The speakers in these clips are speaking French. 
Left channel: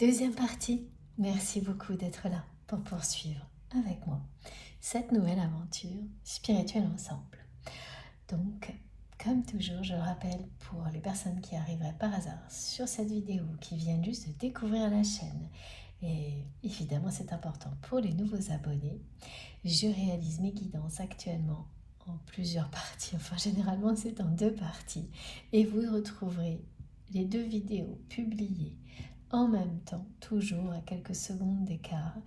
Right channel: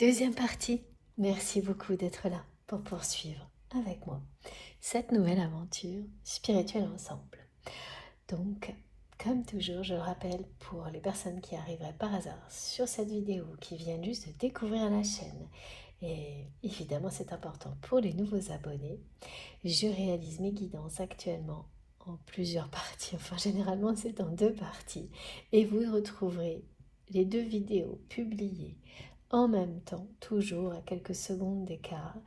Deuxième partie. Merci beaucoup d'être là pour poursuivre avec moi cette nouvelle aventure spirituelle ensemble. Donc, comme toujours, je le rappelle pour les personnes qui arriveraient par hasard sur cette vidéo, qui viennent juste de découvrir la chaîne, et évidemment c'est important pour les nouveaux abonnés, je réalise mes guidances actuellement en plusieurs parties, enfin généralement c'est en 2 parties, et vous retrouverez les 2 vidéos publiées en même temps, toujours à quelques secondes d'écart,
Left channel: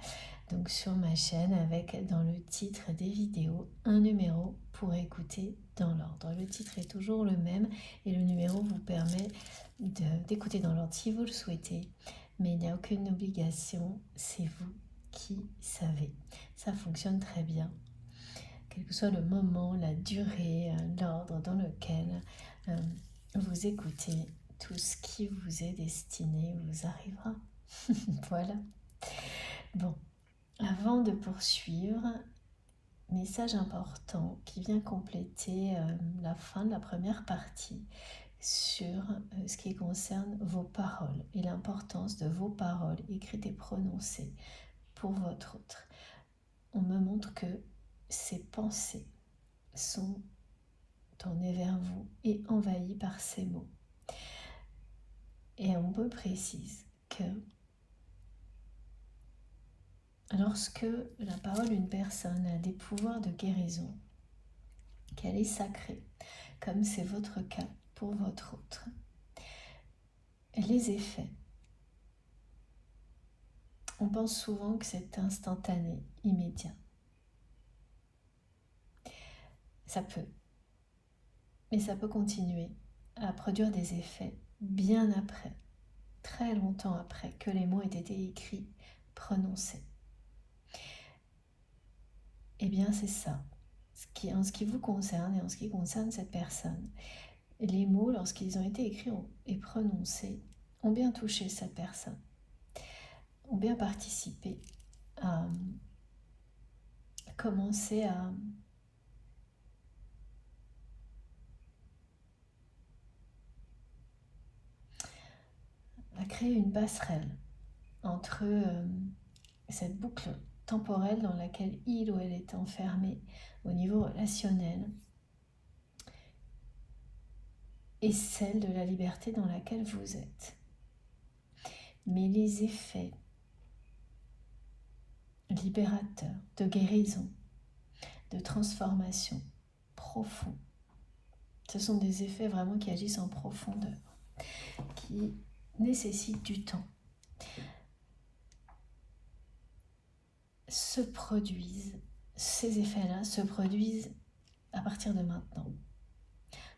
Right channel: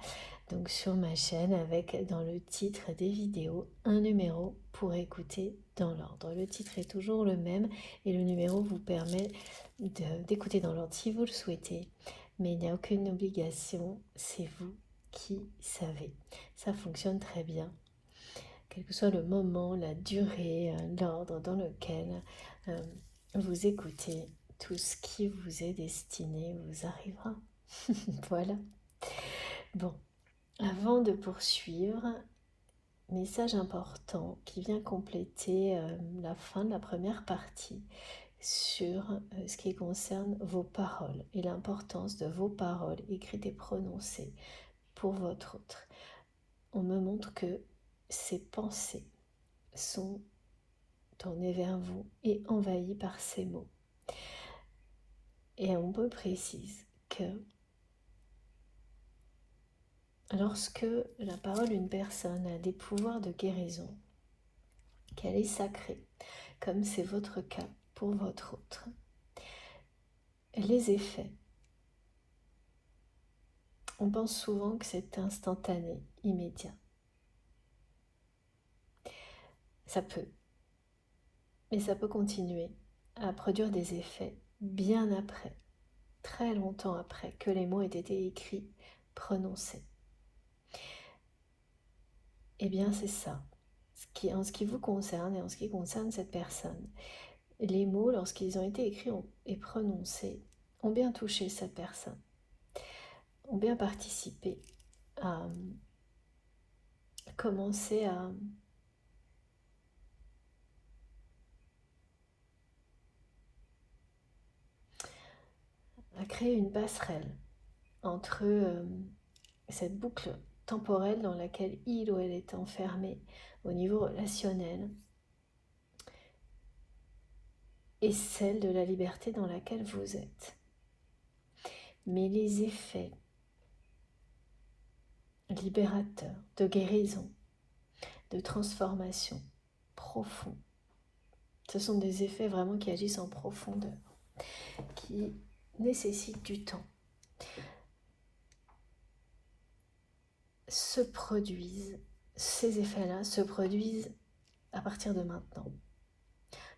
donc sur ma chaîne, avec dans le titre des vidéos un numéro pour écouter dans l'ordre. Le titre est toujours le même et le numéro vous permet d'écouter dans l'ordre si vous le souhaitez, mais il n'y a aucune obligation, c'est vous qui savez. Ça fonctionne très bien, quel que soit le moment, la durée, l'ordre dans lequel vous écoutez. Tout ce qui vous est destiné vous arrivera. Voilà. Bon, avant de poursuivre, message important qui vient compléter la fin de la première partie sur ce qui concerne vos paroles et l'importance de vos paroles écrites et prononcées pour votre autre. On me montre que ces pensées sont tournées vers vous et envahies par ces mots. Et on me précise que lorsque la parole d'une personne a des pouvoirs de guérison, qu'elle est sacrée, comme c'est votre cas pour votre autre, les effets, on pense souvent que c'est instantané, immédiat. Ça peut, mais ça peut continuer à produire des effets bien après, très longtemps après que les mots aient été écrits, prononcés. Eh bien c'est ça, en ce qui vous concerne et en ce qui concerne cette personne. Les mots, lorsqu'ils ont été écrits et prononcés, ont bien touché cette personne, ont bien participé à commencer à créer une passerelle entre cette boucle temporelle dans laquelle il ou elle est enfermé au niveau relationnel et celle de la liberté dans laquelle vous êtes. Mais les effets libérateurs, de guérison, de transformation profonds, ce sont des effets vraiment qui agissent en profondeur, qui nécessitent du temps, ces effets-là se produisent à partir de maintenant.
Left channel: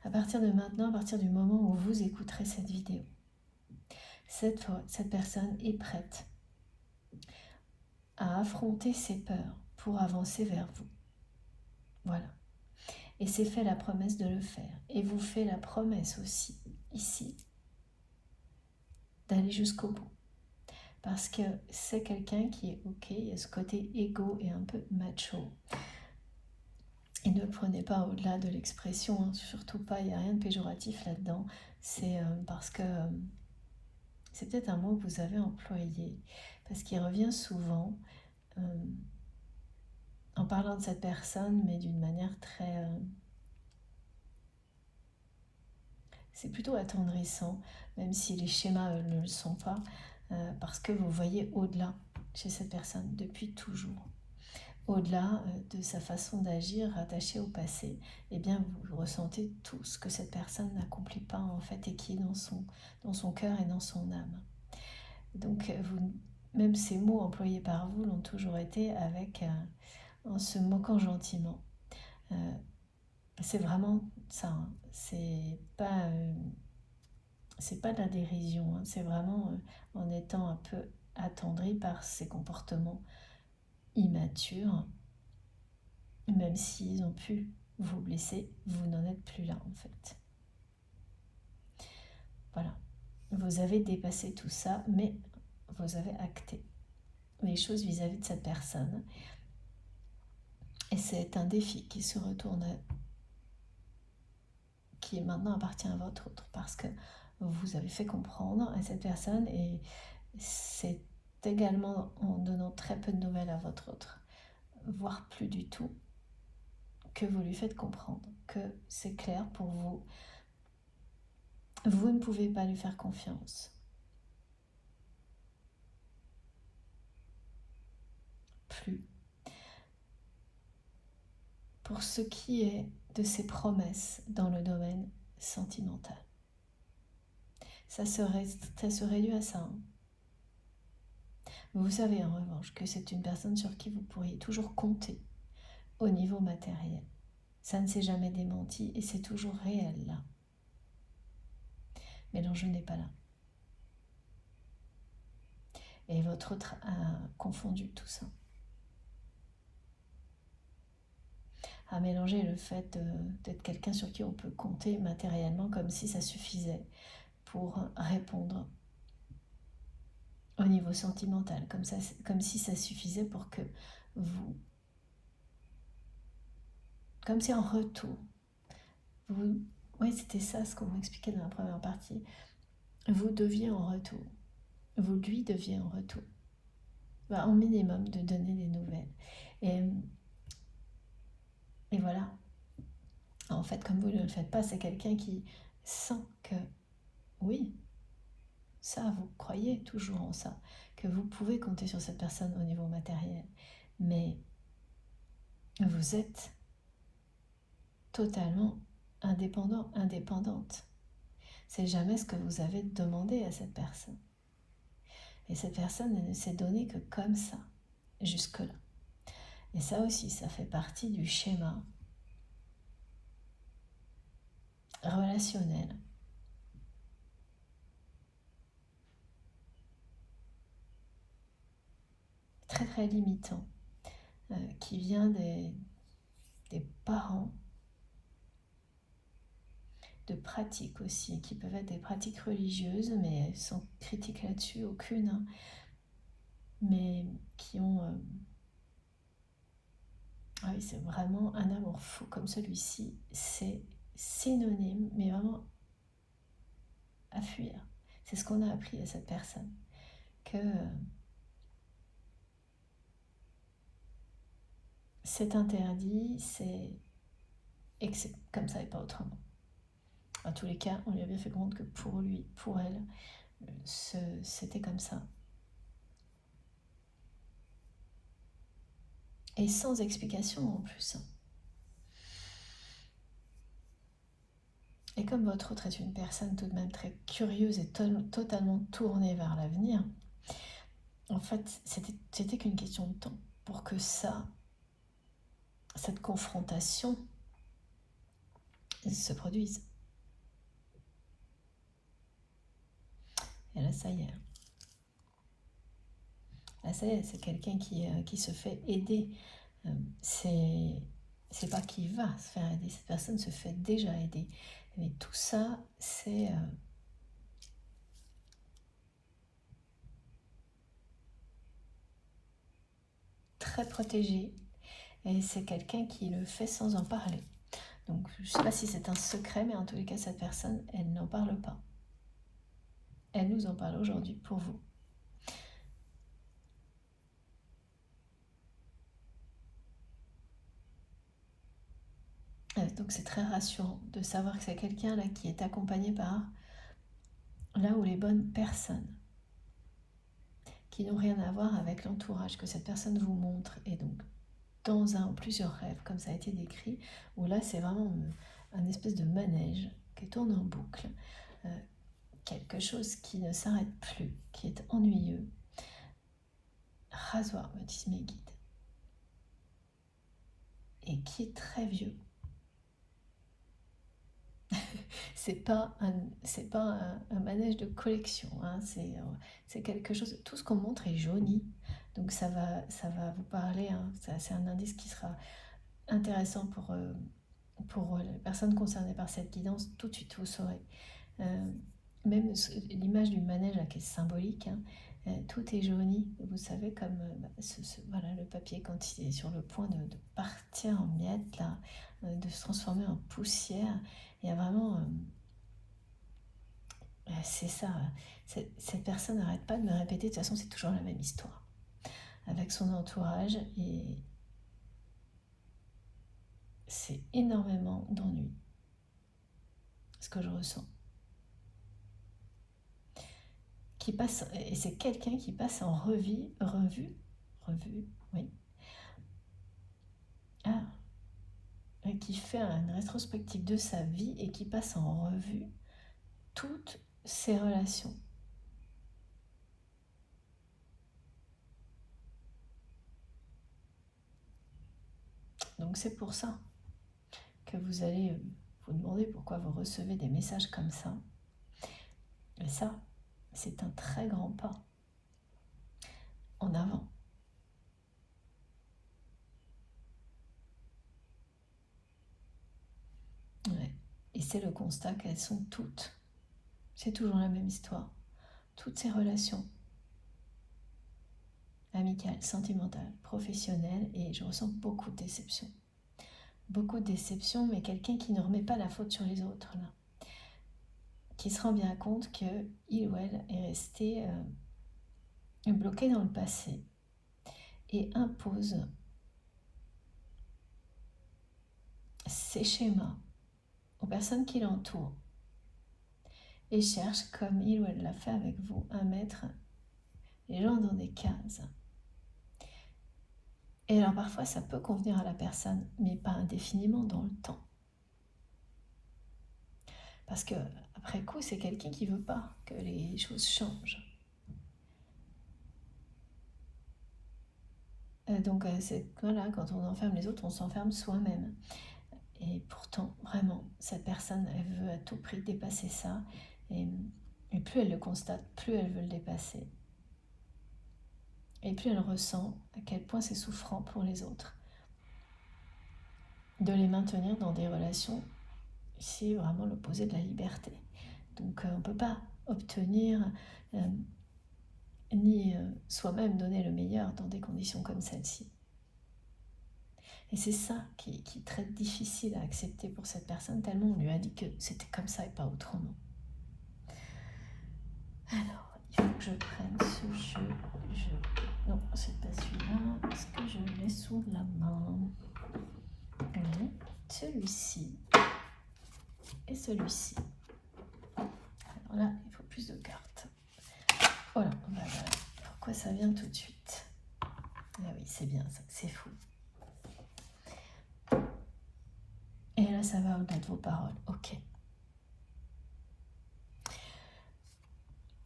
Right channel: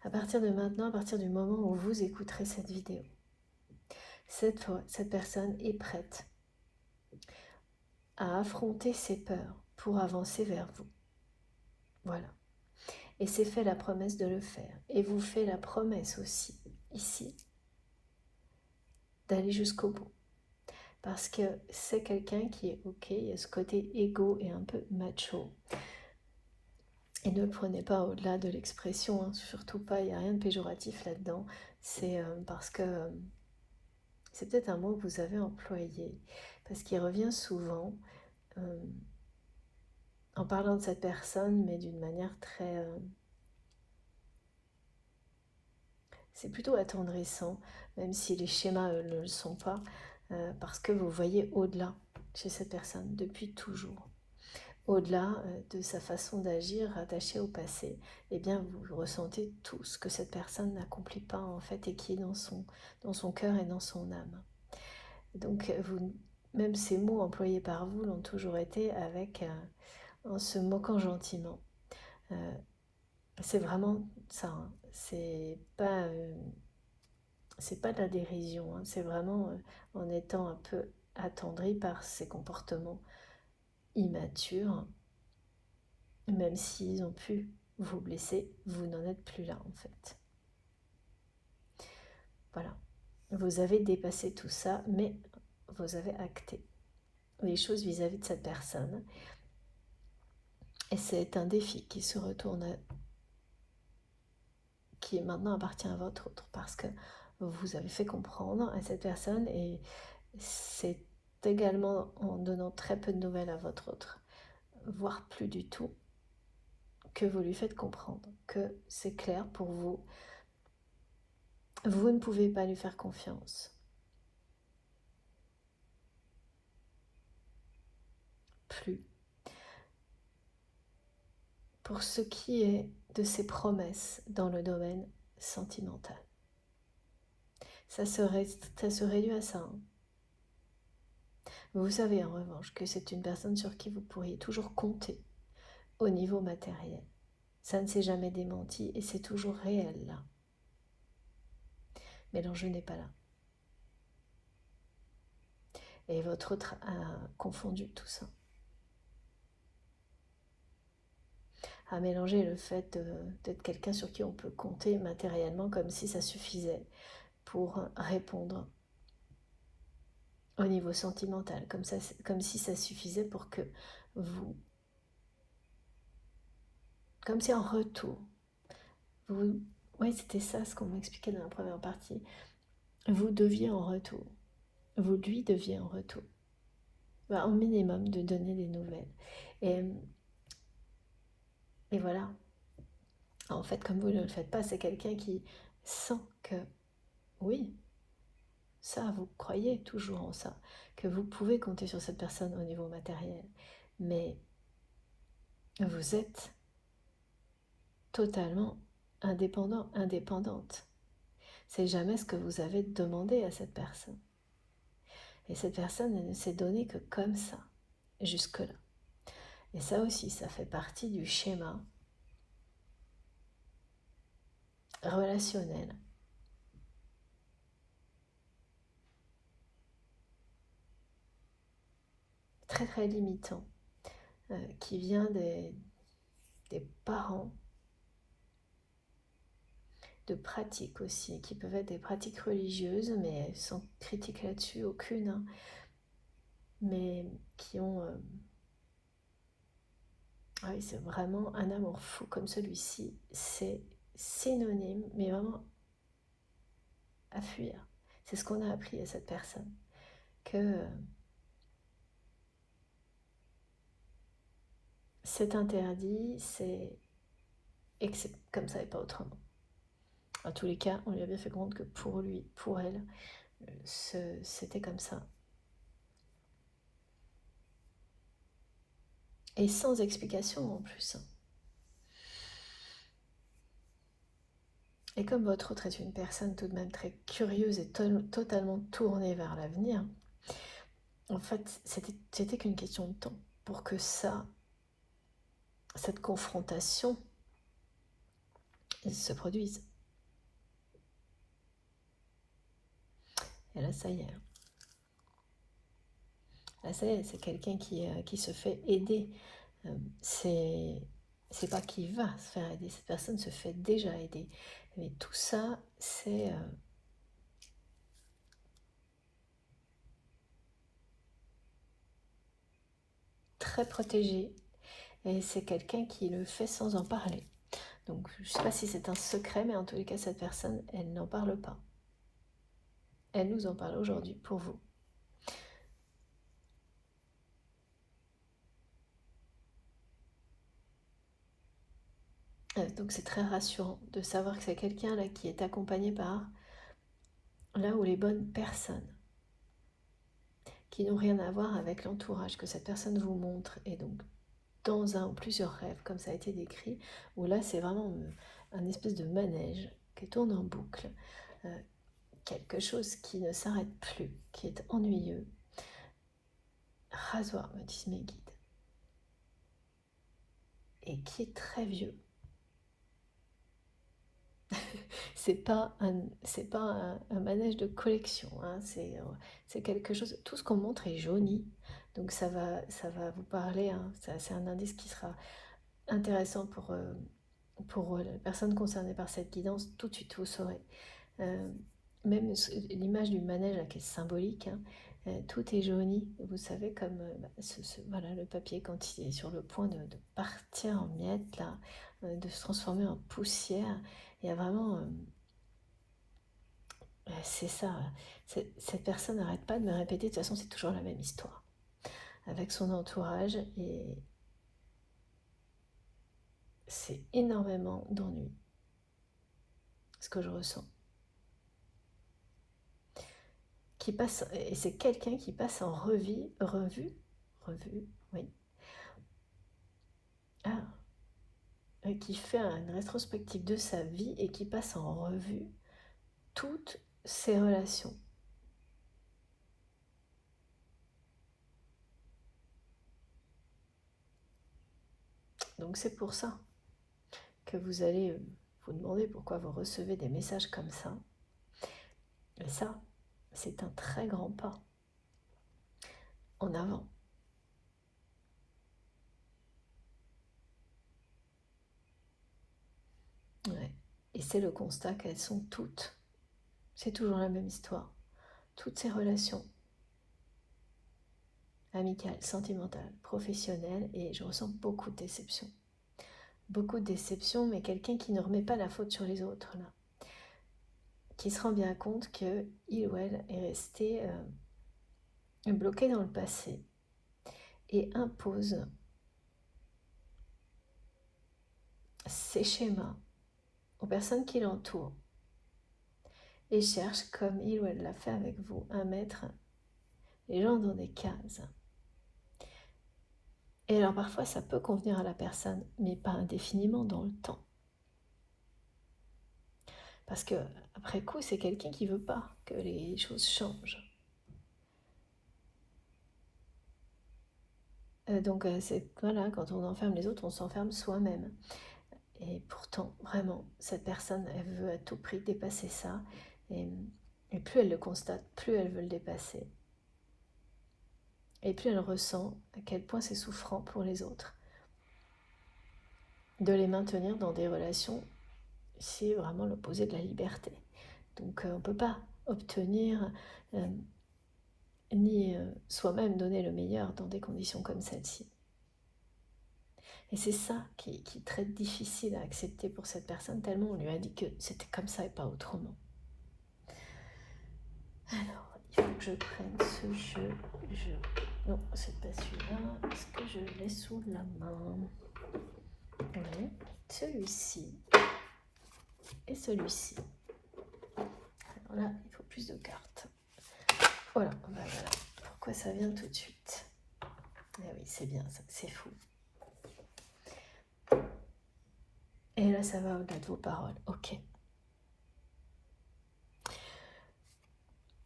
À partir de maintenant, à partir du moment où vous écouterez cette vidéo, cette personne est prête à affronter ses peurs pour avancer vers vous. Voilà. Et c'est fait la promesse de le faire. Et vous fait la promesse aussi, ici, d'aller jusqu'au bout. Parce que c'est quelqu'un qui est ok, il y a ce côté égo et un peu macho. Et ne le prenez pas au-delà de l'expression, hein, surtout pas, il n'y a rien de péjoratif là-dedans. C'est parce que c'est peut-être un mot que vous avez employé, parce qu'il revient souvent en parlant de cette personne, mais d'une manière très... c'est plutôt attendrissant, même si les schémas ne le sont pas, parce que vous voyez au-delà chez cette personne depuis toujours. Au-delà de sa façon d'agir rattachée au passé, eh bien vous ressentez tout ce que cette personne n'accomplit pas en fait et qui est dans son cœur et dans son âme. Donc même ces mots employés par vous l'ont toujours été avec en se moquant gentiment. C'est vraiment ça, hein. C'est pas de la dérision, hein. C'est vraiment en étant un peu attendri par ces comportements immatures. Même s'ils ont pu vous blesser, vous n'en êtes plus là en fait. Voilà. Vous avez dépassé tout ça, mais vous avez acté les choses vis-à-vis de cette personne. Et c'est un défi qui se retourne, qui maintenant appartient à votre autre, parce que vous avez fait comprendre à cette personne, et c'est également en donnant très peu de nouvelles à votre autre, voire plus du tout, que vous lui faites comprendre que c'est clair pour vous, vous ne pouvez pas lui faire confiance. Plus. Pour ce qui est de ses promesses dans le domaine sentimental. Ça se réduit à ça. Hein. Vous savez en revanche que c'est une personne sur qui vous pourriez toujours compter au niveau matériel. Ça ne s'est jamais démenti et c'est toujours réel là. Mais l'enjeu n'est pas là. Et votre autre a confondu tout ça. A mélangé le fait d'être quelqu'un sur qui on peut compter matériellement comme si ça suffisait pour répondre au niveau sentimental, comme si ça suffisait pour que vous, comme si en retour, vous, oui c'était ça ce qu'on m'expliquait dans la première partie, vous deviez en retour, vous lui deviez en retour, au minimum de donner des nouvelles. Et voilà, en fait comme vous ne le faites pas, c'est quelqu'un qui sent que, oui, ça, vous croyez toujours en ça, que vous pouvez compter sur cette personne au niveau matériel, mais vous êtes totalement indépendant, indépendante. C'est jamais ce que vous avez demandé à cette personne. Et cette personne, elle ne s'est donnée que comme ça, jusque-là. Et ça aussi, ça fait partie du schéma relationnel très très limitant qui vient des parents, de pratiques aussi, qui peuvent être des pratiques religieuses, mais sans critique là-dessus, aucune, hein, mais qui ont... ah oui, c'est vraiment un amour fou comme celui-ci, c'est synonyme, mais vraiment à fuir. C'est ce qu'on a appris à cette personne, que c'est interdit, et que c'est comme ça et pas autrement. En tous les cas, on lui a bien fait comprendre que pour lui, pour elle, c'était comme ça. Et sans explication en plus. Et comme votre autre est une personne tout de même très curieuse et totalement tournée vers l'avenir, en fait, c'était qu'une question de temps pour que cette confrontation se produise. Et là, ça y est. Là, ça y est, c'est quelqu'un qui se fait aider. C'est pas qui va se faire aider, cette personne se fait déjà aider. Mais tout ça, c'est très protégé. Et c'est quelqu'un qui le fait sans en parler. Donc, je ne sais pas si c'est un secret, mais en tous les cas, cette personne, elle n'en parle pas. Elle nous en parle aujourd'hui pour vous. Donc, c'est très rassurant de savoir que c'est quelqu'un là qui est accompagné par là où les bonnes personnes, qui n'ont rien à voir avec l'entourage que cette personne vous montre, et donc dans un ou plusieurs rêves, comme ça a été décrit, où là c'est vraiment un espèce de manège qui tourne en boucle, quelque chose qui ne s'arrête plus, qui est ennuyeux. Rasoir, me disent mes guides, et qui est très vieux. C'est pas un manège de collection, hein, c'est quelque chose, tout ce qu'on montre est jauni, donc ça va vous parler, hein, c'est un indice qui sera intéressant pour les personnes concernées par cette guidance, tout de suite vous saurez. Même l'image du manège là, qui est symbolique, hein, tout est jauni, vous savez, comme voilà, le papier quand il est sur le point de partir en miettes, là, de se transformer en poussière. Il y a vraiment C'est ça, cette personne n'arrête pas de me répéter, de toute façon c'est toujours la même histoire, avec son entourage, et c'est énormément d'ennui, ce que je ressens. Et c'est quelqu'un qui passe en revue, oui, qui fait une rétrospective de sa vie et qui passe en revue toutes ses relations. Donc c'est pour ça que vous allez vous demander pourquoi vous recevez des messages comme ça. Et ça, c'est un très grand pas en avant. Ouais. Et c'est le constat qu'elles sont toutes. C'est toujours la même histoire. Toutes ces relations amicales, sentimentales, professionnelles, et je ressens beaucoup de déception. Beaucoup de déception, mais quelqu'un qui ne remet pas la faute sur les autres, là. Qui se rend bien compte qu'il ou elle est resté bloqué dans le passé et impose ses schémas aux personnes qui l'entourent et cherche, comme il ou elle l'a fait avec vous, à mettre les gens dans des cases. Et alors parfois ça peut convenir à la personne, mais pas indéfiniment dans le temps. Parce que après coup, c'est quelqu'un qui veut pas que les choses changent. Donc voilà, quand on enferme les autres, on s'enferme soi-même. Et pourtant, vraiment, cette personne, elle veut à tout prix dépasser ça. Et plus elle le constate, plus elle veut le dépasser. Et plus elle ressent à quel point c'est souffrant pour les autres de les maintenir dans des relations. C'est vraiment l'opposé de la liberté. Donc on ne peut pas obtenir ni soi-même donner le meilleur dans des conditions comme celle-ci. Et c'est ça qui est très difficile à accepter pour cette personne, tellement on lui a dit que c'était comme ça et pas autrement. Alors, il faut que je prenne ce jeu. Non, c'est pas celui-là. Est-ce que je l'ai sous la main? Oui, celui-ci et celui-ci. Alors là, il faut plus de cartes. Voilà, voilà. Pourquoi ça vient tout de suite? Ah oui, c'est bien ça, c'est fou. Et là, ça va au-delà de vos paroles. Ok.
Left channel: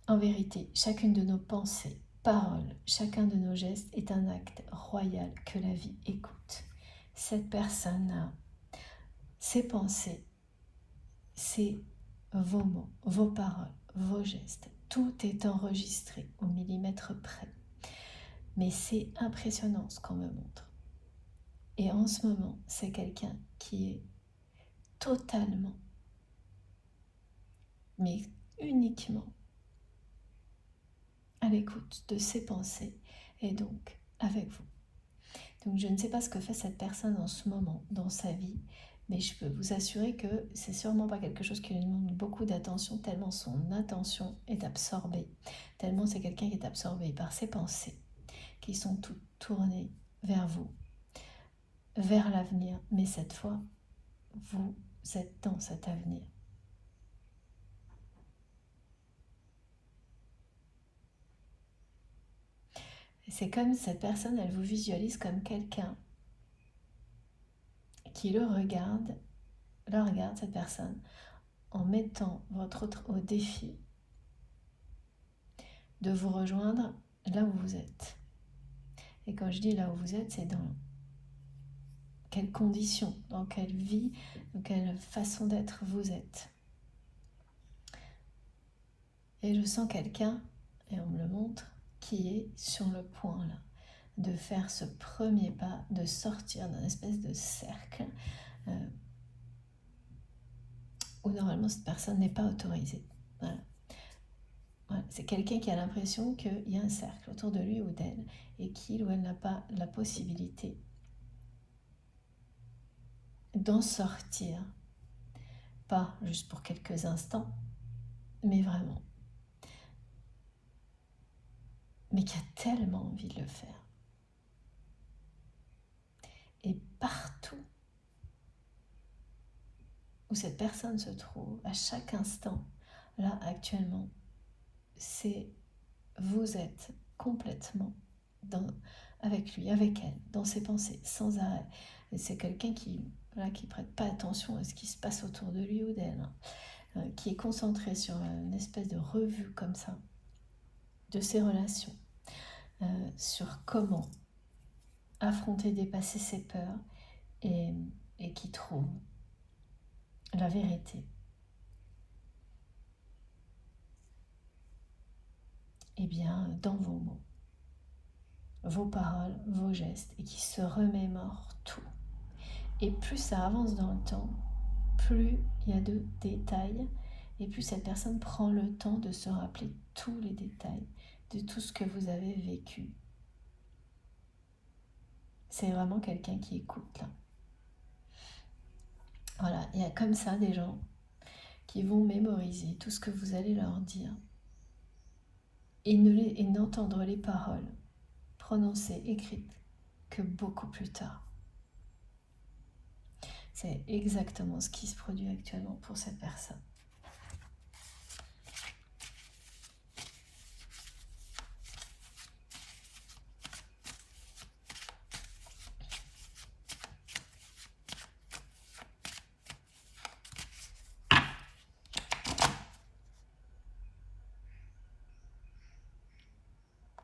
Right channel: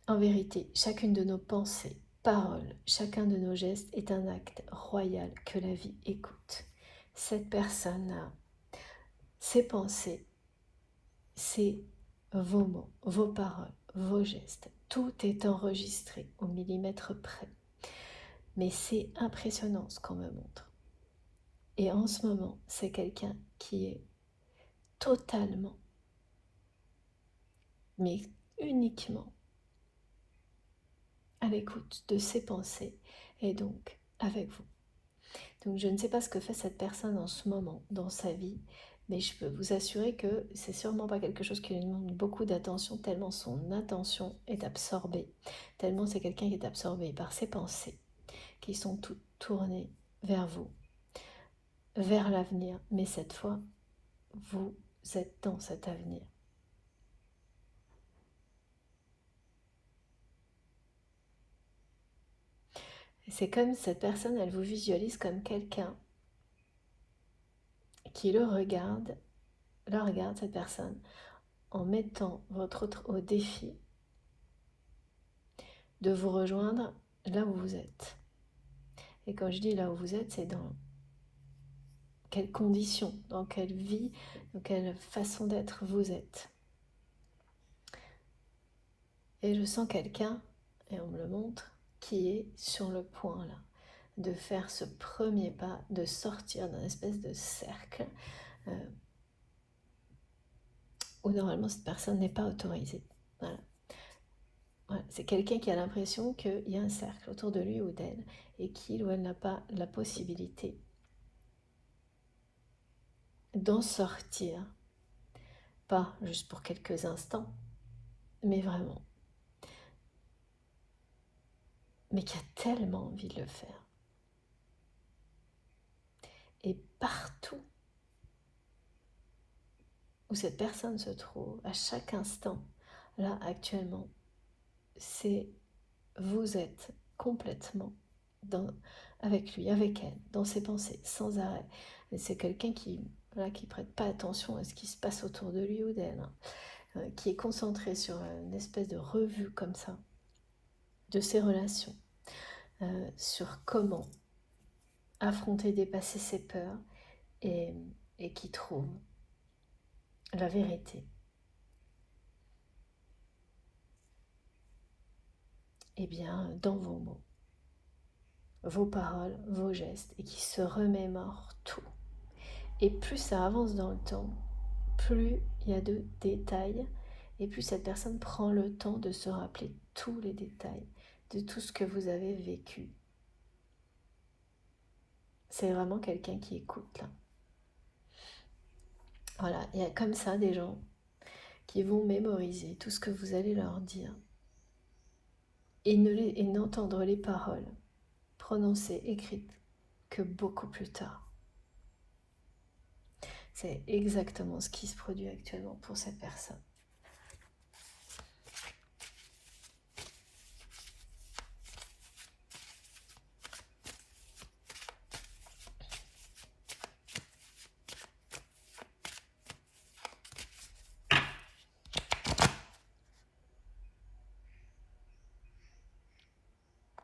En vérité, chacune de nos pensées, paroles, chacun de nos gestes est un acte royal que la vie écoute. Cette personne a ses pensées, c'est vos mots, vos paroles, vos gestes. Tout est enregistré au millimètre près. Mais c'est impressionnant ce qu'on me montre. Et en ce moment, c'est quelqu'un qui est totalement, mais uniquement à l'écoute de ses pensées et donc avec vous. Donc je ne sais pas ce que fait cette personne en ce moment dans sa vie, mais je peux vous assurer que c'est sûrement pas quelque chose qui lui demande beaucoup d'attention, tellement son attention est absorbée, tellement c'est quelqu'un qui est absorbé par ses pensées, qui sont toutes tournées vers vous, vers l'avenir, mais cette fois, vous êtes dans cet avenir. C'est comme cette personne, elle vous visualise comme quelqu'un qui la regarde cette personne, en mettant votre autre au défi de vous rejoindre là où vous êtes. Et quand je dis là où vous êtes, c'est dans quelles conditions, dans quelle vie, dans quelle façon d'être vous êtes. Et je sens quelqu'un, et on me le montre, qui est sur le point là, de faire ce premier pas, de sortir d'un espèce de cercle où normalement cette personne n'est pas autorisée. Voilà. Voilà. C'est quelqu'un qui a l'impression qu'il y a un cercle autour de lui ou d'elle et qu'il ou elle n'a pas la possibilité d'en sortir, pas juste pour quelques instants, mais vraiment, mais qui a tellement envie de le faire. Et partout où cette personne se trouve, à chaque instant, là actuellement, vous êtes complètement avec lui, avec elle, dans ses pensées, sans arrêt. Et c'est quelqu'un qui prête pas attention à ce qui se passe autour de lui ou d'elle, qui est concentré sur une espèce de revue comme ça, de ses relations, sur comment affronter, dépasser ses peurs, et qui trouve la vérité. Eh bien, dans vos mots, vos paroles, vos gestes, et qui se remémore tout. Et plus ça avance dans le temps, plus il y a de détails, et plus cette personne prend le temps de se rappeler tous les détails de tout ce que vous avez vécu. C'est vraiment quelqu'un qui écoute là. Voilà, il y a comme ça des gens qui vont mémoriser tout ce que vous allez leur dire et n'entendre les paroles prononcées, écrites, que beaucoup plus tard. C'est exactement ce qui se produit actuellement pour cette personne.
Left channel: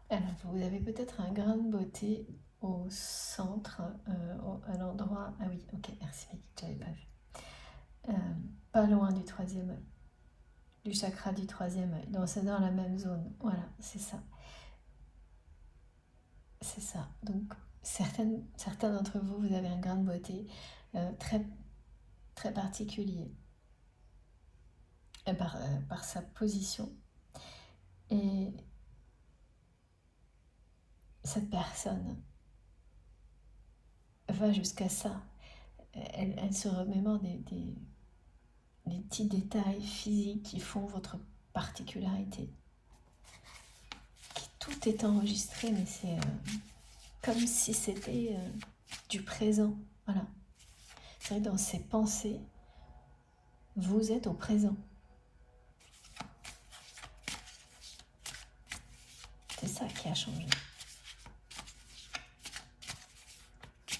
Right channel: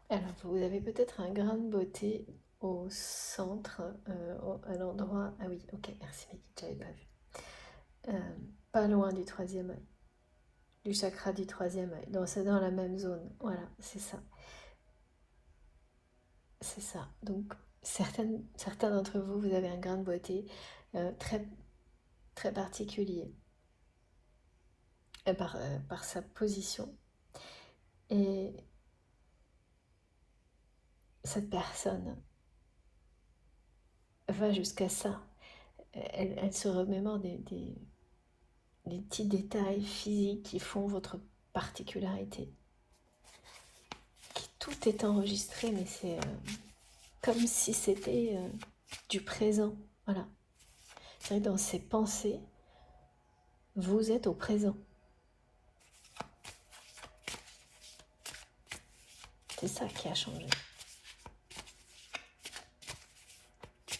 Alors, vous avez peut-être un grain de beauté au centre, à l'endroit... Ah oui, ok, merci Mehdi, j'avais pas vu. Pas loin du troisième œil, du chakra du troisième œil. C'est dans la même zone. Voilà, c'est ça. C'est ça. Donc, certains d'entre vous, vous avez un grain de beauté très, très particulier par sa position. Et cette personne va jusqu'à ça. Elle se remémore des petits détails physiques qui font votre particularité. Tout est enregistré, mais c'est comme si c'était du présent. Voilà. C'est vrai que dans ses pensées, vous êtes au présent. C'est ça qui a changé.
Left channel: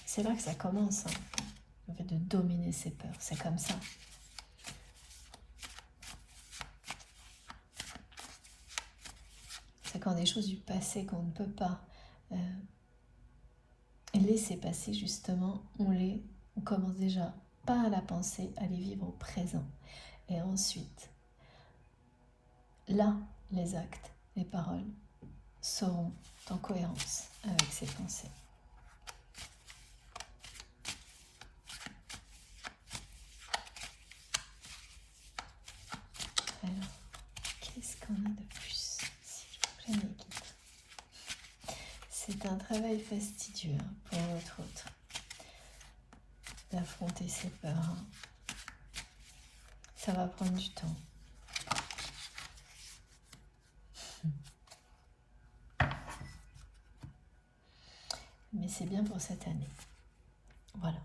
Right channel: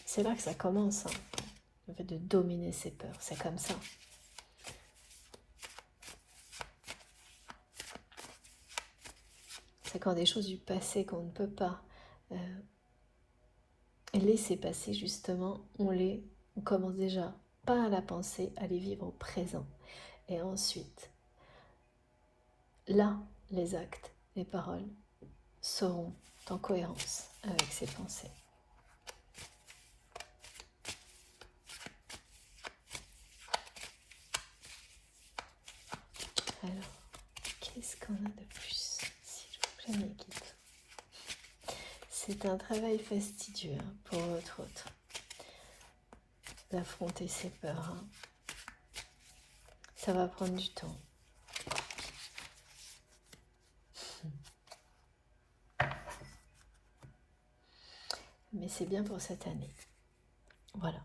C'est là que ça commence, le fait de dominer ses peurs. C'est comme ça. C'est quand des choses du passé qu'on ne peut pas laisser passer, justement, on commence déjà pas à la penser, à les vivre au présent. Et ensuite, là, les actes, les paroles seront en cohérence avec ces pensées. Alors, qu'est-ce qu'on a de plus, s'il vous plaît, mes guides? C'est un travail fastidieux pour votre autre, d'affronter ses peurs. Ça va prendre du temps. Mais c'est bien pour cette année. Voilà.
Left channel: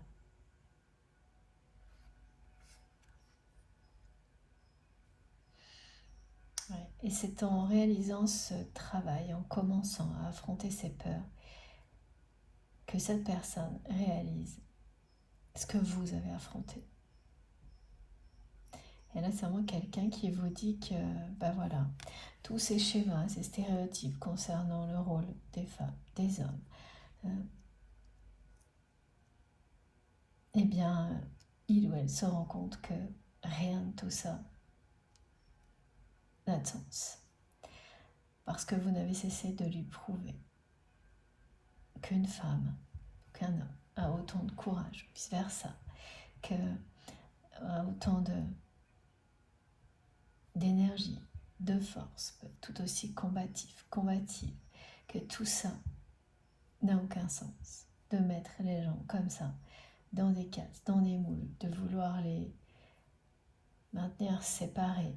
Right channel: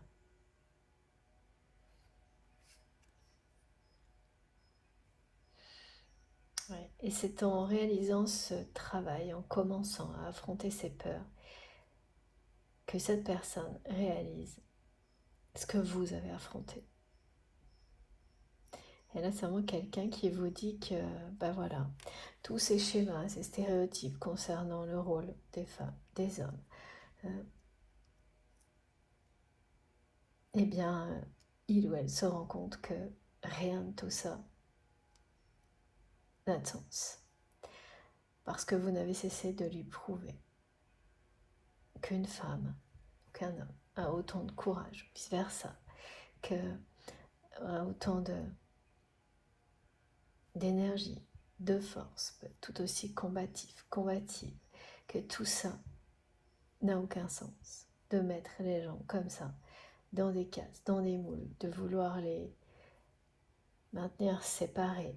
Ouais. Et c'est en réalisant ce travail, en commençant à affronter ses peurs, que cette personne réalise ce que vous avez affronté. Et là, c'est vraiment quelqu'un qui vous dit que, voilà, tous ces schémas, ces stéréotypes concernant le rôle des femmes, des hommes, eh bien, il ou elle se rend compte que rien de tout ça n'a de sens. Parce que vous n'avez cessé de lui prouver qu'une femme, qu'un homme a autant de courage, vice-versa, que a autant d'énergie, de force, tout aussi combative, que tout ça n'a aucun sens. De mettre les gens comme ça, dans des cases, dans des moules, de vouloir les maintenir séparés,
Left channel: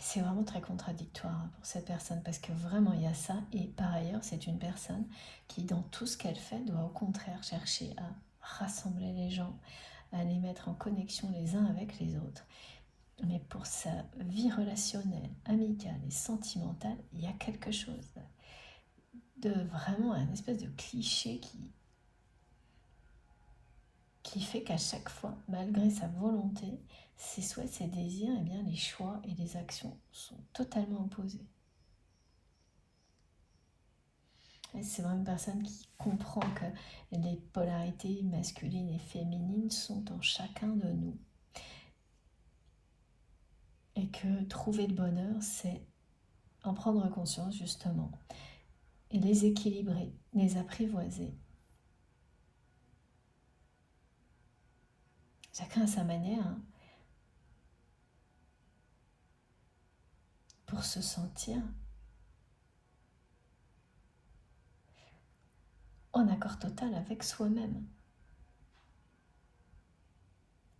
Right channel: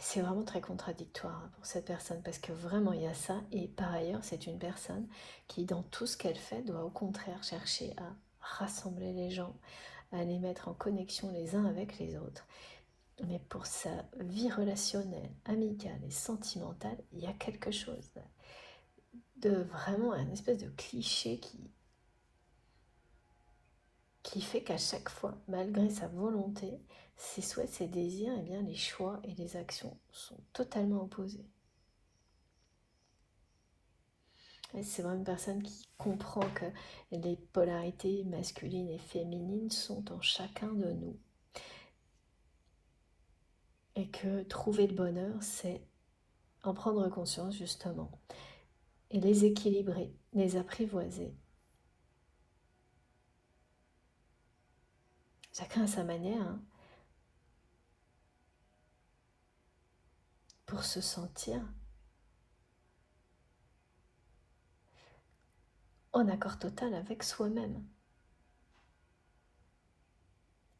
C'est vraiment très contradictoire hein, pour cette personne parce que vraiment il y a ça et par ailleurs c'est une personne qui dans tout ce qu'elle fait doit au contraire chercher à rassembler les gens, à les mettre en connexion les uns avec les autres. Mais pour sa vie relationnelle, amicale et sentimentale, il y a quelque chose de vraiment un espèce de cliché qui fait qu'à chaque fois, malgré sa volonté, ses souhaits, ses désirs, eh bien, les choix et les actions sont totalement opposés. Et c'est vraiment une personne qui comprend que les polarités masculines et féminines sont en chacun de nous. Et que trouver le bonheur, c'est en prendre conscience justement et les équilibrer, les apprivoiser. Chacun à sa manière, hein, pour se sentir en accord total avec soi-même.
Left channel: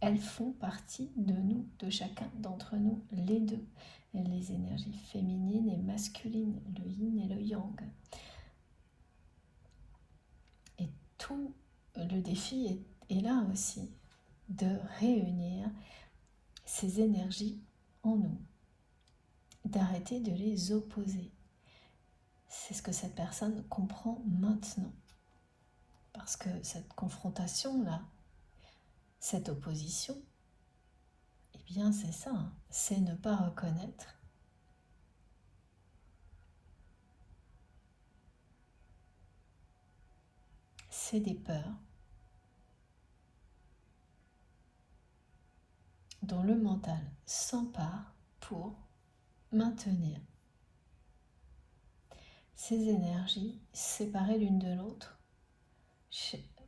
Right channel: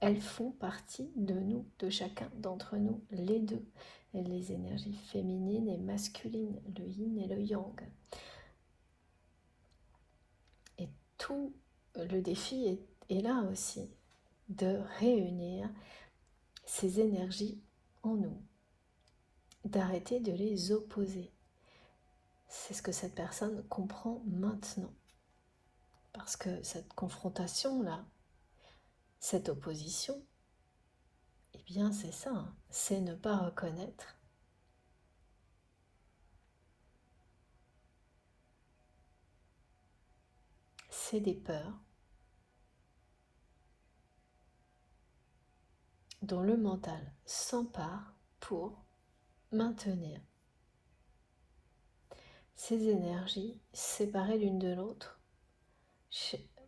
Elles font partie de nous, de chacun d'entre nous, les deux. Les énergies féminines et masculines, le yin et le yang. Et tout le défi est là aussi, de réunir ces énergies en nous, d'arrêter de les opposer. C'est ce que cette personne comprend maintenant. Parce que cette confrontation-là, cette opposition, eh bien c'est ça, hein, c'est ne pas reconnaître c'est des peurs dont le mental s'empare pour maintenir ces énergies séparées l'une de l'autre.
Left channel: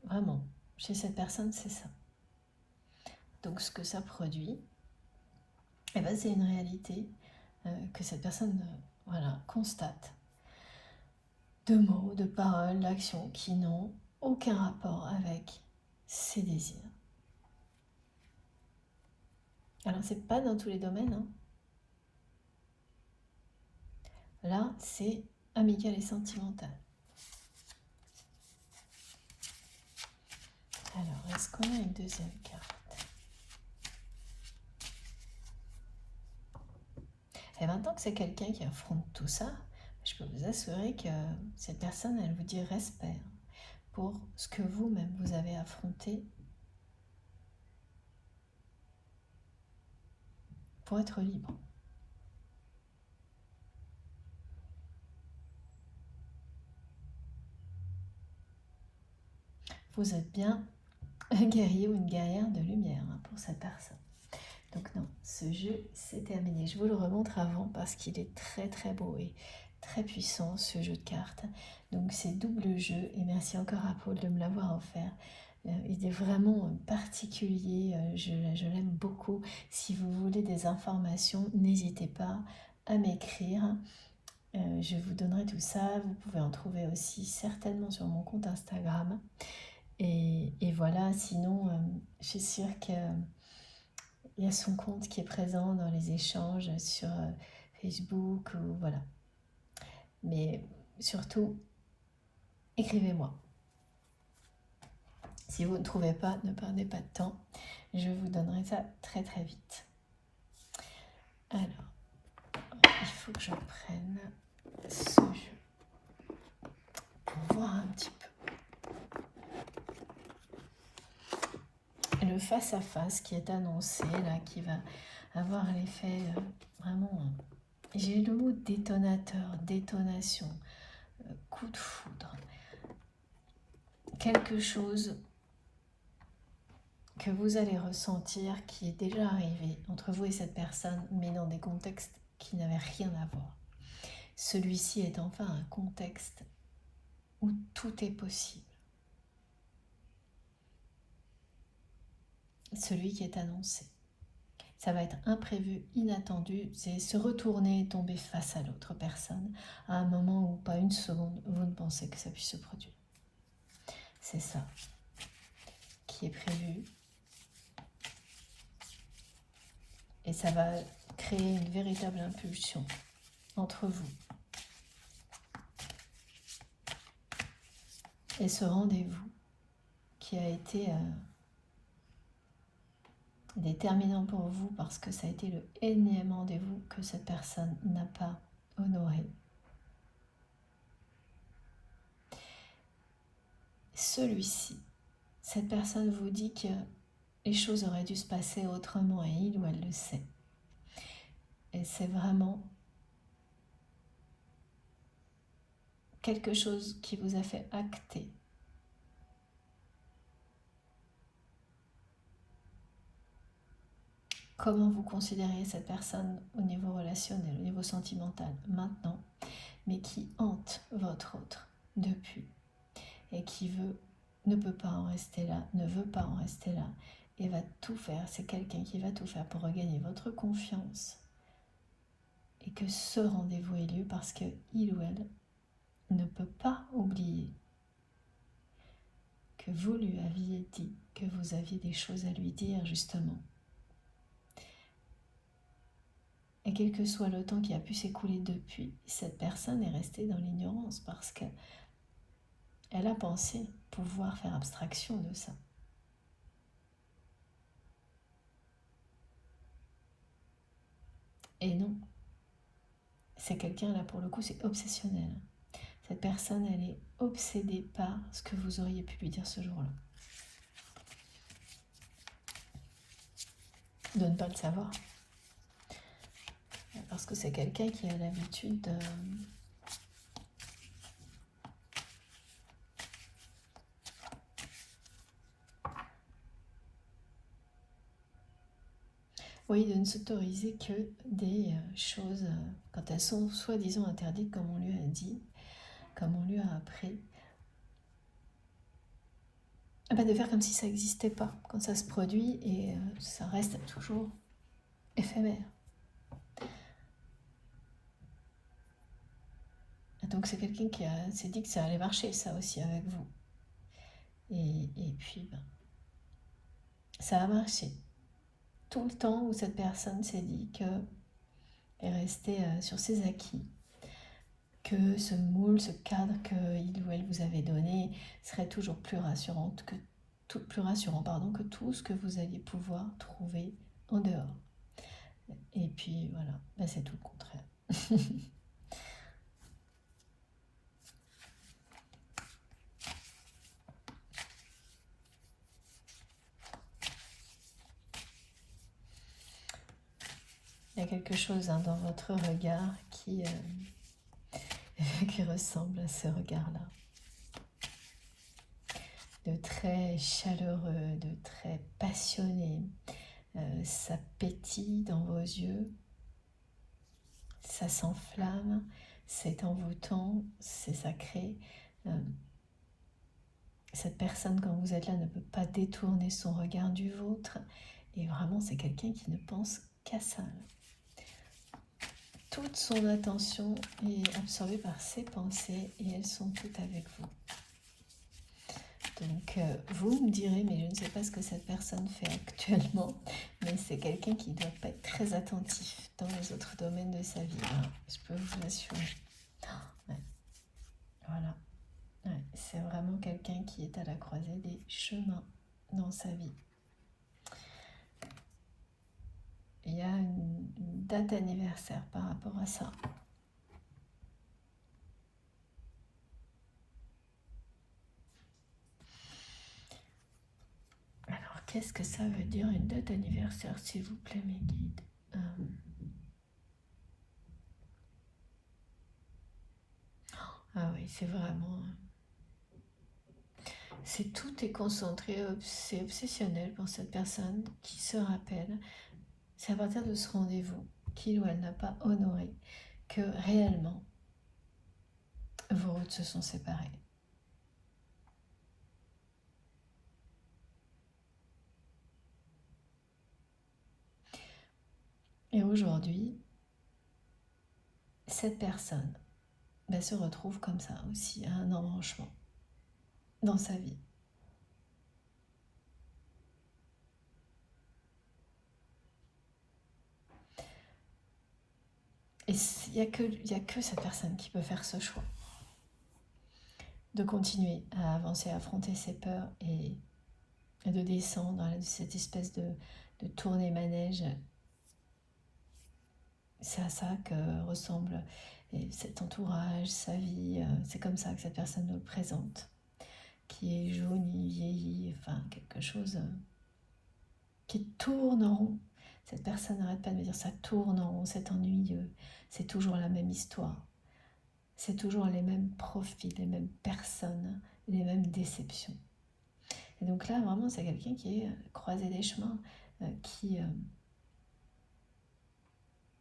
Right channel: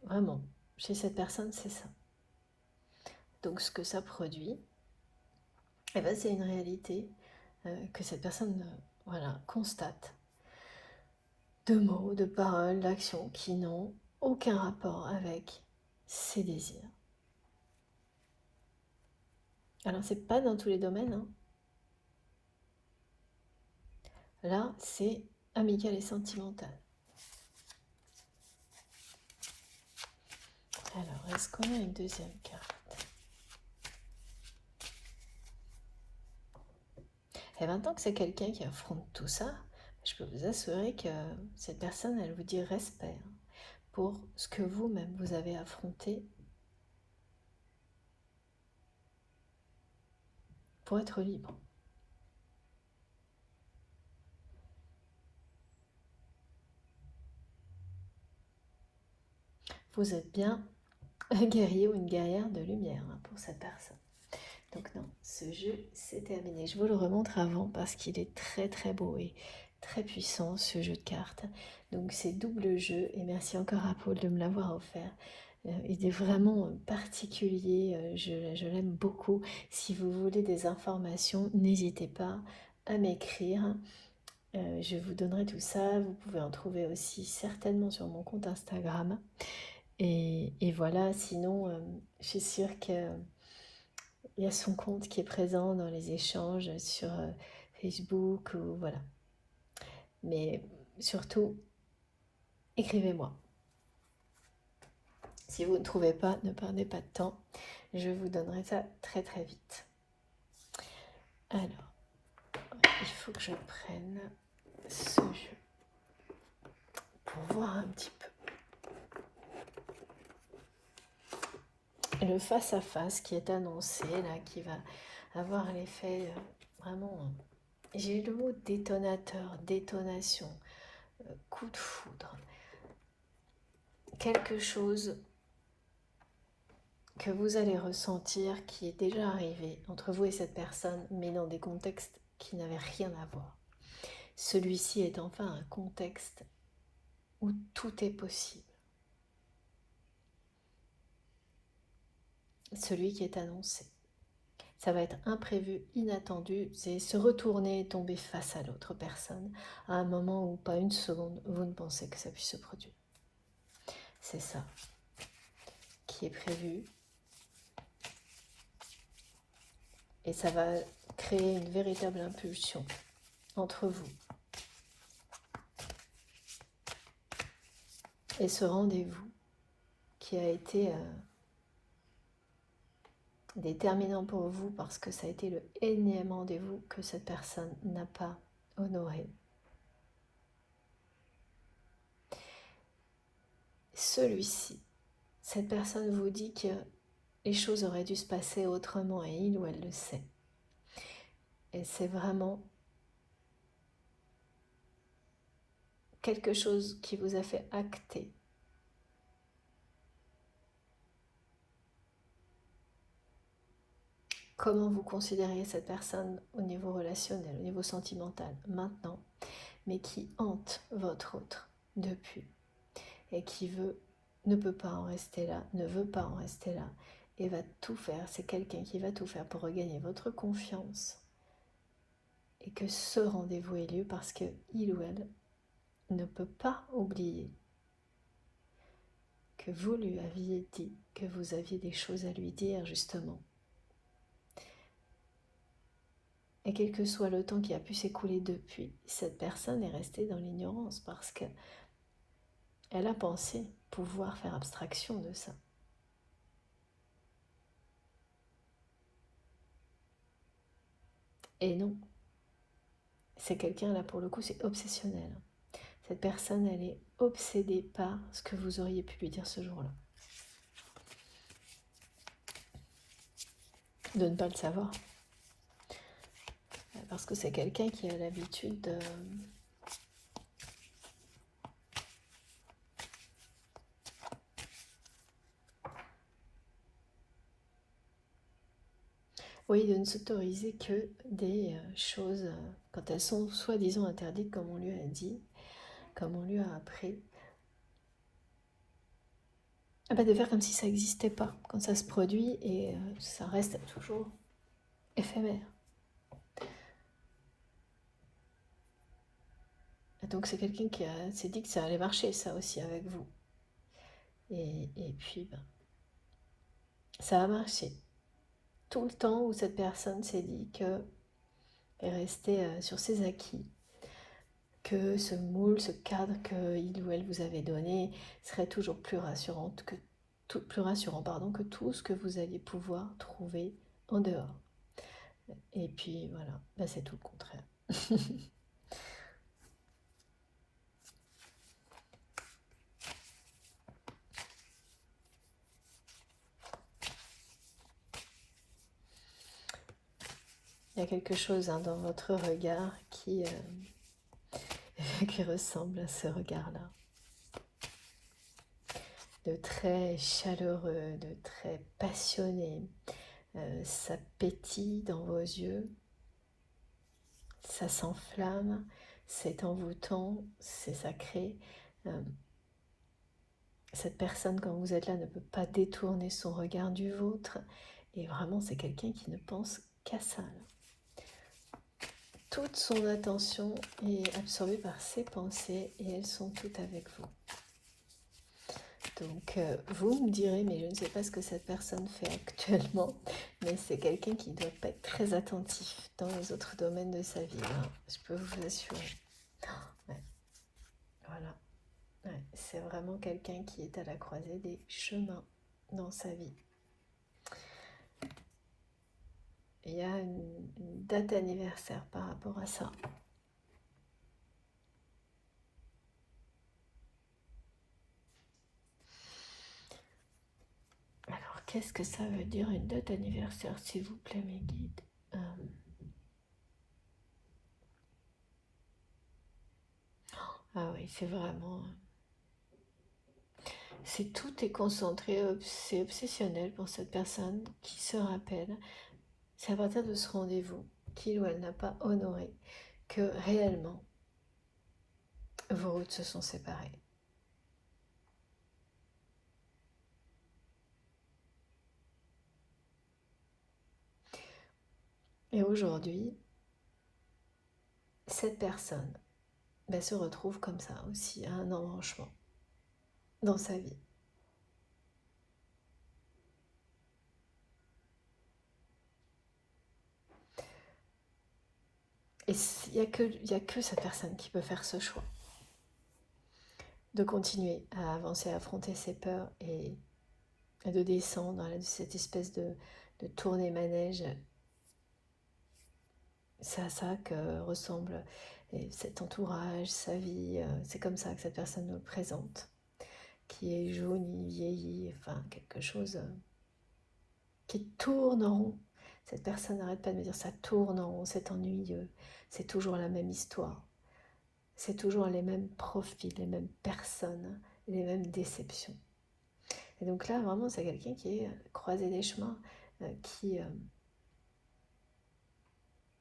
Vraiment, chez cette personne, c'est ça. Donc ce que ça produit, eh ben, c'est une réalité que cette personne constate. De mots, de paroles, d'actions qui n'ont aucun rapport avec ses désirs. Alors c'est pas dans tous les domaines, hein. Là, c'est amical et sentimental. Alors, est-ce qu'on a une deuxième carte? Et maintenant que c'est quelqu'un qui affronte tout ça, je peux vous assurer que cette personne, elle vous dit respect pour ce que vous-même vous avez affronté pour être libre. Vous êtes bien un guerrier ou une guerrière de lumière pour cette personne. Donc non, ce jeu c'est terminé. Je vous le remontre avant parce qu'il est très très beau et très puissant ce jeu de cartes. Donc c'est double jeu et merci encore à Paul de me l'avoir offert. Il est vraiment particulier, je l'aime beaucoup. Si vous voulez des informations, n'hésitez pas à m'écrire. Je vous donnerai tout ça. Vous pouvez en trouver aussi certainement sur mon compte Instagram. Et voilà, sinon, je suis sûre qu'il y a son compte qui est présent dans les échanges sur Facebook ou voilà. Mais surtout, écrivez-moi. Si vous ne trouvez pas, ne perdez pas de temps. Je vous donnerai ça très très vite. Alors, il faut que je prenne ce jeu pour voir un petit peu. Le face-à-face qui est annoncé, là, qui va avoir l'effet vraiment... J'ai eu le mot détonateur, détonation, coup de foudre. Quelque chose que vous allez ressentir qui est déjà arrivé entre vous et cette personne, mais dans des contextes qui n'avaient rien à voir. Celui-ci est enfin un contexte où tout est possible. Celui qui est annoncé. Ça va être imprévu, inattendu, c'est se retourner et tomber face à l'autre personne à un moment où, pas une seconde, vous ne pensez que ça puisse se produire. C'est ça qui est prévu. Et ça va créer une véritable impulsion entre vous. Et ce rendez-vous qui a été déterminant pour vous parce que ça a été le énième rendez-vous que cette personne n'a pas honoré. Celui-ci, cette personne vous dit que les choses auraient dû se passer autrement et il ou elle le sait. Et c'est vraiment quelque chose qui vous a fait acter comment vous considériez cette personne au niveau relationnel, au niveau sentimental, maintenant, mais qui hante votre autre depuis et qui ne peut pas en rester là, ne veut pas en rester là et va tout faire. C'est quelqu'un qui va tout faire pour regagner votre confiance et que ce rendez-vous ait lieu parce que il ou elle ne peut pas oublier que vous lui aviez dit que vous aviez des choses à lui dire justement. Et quel que soit le temps qui a pu s'écouler depuis, cette personne est restée dans l'ignorance parce qu'elle a pensé pouvoir faire abstraction de ça. Et non, c'est quelqu'un là pour le coup, c'est obsessionnel. Cette personne, elle est obsédée par ce que vous auriez pu lui dire ce jour-là. De ne pas le savoir. Parce que c'est quelqu'un qui a l'habitude de... Oui, de ne s'autoriser que des choses quand elles sont soi-disant interdites, comme on lui a dit, comme on lui a appris. De faire comme si ça n'existait pas quand ça se produit et ça reste toujours éphémère. Et donc c'est quelqu'un qui s'est dit que ça allait marcher ça aussi avec vous. Et puis ça a marché. Tout le temps où cette personne s'est dit qu'elle est restée sur ses acquis, que ce moule, ce cadre qu'il ou elle vous avait donné serait toujours plus rassurant que tout ce que vous alliez pouvoir trouver en dehors. Et puis voilà, c'est tout le contraire. Il y a quelque chose dans votre regard qui ressemble à ce regard-là. De très chaleureux, de très passionné. Ça pétille dans vos yeux. Ça s'enflamme. C'est envoûtant. C'est sacré. Cette personne, quand vous êtes là, ne peut pas détourner son regard du vôtre. Et vraiment, c'est quelqu'un qui ne pense qu'à ça. Toute son attention est absorbée par ses pensées et elles sont toutes avec vous. Donc vous me direz, mais je ne sais pas ce que cette personne fait actuellement, mais c'est quelqu'un qui ne doit pas être très attentif dans les autres domaines de sa vie. Alors, je peux vous l'assurer. Ouais. Voilà. Ouais. C'est vraiment quelqu'un qui est à la croisée des chemins dans sa vie. Il y a une date anniversaire par rapport à ça. Alors, qu'est-ce que ça veut dire une date anniversaire, s'il vous plaît, mes guides? Ah oui, c'est vraiment... tout est concentré, c'est obsessionnel pour cette personne qui se rappelle. C'est à partir de ce rendez-vous qu'il ou elle n'a pas honoré que réellement vos routes se sont séparées. Et aujourd'hui, cette personne se retrouve comme ça aussi à un embranchement dans sa vie. y a que cette personne qui peut faire ce choix. De continuer à avancer, à affronter ses peurs et de descendre de cette espèce de tournée manège. C'est à ça que ressemble cet entourage, sa vie. C'est comme ça que cette personne nous le présente. Qui est jaune, vieilli, enfin quelque chose qui tourne en rond. Cette personne n'arrête pas de me dire ça tourne en rond, c'est ennuyeux, c'est toujours la même histoire. C'est toujours les mêmes profils, les mêmes personnes, les mêmes déceptions. Et donc là, vraiment, c'est quelqu'un qui est croisé des chemins,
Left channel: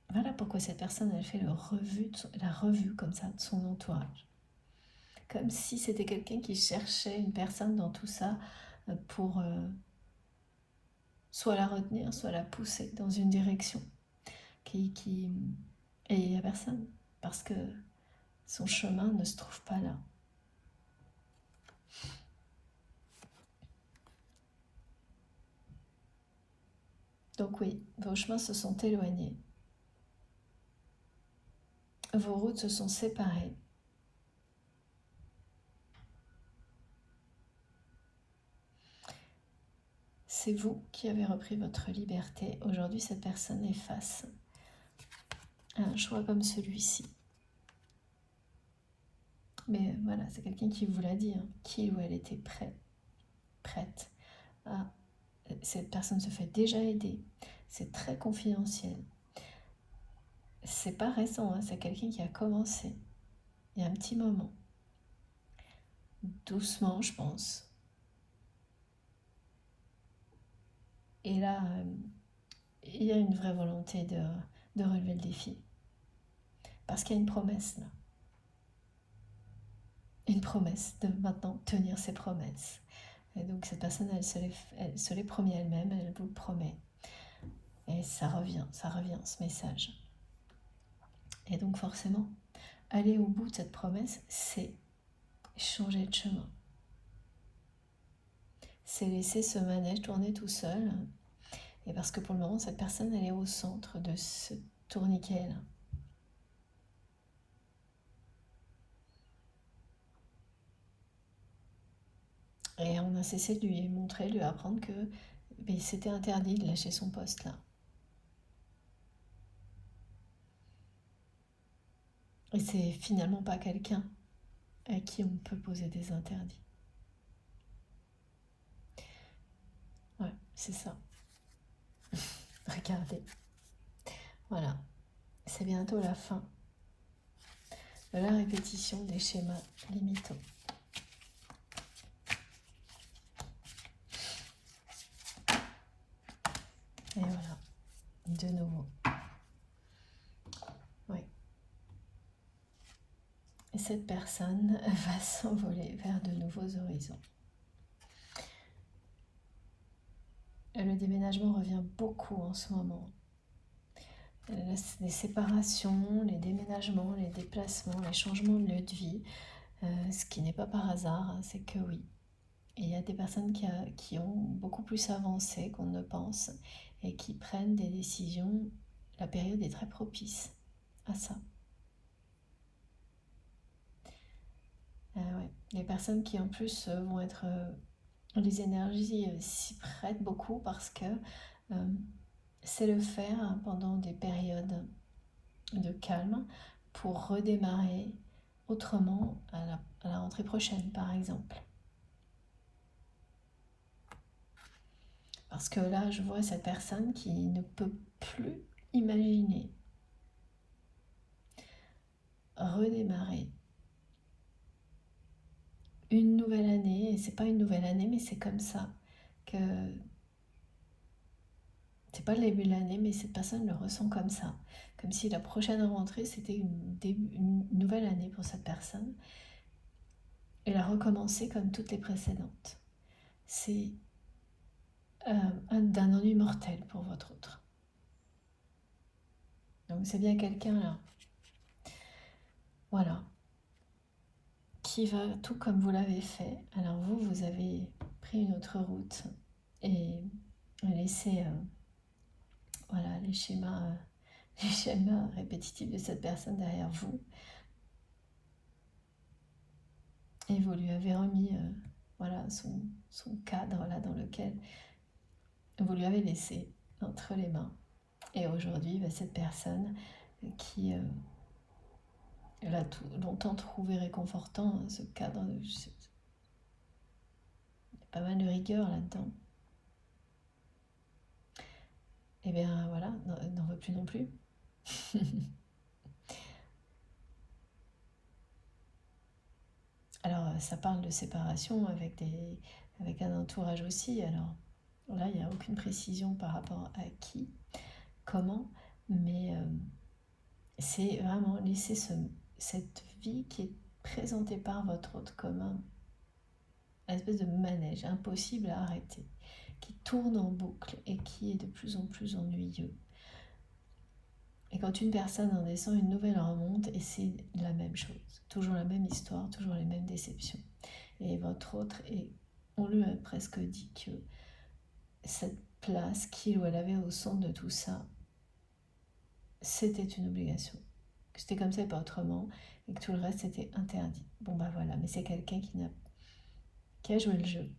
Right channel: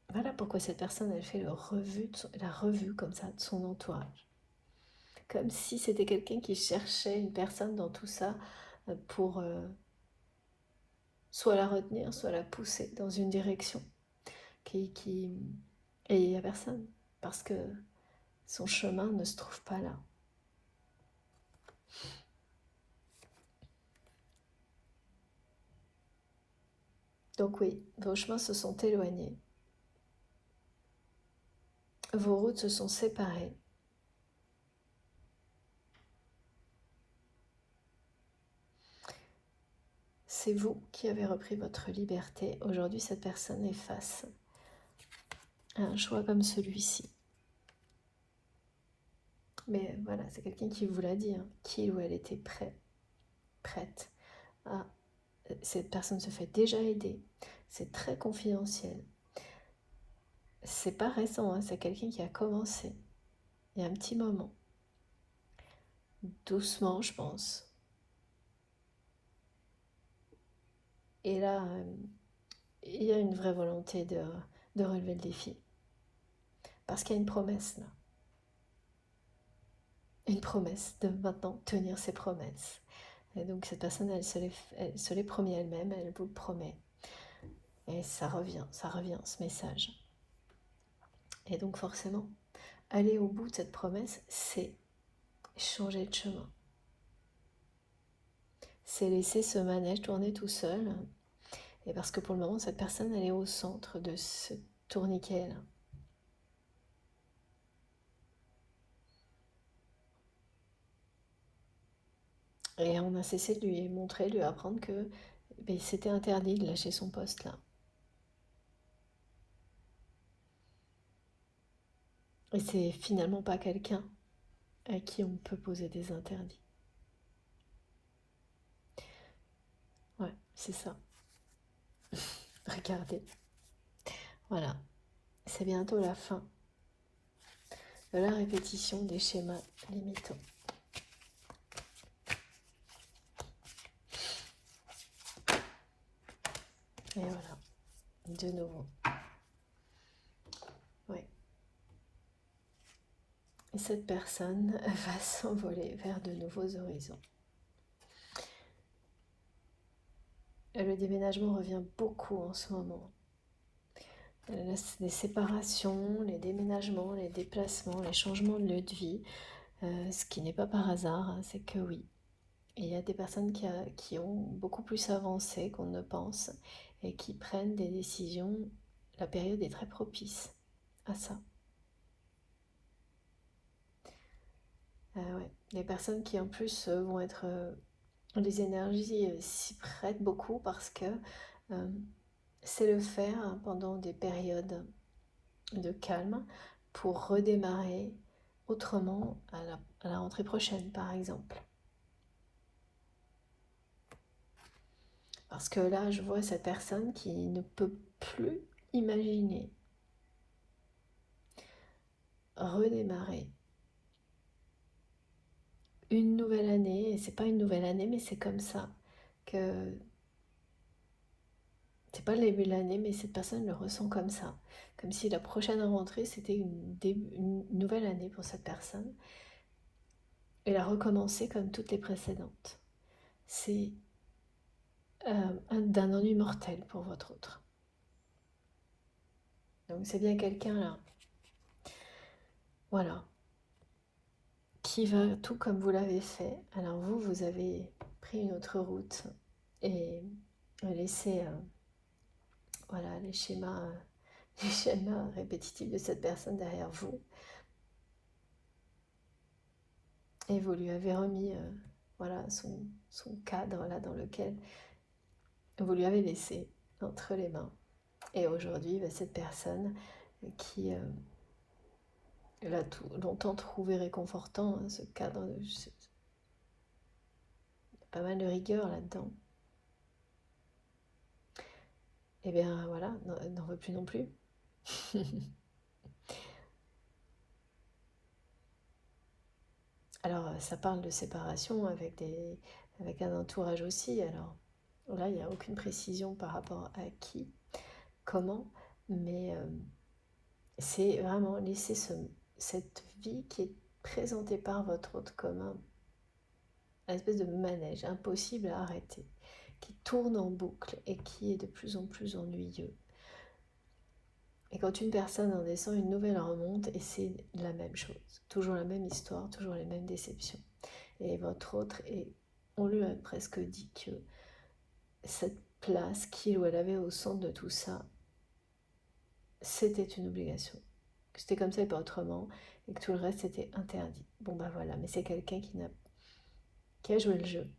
Voilà pourquoi cette personne, elle fait la revue comme ça de son entourage. Comme si c'était quelqu'un qui cherchait une personne dans tout ça pour soit la retenir, soit la pousser dans une direction. Et il n'y a personne, parce que son chemin ne se trouve pas là. Donc oui, vos chemins se sont éloignés. Vos routes se sont séparées. C'est vous qui avez repris votre liberté. Aujourd'hui, cette personne est face à un choix comme celui-ci. Mais voilà, c'est quelqu'un qui vous l'a dit, hein, qu'il ou elle était prête. Cette personne se fait déjà aider. C'est très confidentiel. C'est pas récent, hein, c'est quelqu'un qui a commencé il y a un petit moment. Doucement, je pense. Et là, il y a une vraie volonté de relever le défi. Parce qu'il y a une promesse là. Une promesse de maintenant tenir ses promesses. Et donc cette personne, elle se les promet elle-même, elle vous le promet. Et ça revient ce message. Et donc forcément, aller au bout de cette promesse, c'est changer de chemin. C'est laisser ce manège tourner tout seul. Et parce que pour le moment, cette personne, elle est au centre de ce tourniquet-là. Et on a cessé de lui montrer, de lui apprendre que c'était interdit de lâcher son poste là. Et c'est finalement pas quelqu'un à qui on peut poser des interdits. Ouais, c'est ça. Regardez. Voilà. C'est bientôt la fin de la répétition des schémas limitants. Et voilà. De nouveau. Oui. Et cette personne va s'envoler vers de nouveaux horizons. Le déménagement revient beaucoup en ce moment. Les séparations, les déménagements, les déplacements, les changements de lieu de vie, ce qui n'est pas par hasard, c'est que oui, il y a des personnes qui ont beaucoup plus avancé qu'on ne pense et qui prennent des décisions. La période est très propice à ça. Ouais. Les personnes qui en plus vont être... les énergies s'y prêtent beaucoup parce que c'est le faire pendant des périodes de calme pour redémarrer autrement à la rentrée prochaine, par exemple. Parce que là, je vois cette personne qui ne peut plus imaginer redémarrer une nouvelle année. Et c'est pas une nouvelle année, mais c'est comme ça que... C'est pas le début de l'année, mais cette personne le ressent comme ça. Comme si la prochaine rentrée, c'était une nouvelle année pour cette personne. Elle a recommencé comme toutes les précédentes. C'est d'un ennui mortel pour votre autre. Donc c'est bien quelqu'un là, voilà, qui va tout comme vous l'avez fait. Alors vous avez pris une autre route et laissé voilà, les schémas les schémas répétitifs de cette personne derrière vous. Et vous lui avez remis voilà, son cadre là dans lequel vous lui avez laissé entre les mains. Et aujourd'hui, cette personne qui l'a longtemps trouvé réconfortant, hein, ce cadre, il y a pas mal de rigueur là-dedans. Et bien voilà, n'en veut plus non plus. Alors ça parle de séparation avec un entourage aussi. Alors là, il n'y a aucune précision par rapport à qui, comment, mais c'est vraiment laisser cette vie qui est présentée par votre autre commun, une espèce de manège impossible à arrêter, qui tourne en boucle et qui est de plus en plus ennuyeux. Et quand une personne en descend, une nouvelle remonte et c'est la même chose. Toujours la même histoire, toujours les mêmes déceptions. Et votre autre, et on lui a presque dit que cette place qu'il ou elle avait au centre de tout ça, c'était une obligation. Que c'était comme ça et pas autrement, et que tout le reste était interdit. Bon bah voilà, mais c'est quelqu'un qui a joué le jeu,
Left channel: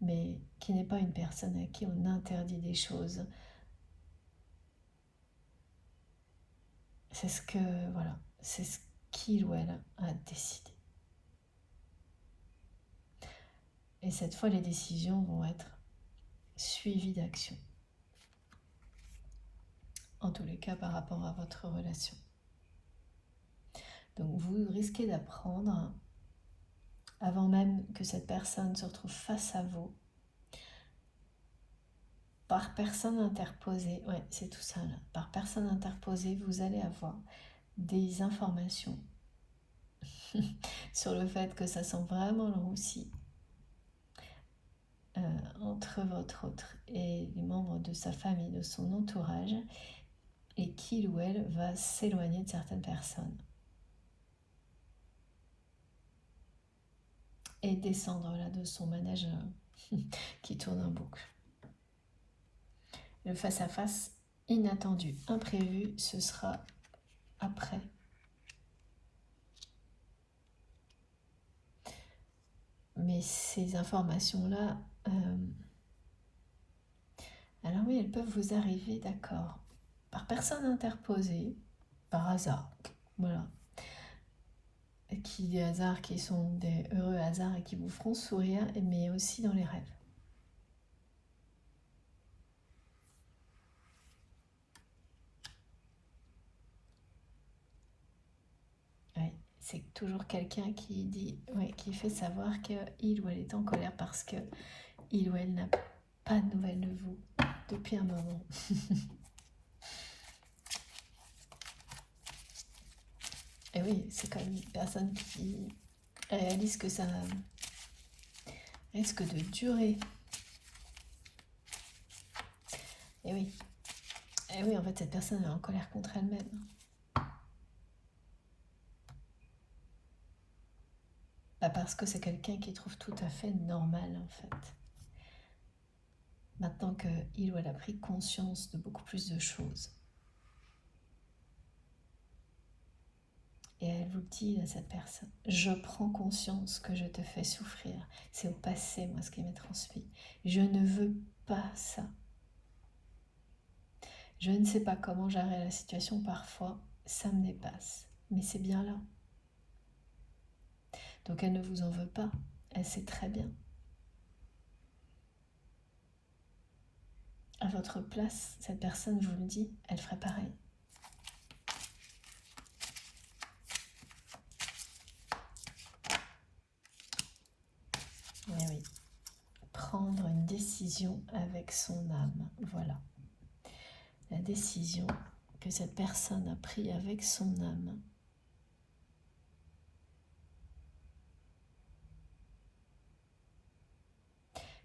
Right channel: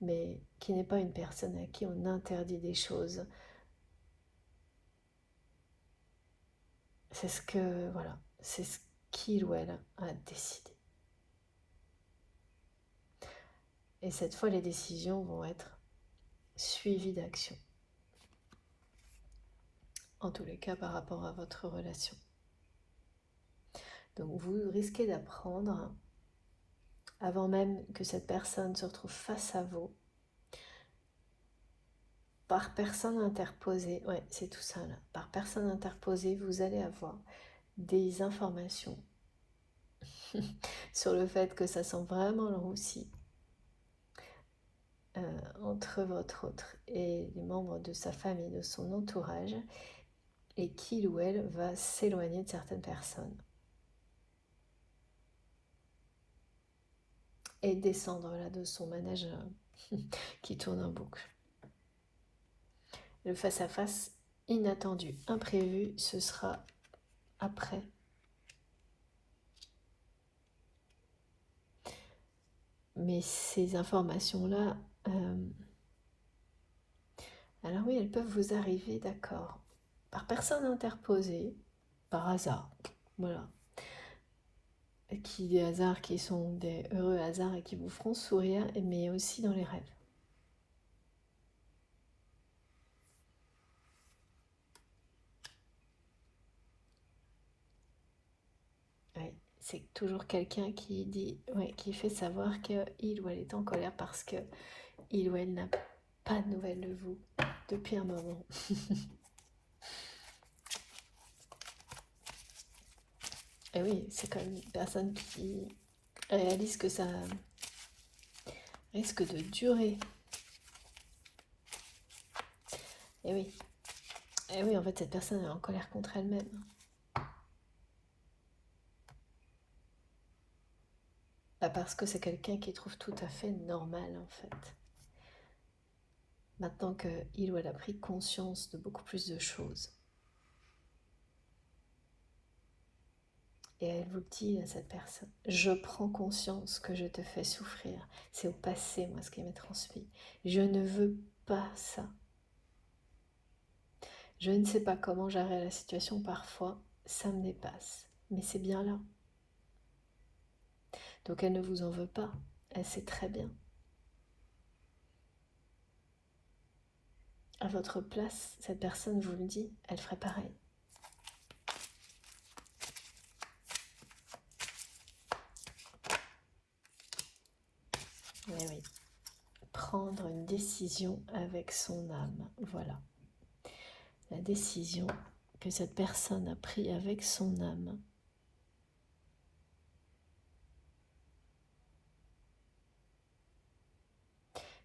mais qui n'est pas une personne à qui on interdit des choses. C'est ce que, voilà, c'est ce qu'il ou elle a décidé. Et cette fois, les décisions vont être suivies d'action. En tous les cas, par rapport à votre relation. Donc vous risquez d'apprendre, avant même que cette personne se retrouve face à vous, par personne interposée, ouais, c'est tout ça là, par personne interposée, vous allez avoir des informations sur le fait que ça sent vraiment le roussi entre votre autre et les membres de sa famille, de son entourage, et qu'il ou elle va s'éloigner de certaines personnes et descendre là de son manège qui tourne en boucle. Le face-à-face inattendu, imprévu, ce sera après. Mais ces informations-là, alors oui, elles peuvent vous arriver, d'accord, par personne interposée, par hasard, voilà. Des hasards qui sont des heureux hasards et qui vous feront sourire, mais aussi dans les rêves. Oui, c'est toujours quelqu'un qui dit, ouais, qui fait savoir qu'il ou elle est en colère parce que il ou elle n'a pas de nouvelles de vous depuis un moment. Et oui, c'est comme une personne qui réalise que ça risque de durer. Et oui. Et oui, en fait, cette personne est en colère contre elle-même. Bah parce que c'est quelqu'un qui trouve tout à fait normal, en fait. Maintenant qu'il ou elle a pris conscience de beaucoup plus de choses. Et elle vous dit à cette personne, je prends conscience que je te fais souffrir. C'est au passé, moi, ce qui m'est transmis. Je ne veux pas ça. Je ne sais pas comment gérer la situation parfois, ça me dépasse. Mais c'est bien là. Donc elle ne vous en veut pas. Elle sait très bien. À votre place, cette personne vous le dit, elle ferait pareil. Mais oui, prendre une décision avec son âme, voilà. La décision que cette personne a prise avec son âme.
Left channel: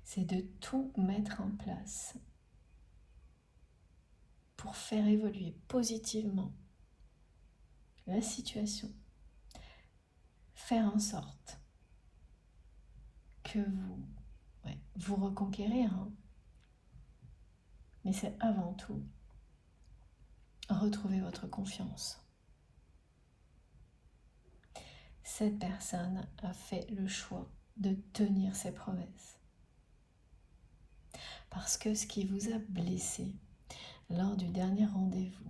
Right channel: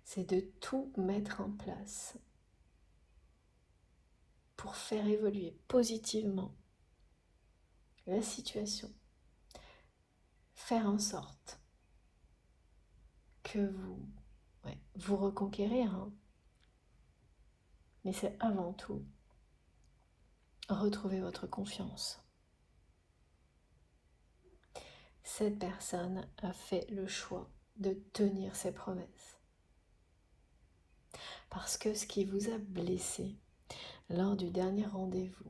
C'est de tout mettre en place pour faire évoluer positivement la situation. Faire en sorte que vous reconquérir, hein. Mais c'est avant tout retrouvez votre confiance. Cette personne a fait le choix de tenir ses promesses. Parce que ce qui vous a blessé lors du dernier rendez-vous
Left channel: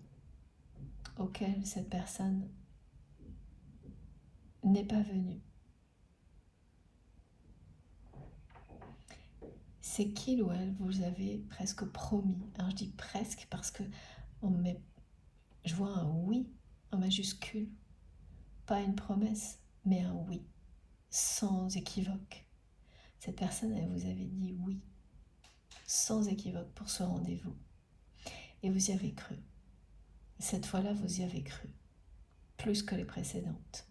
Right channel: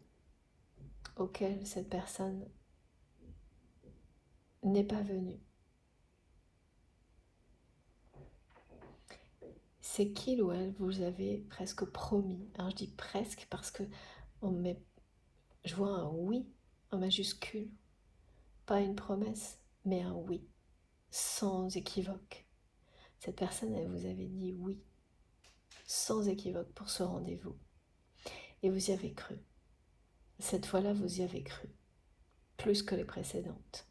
auquel cette personne n'est pas venue, c'est qu'il ou elle vous avait presque promis. Alors je dis presque parce que je vois un oui en majuscule, pas une promesse, mais un oui, sans équivoque. Cette personne, elle vous avait dit oui, sans équivoque pour ce rendez-vous. Et vous y avez cru. Cette fois-là, vous y avez cru, plus que les précédentes.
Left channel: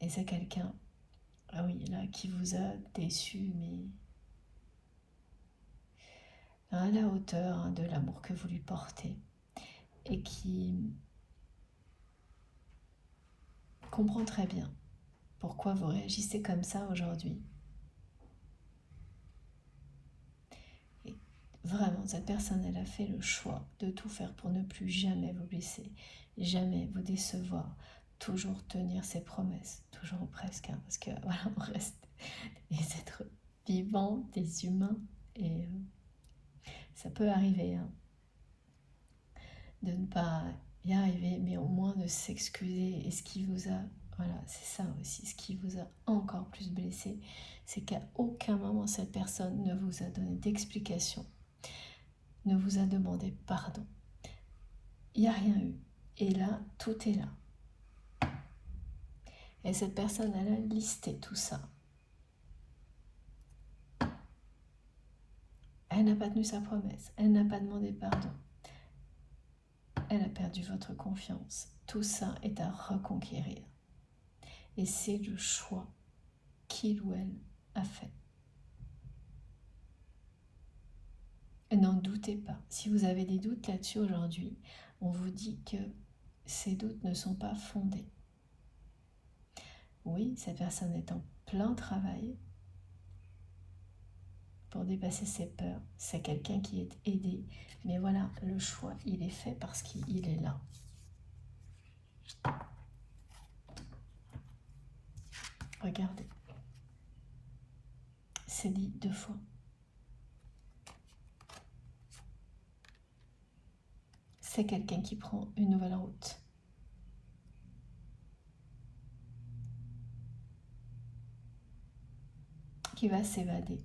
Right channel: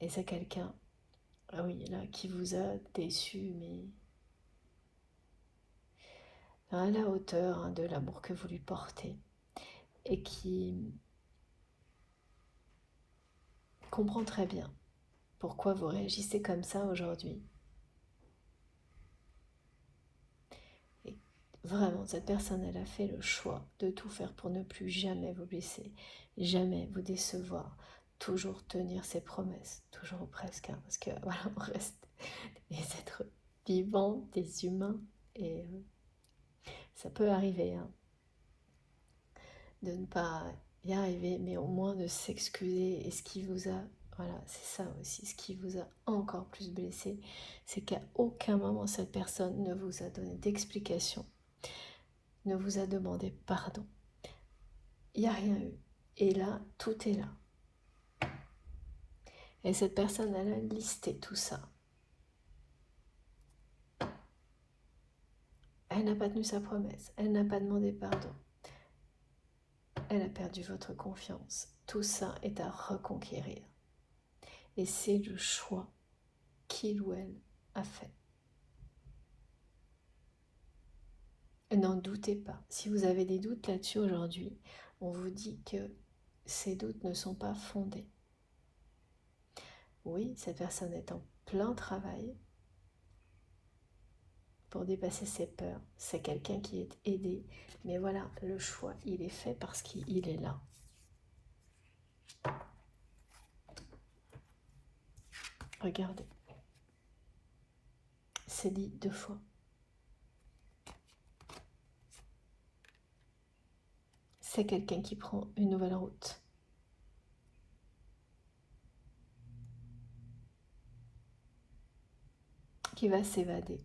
Et c'est quelqu'un, ah oui, là, qui vous a déçu, mais à la hauteur de l'amour que vous lui portez, et qui comprend très bien pourquoi vous réagissez comme ça aujourd'hui. Et vraiment, cette personne, elle a fait le choix de tout faire pour ne plus jamais vous blesser, jamais vous décevoir, toujours tenir ses promesses, toujours presque, hein, parce que voilà, on reste des êtres vivants, des humains, et ça peut arriver hein, de ne pas y arriver, mais au moins de s'excuser. Et ce qui vous a, voilà, c'est ça aussi, ce qui vous a encore plus blessé, c'est qu'à aucun moment cette personne ne vous a donné d'explication, ne vous a demandé pardon. Il n'y a rien eu. Et là, tout est là. Et cette personne, elle a listé tout ça. Elle n'a pas tenu sa promesse, elle n'a pas demandé pardon. Elle a perdu votre confiance. Tout ça est à reconquérir. Et c'est le choix qu'il ou elle a fait. N'en doutez pas. Si vous avez des doutes là-dessus aujourd'hui, on vous dit que ces doutes ne sont pas fondés. Oui, cette personne est en plein travail pour dépasser ses peurs. C'est quelqu'un qui est aidé. Mais voilà, le choix, il est fait parce qu'il est là. Regardez. C'est dit 2 fois. C'est quelqu'un qui prend une nouvelle route. Qui va s'évader.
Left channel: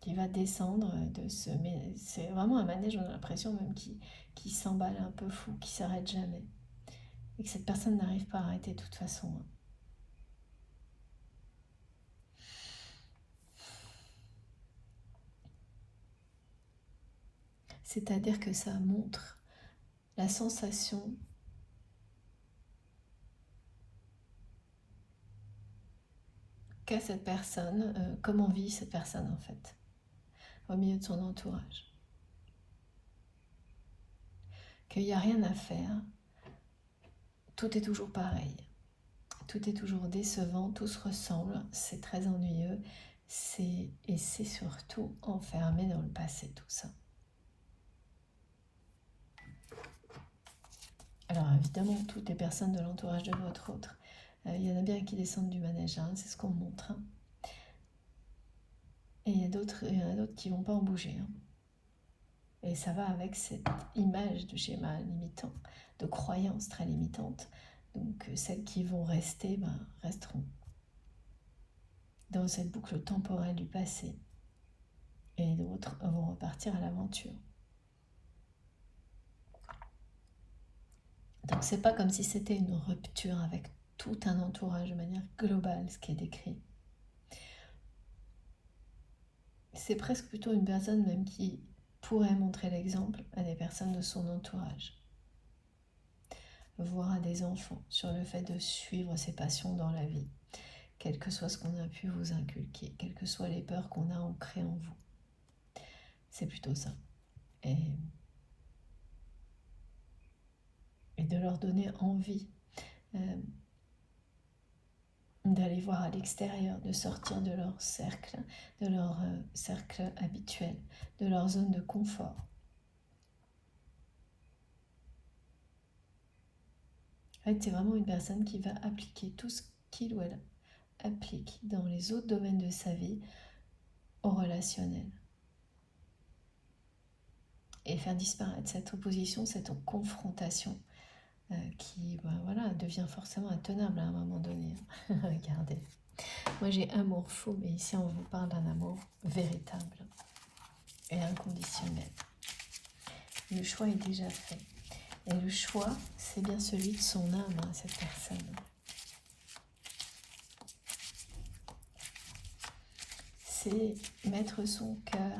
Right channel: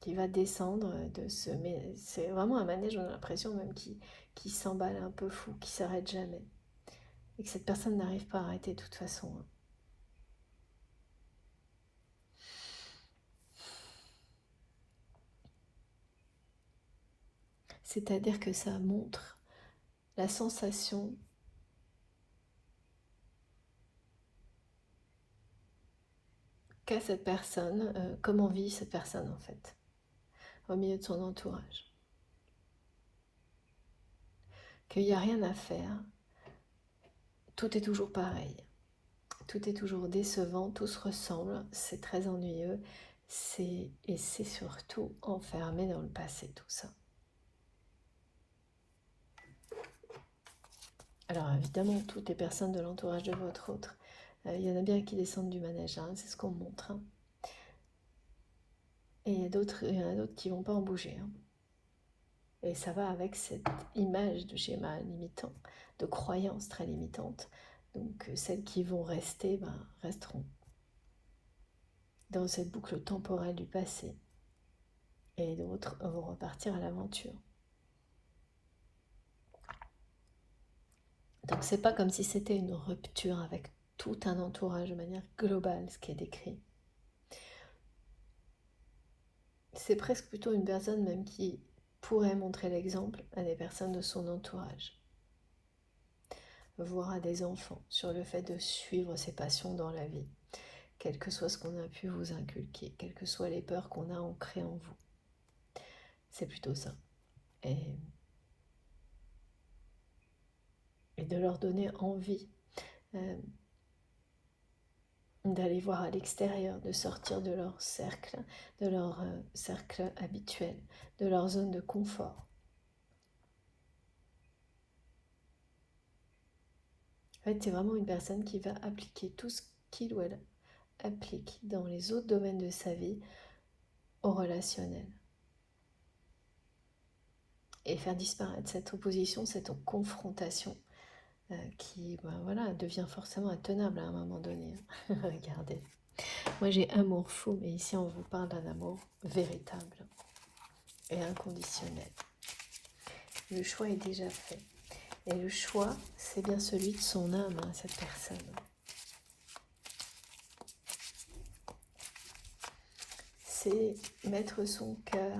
Qui va descendre de ce... Mais c'est vraiment un manège, on a l'impression même qui s'emballe un peu fou, qui s'arrête jamais. Et que cette personne n'arrive pas à arrêter de toute façon. C'est-à-dire que ça montre la sensation qu'a cette personne, comment vit cette personne en fait, au milieu de son entourage. Qu'il n'y a rien à faire, tout est toujours pareil, tout est toujours décevant, tout se ressemble, c'est très ennuyeux, et c'est surtout enfermé dans le passé tout ça. Alors évidemment, toutes les personnes de l'entourage de votre autre, il y en a bien qui descendent du manège, hein, c'est ce qu'on montre. Hein. Et il y en a d'autres qui ne vont pas en bouger. Hein. Et ça va avec cette image de schéma limitant, de croyances très limitantes. Donc celles qui vont rester, resteront dans cette boucle temporelle du passé. Et d'autres vont repartir à l'aventure. Donc c'est pas comme si c'était une rupture avec tout un entourage de manière globale, ce qui est décrit. C'est presque plutôt une personne même qui pourrait montrer l'exemple à des personnes de son entourage, voire à des enfants, sur le fait de suivre ses passions dans la vie, quel que soit ce qu'on a pu vous inculquer, quelles que soient les peurs qu'on a ancrées en vous. C'est plutôt ça. Et de leur donner envie d'aller voir à l'extérieur, de sortir de leur cercle habituel, de leur zone de confort. fait, c'est vraiment une personne qui va appliquer tout ce qu'il ou elle applique dans les autres domaines de sa vie au relationnel. Et faire disparaître cette opposition, cette confrontation qui voilà, devient forcément intenable à un moment donné. Regardez. Moi j'ai amour fou, mais ici on vous parle d'un amour véritable et inconditionnel. Le choix est déjà fait. Et le choix, c'est bien celui de son âme, cette personne. C'est mettre son cœur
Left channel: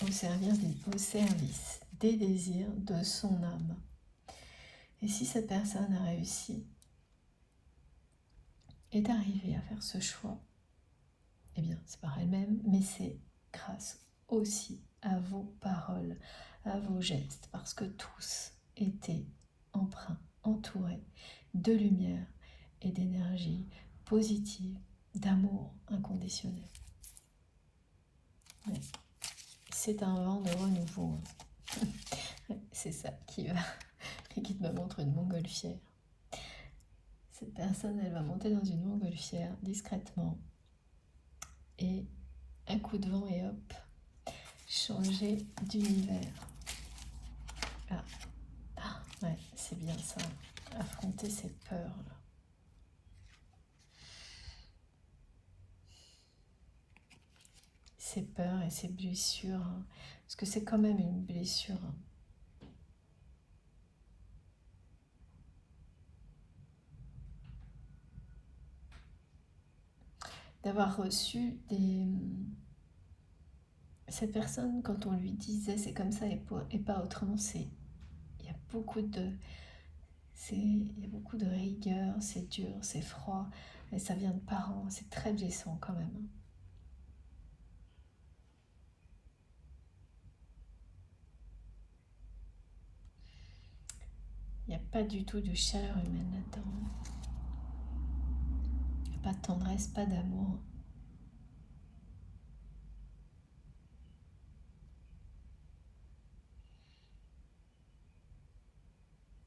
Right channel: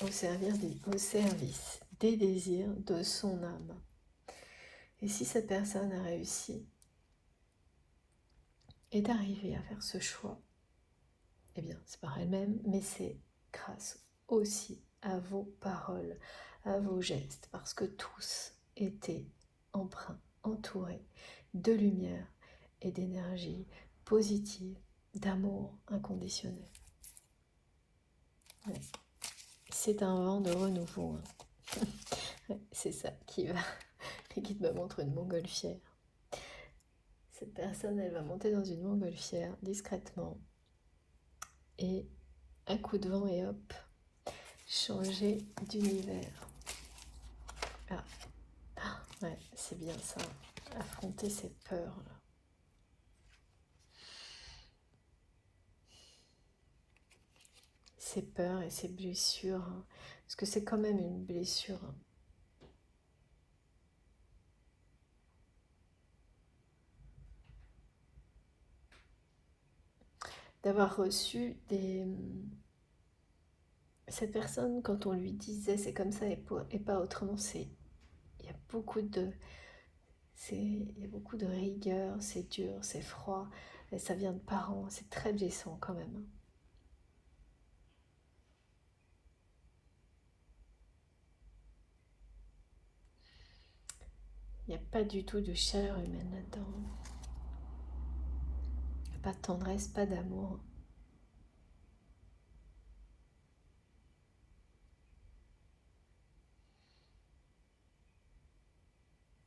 au service des désirs de son âme. Et si cette personne a réussi, est arrivée à faire ce choix, eh bien c'est par elle-même, mais c'est grâce aussi à vos paroles, à vos gestes, parce que tous étaient empreints, entourés de lumière et d'énergie positive, d'amour inconditionnel. Ouais. C'est un vent de renouveau. C'est ça qui va. Les guides me montrent une montgolfière. Cette personne, elle va monter dans une montgolfière discrètement et un coup de vent et hop, changer d'univers. Ouais, c'est bien ça. Affronter ses peurs là. Ses peurs et ses blessures. Parce que c'est quand même une blessure. D'avoir reçu des... Cette personne, quand on lui disait c'est comme ça et pas autrement, c'est... Il y a beaucoup de... Il y a beaucoup de rigueur, c'est dur, c'est froid, et ça vient de parents, c'est très blessant quand même. Il n'y a pas du tout de chaleur humaine là-dedans. Il n'y a pas de tendresse, pas d'amour.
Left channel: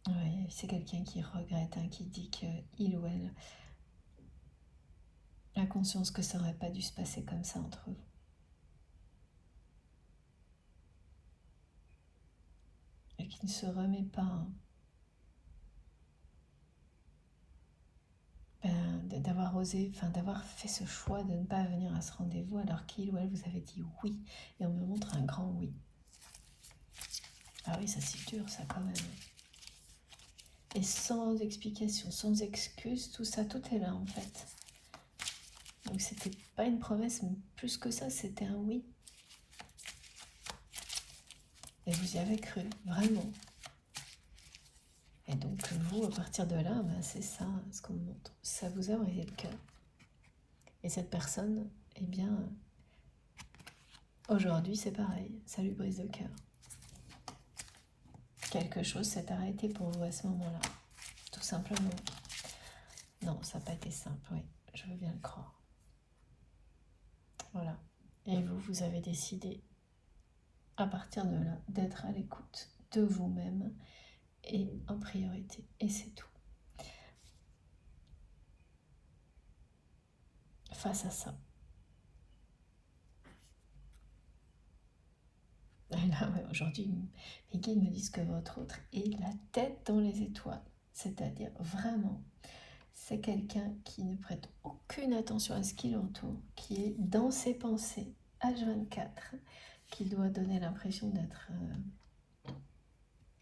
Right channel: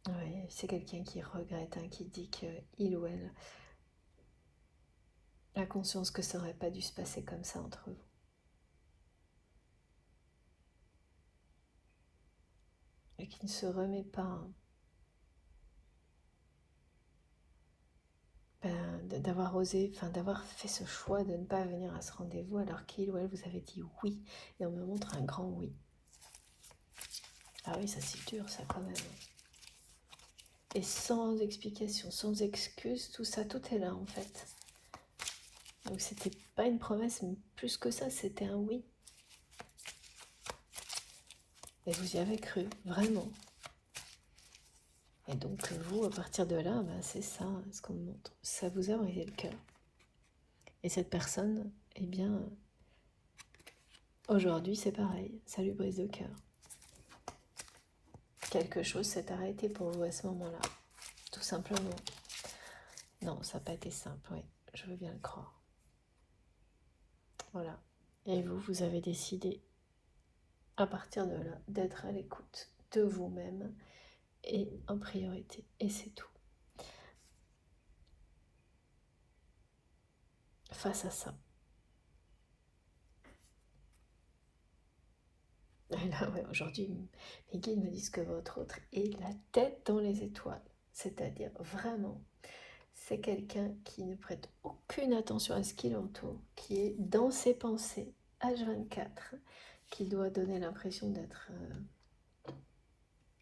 Oui, c'est quelqu'un qui regrette, qui dit qu'il ou elle a conscience que ça n'aurait pas dû se passer comme ça entre vous. Et qui ne se remet pas d'avoir osé, d'avoir fait ce choix de ne pas venir à ce rendez-vous alors qu'il ou elle vous avait dit oui. Et on me montre un grand oui. Ah oui, ça c'est dur ça quand même. Et sans explication, sans excuse, tout ça, tout est là en fait. Donc c'était pas une promesse, mais plus que ça, c'était un oui. Et vous y avez cru, vraiment. Et donc vous, à partir de là, c'est ça ce qu'on me montre. Ça vous a brisé le cœur. Et cette personne, eh bien, aujourd'hui c'est pareil, ça lui brise le cœur. Quelque chose s'est arrêté pour vous à ce moment-là, tout simplement. Non, ça n'a pas été simple, oui, je veux bien le croire. Voilà. Et vous, vous avez décidé, à partir de là, d'être à l'écoute de vous-même et en priorité. Et c'est tout. Face à ça. Et là, ouais, aujourd'hui, mes guides me disent que votre autre est la tête dans les étoiles. C'est-à-dire, vraiment, c'est quelqu'un qui ne prête aucune attention à ce qui l'entoure, qui est dans ses pensées, H24, qui doit donner l'impression d'être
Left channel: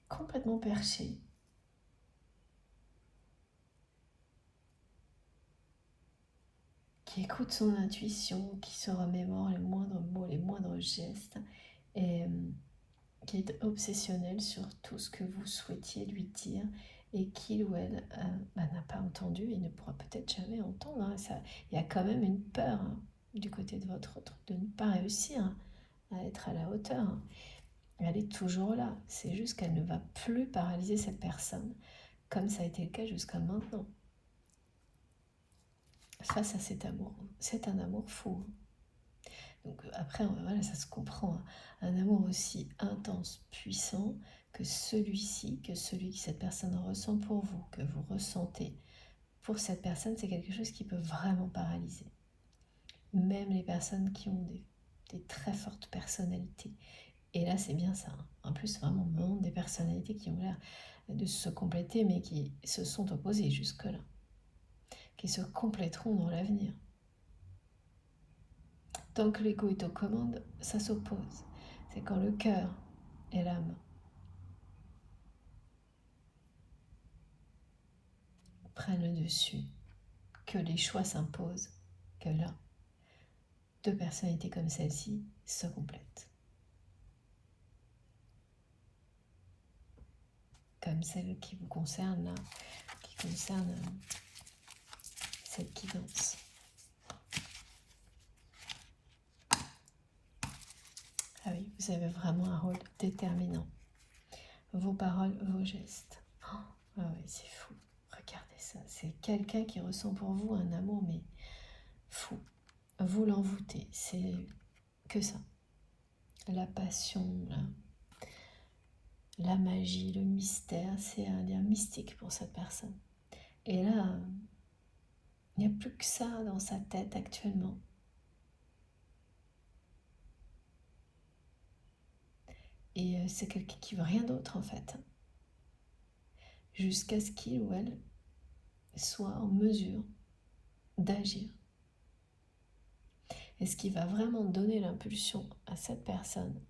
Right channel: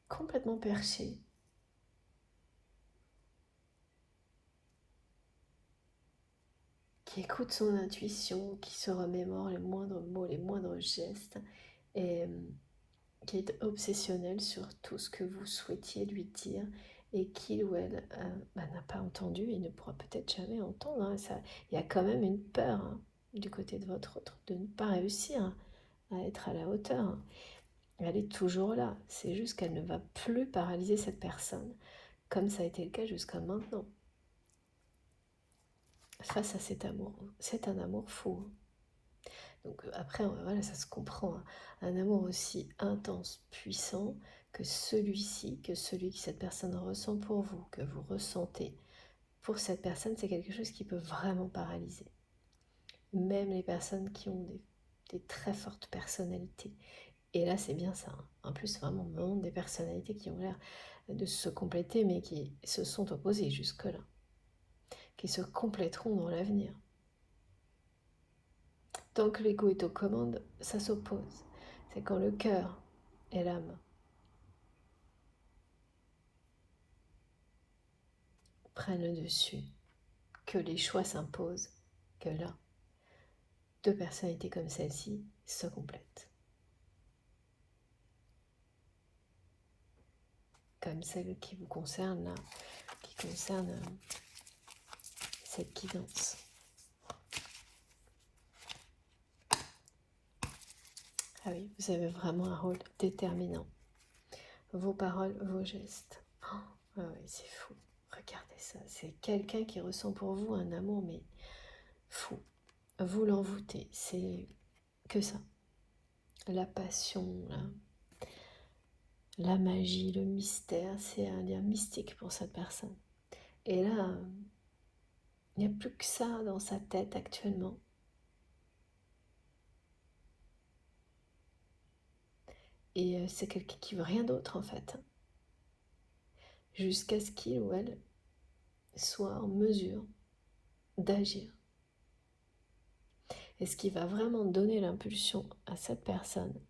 complètement perché. Qui écoute son intuition, qui se remémore les moindres mots, les moindres gestes, et qui est obsessionnel sur tout ce que vous souhaitiez lui dire et qu'il ou elle n'a pas entendu et ne pourra peut-être jamais entendre. Il y a quand même une peur du côté de votre autre de ne pas réussir à être à la hauteur. Elle est toujours là, c'est juste qu'elle ne va plus paralyser cette personne comme ça a été le cas jusqu'à maintenant. Face à cet amour, c'est un amour fou. Donc après, voilà, ça se comprend. Un amour aussi intense, puissant, que celui-ci, que celui que cette personne ressent pour vous, que vous ressentez pour cette personne, c'est quelque chose qui peut vraiment paralyser. Même les personnes qui ont des très fortes personnalités. Et là, c'est bien ça. Hein. En plus, vraiment, des personnalités qui ont l'air de se compléter, mais qui se sont opposées jusque-là, qui se compléteront dans l'avenir. Tant que l'ego est aux commandes, ça s'oppose. C'est quand le cœur et l'âme prennent le dessus, que les choix s'imposent, que là, deux personnalités comme celle-ci se complètent. Comme celle qui vous concerne là, qui concerne cette guidance. Ah oui, vous avez vraiment un rôle déterminant. Vos paroles, vos gestes. Oh, ah oui, c'est fou. Regardez ça. C'est quelqu'un qui ressent pour vous un amour, mais fou. Vous l'envoûtez. C'est que ça. La passion, la magie, le mystère, c'est un lien mystique pour cette personne. Et là, il n'y a plus que ça dans sa tête actuellement. Et c'est quelqu'un qui veut rien d'autre en fait. Jusqu'à ce qu'il ou elle soit en mesure d'agir. Et ce qui va vraiment donner l'impulsion à cette personne,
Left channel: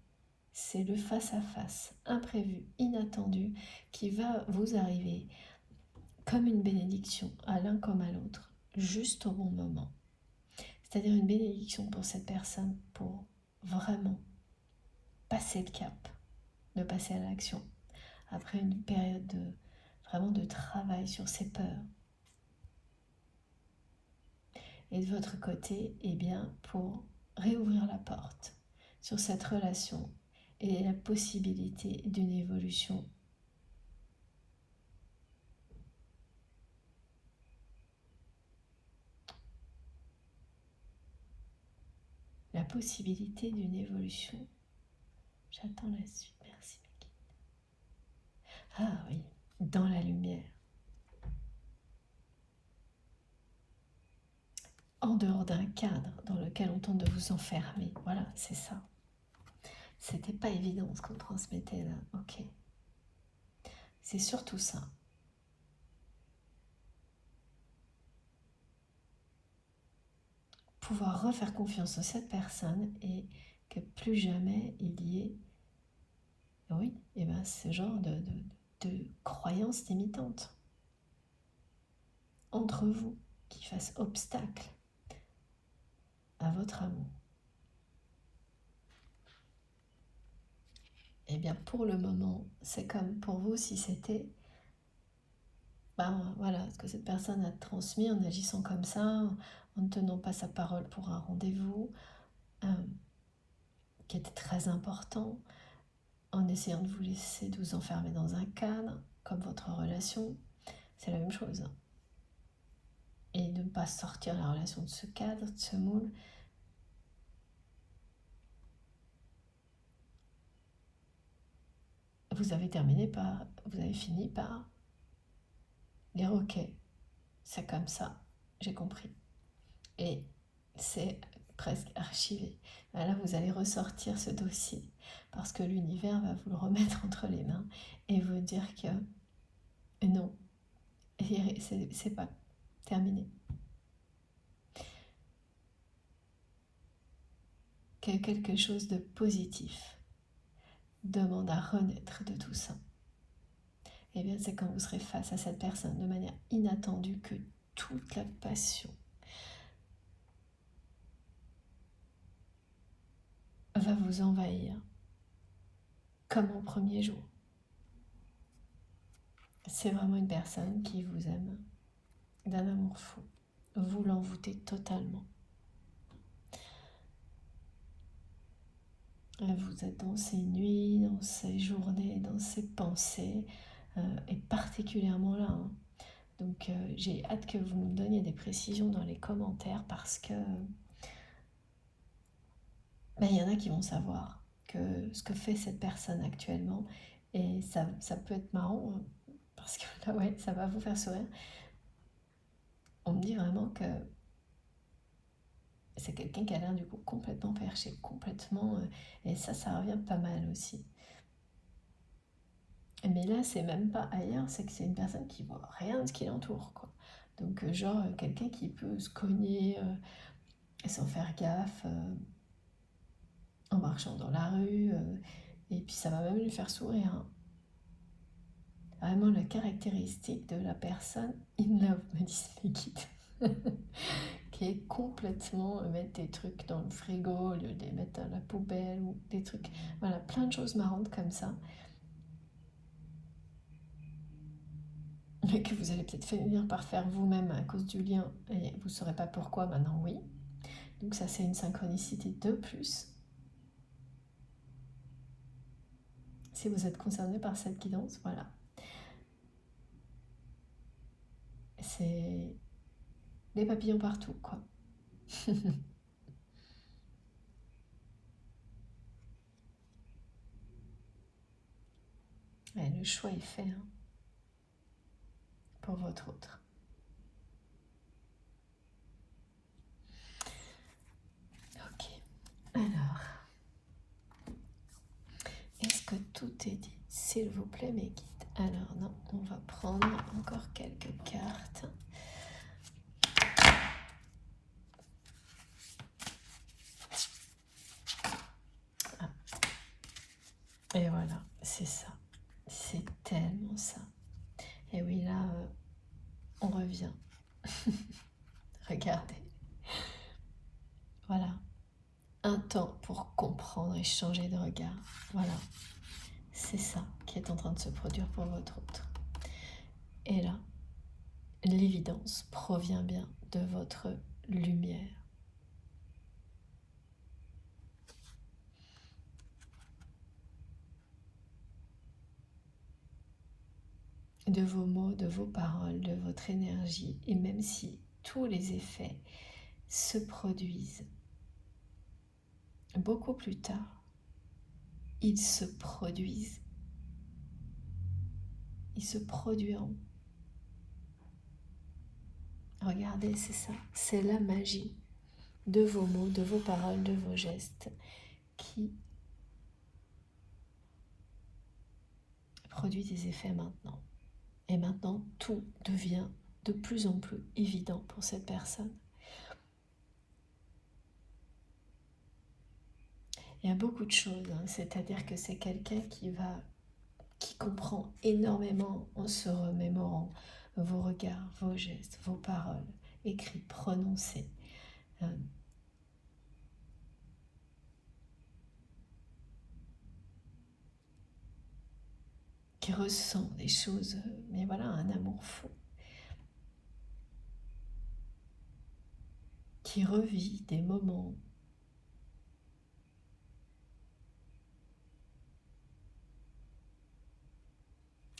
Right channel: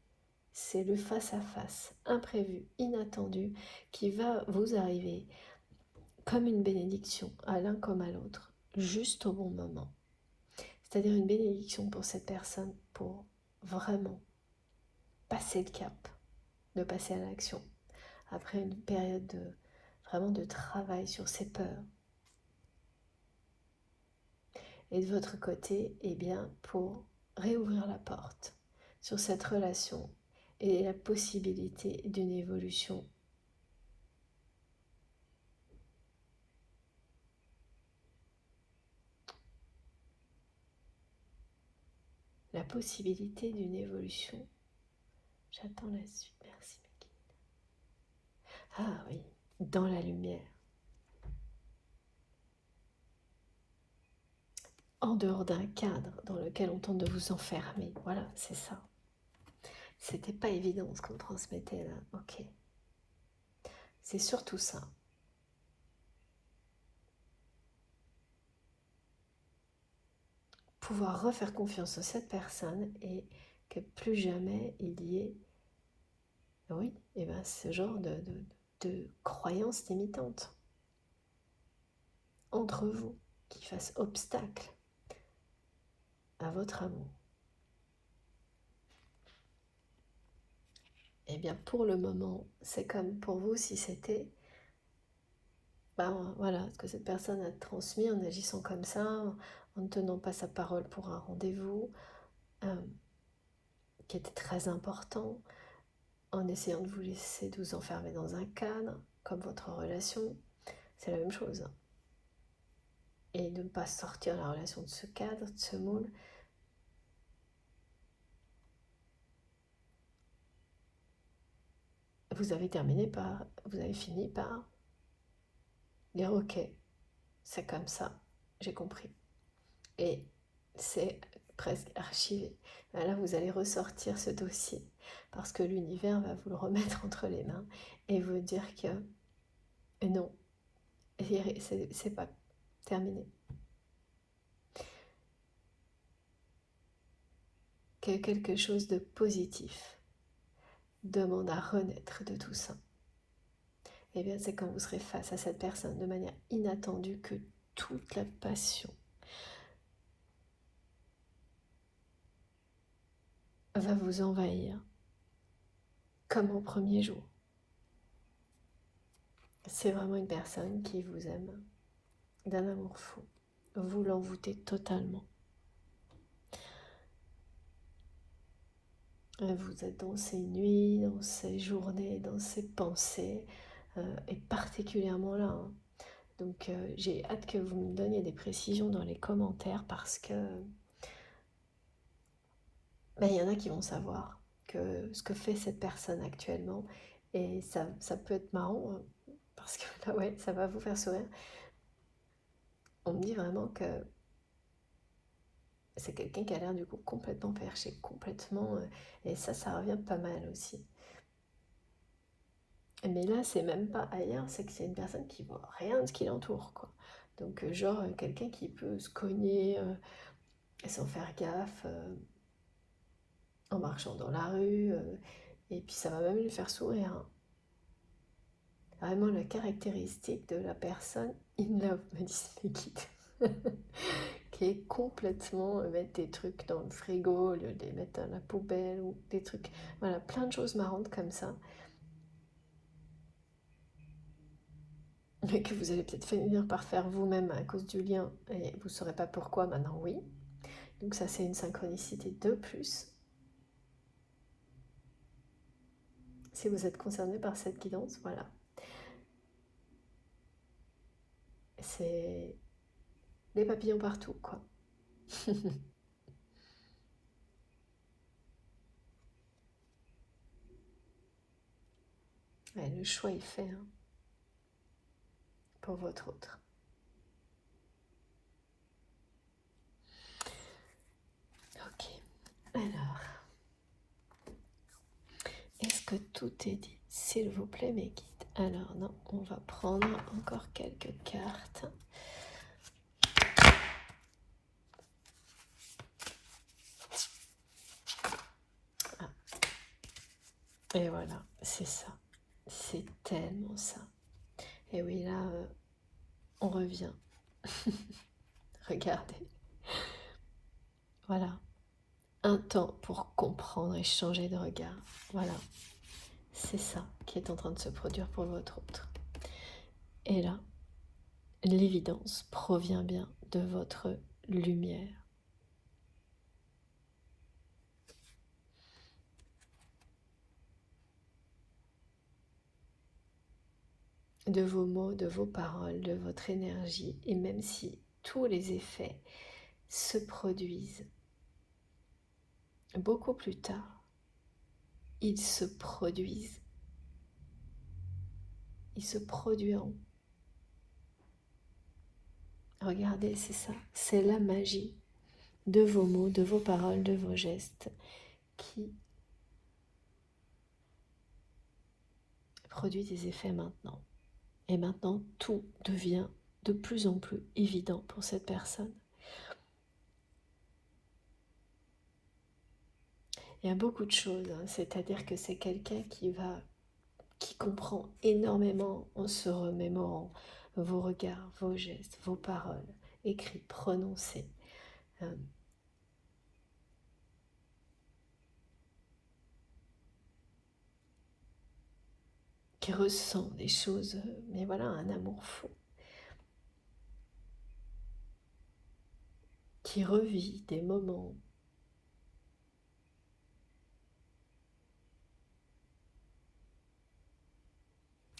c'est le face-à-face imprévu, inattendu, qui va vous arriver comme une bénédiction à l'un comme à l'autre, juste au bon moment. C'est-à-dire une bénédiction pour cette personne pour vraiment passer le cap, de passer à l'action, après une période vraiment de travail sur ses peurs. Et de votre côté, eh bien, pour réouvrir la porte sur cette relation et la possibilité d'une évolution. La possibilité d'une évolution. J'attends la suite. Merci, Maki. Ah oui, dans la lumière. En dehors d'un cadre dans lequel on tente de vous enfermer. Voilà, c'est ça. C'était pas évident ce qu'on transmettait là. Ok. C'est surtout ça. Pouvoir refaire confiance à cette personne et que plus jamais il y ait, oui, et ben ce genre de croyances limitantes entre vous qui fassent obstacle à votre amour. Eh bien, pour le moment, c'est comme pour vous si c'était, ben voilà, ce que cette personne a transmis en agissant comme ça, en ne tenant pas sa parole pour un rendez-vous, qui était très important, en essayant de vous laisser de vous enfermer dans un cadre, comme votre relation, c'est la même chose. Et de ne pas sortir la relation de ce cadre, de ce moule. Vous avez fini par dire ok, c'est comme ça, j'ai compris. Et c'est presque archivé. Là, vous allez ressortir ce dossier parce que l'univers va vous le remettre entre les mains et vous dire que non, c'est pas terminé. Que quelque chose de positif demande à renaître de tout ça. Et bien, c'est quand vous serez face à cette personne de manière inattendue que toute la passion va vous envahir comme au premier jour. C'est vraiment une personne qui vous aime d'un amour fou. Vous l'envoûtez totalement. Vous êtes dans ces nuits, dans ces journées, dans ces pensées, et particulièrement là. Hein. Donc j'ai hâte que vous me donniez des précisions dans les commentaires parce que il y en a qui vont savoir que ce que fait cette personne actuellement Et ça peut être marrant, parce que là, ouais, ça va vous faire sourire. On me dit vraiment que c'est quelqu'un qui a l'air du coup complètement perché, complètement... et ça revient pas mal aussi. Mais là, c'est même pas ailleurs, c'est que c'est une personne qui voit rien de ce qui l'entoure, quoi. Donc, genre, quelqu'un qui peut se cogner sans faire gaffe en marchant dans la rue, et puis ça va même lui faire sourire, hein. Vraiment la caractéristique de la personne in love, me disent mes guides, qui est complètement mettre des trucs dans le frigo, au lieu de les mettre dans la poubelle, ou des trucs, voilà, plein de choses marrantes comme ça, mais que vous allez peut-être finir par faire vous-même à cause du lien, et vous ne saurez pas pourquoi, maintenant oui. Donc ça, c'est une synchronicité de plus. Si vous êtes concerné par cette guidance, voilà. C'est des papillons partout, quoi. Et le choix est fait, hein, pour votre autre. Ok. Alors, est-ce que tout est dit, s'il vous plaît, mes guides? Alors non, on va prendre encore quelques cartes. Ah. Et voilà, c'est ça. C'est tellement ça. Et oui, là, on revient. Regardez. Voilà. Un temps pour comprendre et changer de regard. Voilà. C'est ça qui est en train de se produire pour votre autre. Et là, l'évidence provient bien de votre lumière. De vos mots, de vos paroles, de votre énergie. Et même si tous les effets se produisent beaucoup plus tard, ils se produisent. Ils se produiront. Regardez, c'est ça. C'est la magie de vos mots, de vos paroles, de vos gestes qui produit des effets maintenant. Et maintenant, tout devient de plus en plus évident pour cette personne. Il y a beaucoup de choses, hein. C'est-à-dire que c'est quelqu'un qui comprend énormément en se remémorant vos regards, vos gestes, vos paroles, écrits, prononcés. Qui ressent des choses, mais voilà, un amour fou. Qui revit des moments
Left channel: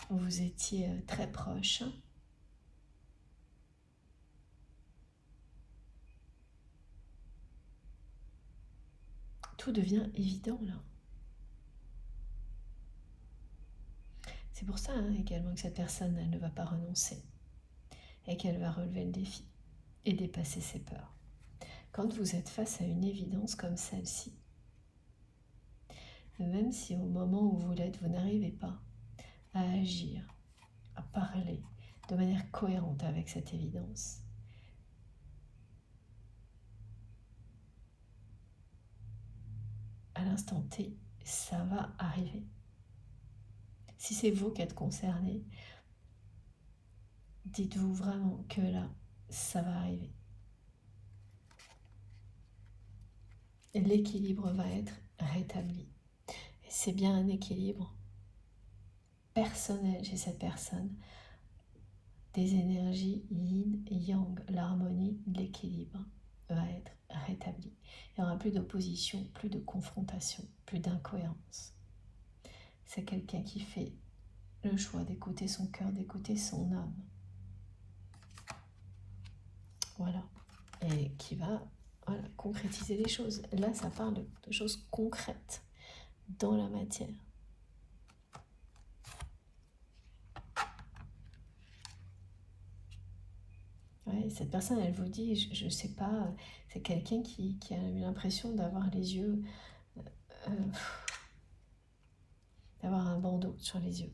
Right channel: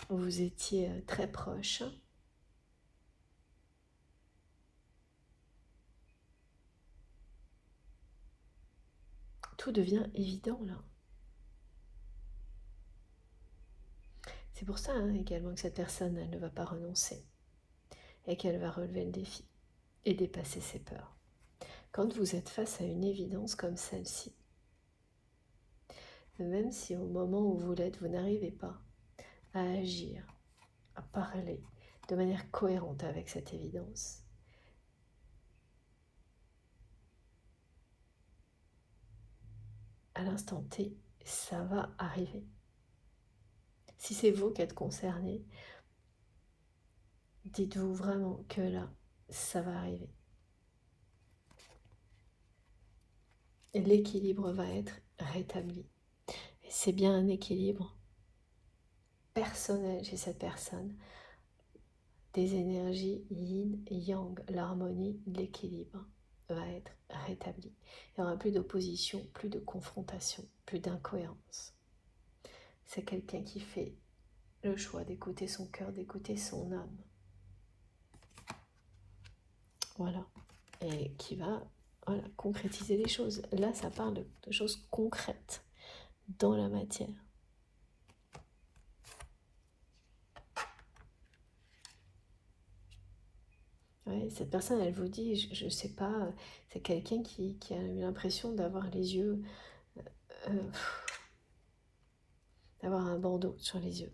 où vous étiez très proches. Tout devient évident là. C'est pour ça également que cette personne, elle ne va pas renoncer et qu'elle va relever le défi et dépasser ses peurs. Quand vous êtes face à une évidence comme celle-ci, même si au moment où vous l'êtes, vous n'arrivez pas à agir, à parler de manière cohérente avec cette évidence, à l'instant T, ça va arriver. Si c'est vous qui êtes concerné, dites-vous vraiment que là, ça va arriver. Et l'équilibre va être rétabli. Et c'est bien un équilibre personnel chez cette personne, des énergies yin et yang, l'harmonie, l'équilibre va être rétabli. Il n'y aura plus d'opposition, plus de confrontation, plus d'incohérence. C'est quelqu'un qui fait le choix d'écouter son cœur, d'écouter son âme. Voilà. Et qui va concrétiser les choses. Là, ça parle de choses concrètes dans la matière. Ouais, cette personne, elle vous dit, je sais pas, c'est quelqu'un qui a eu l'impression d'avoir les yeux, euh, d'avoir un bandeau sur les yeux.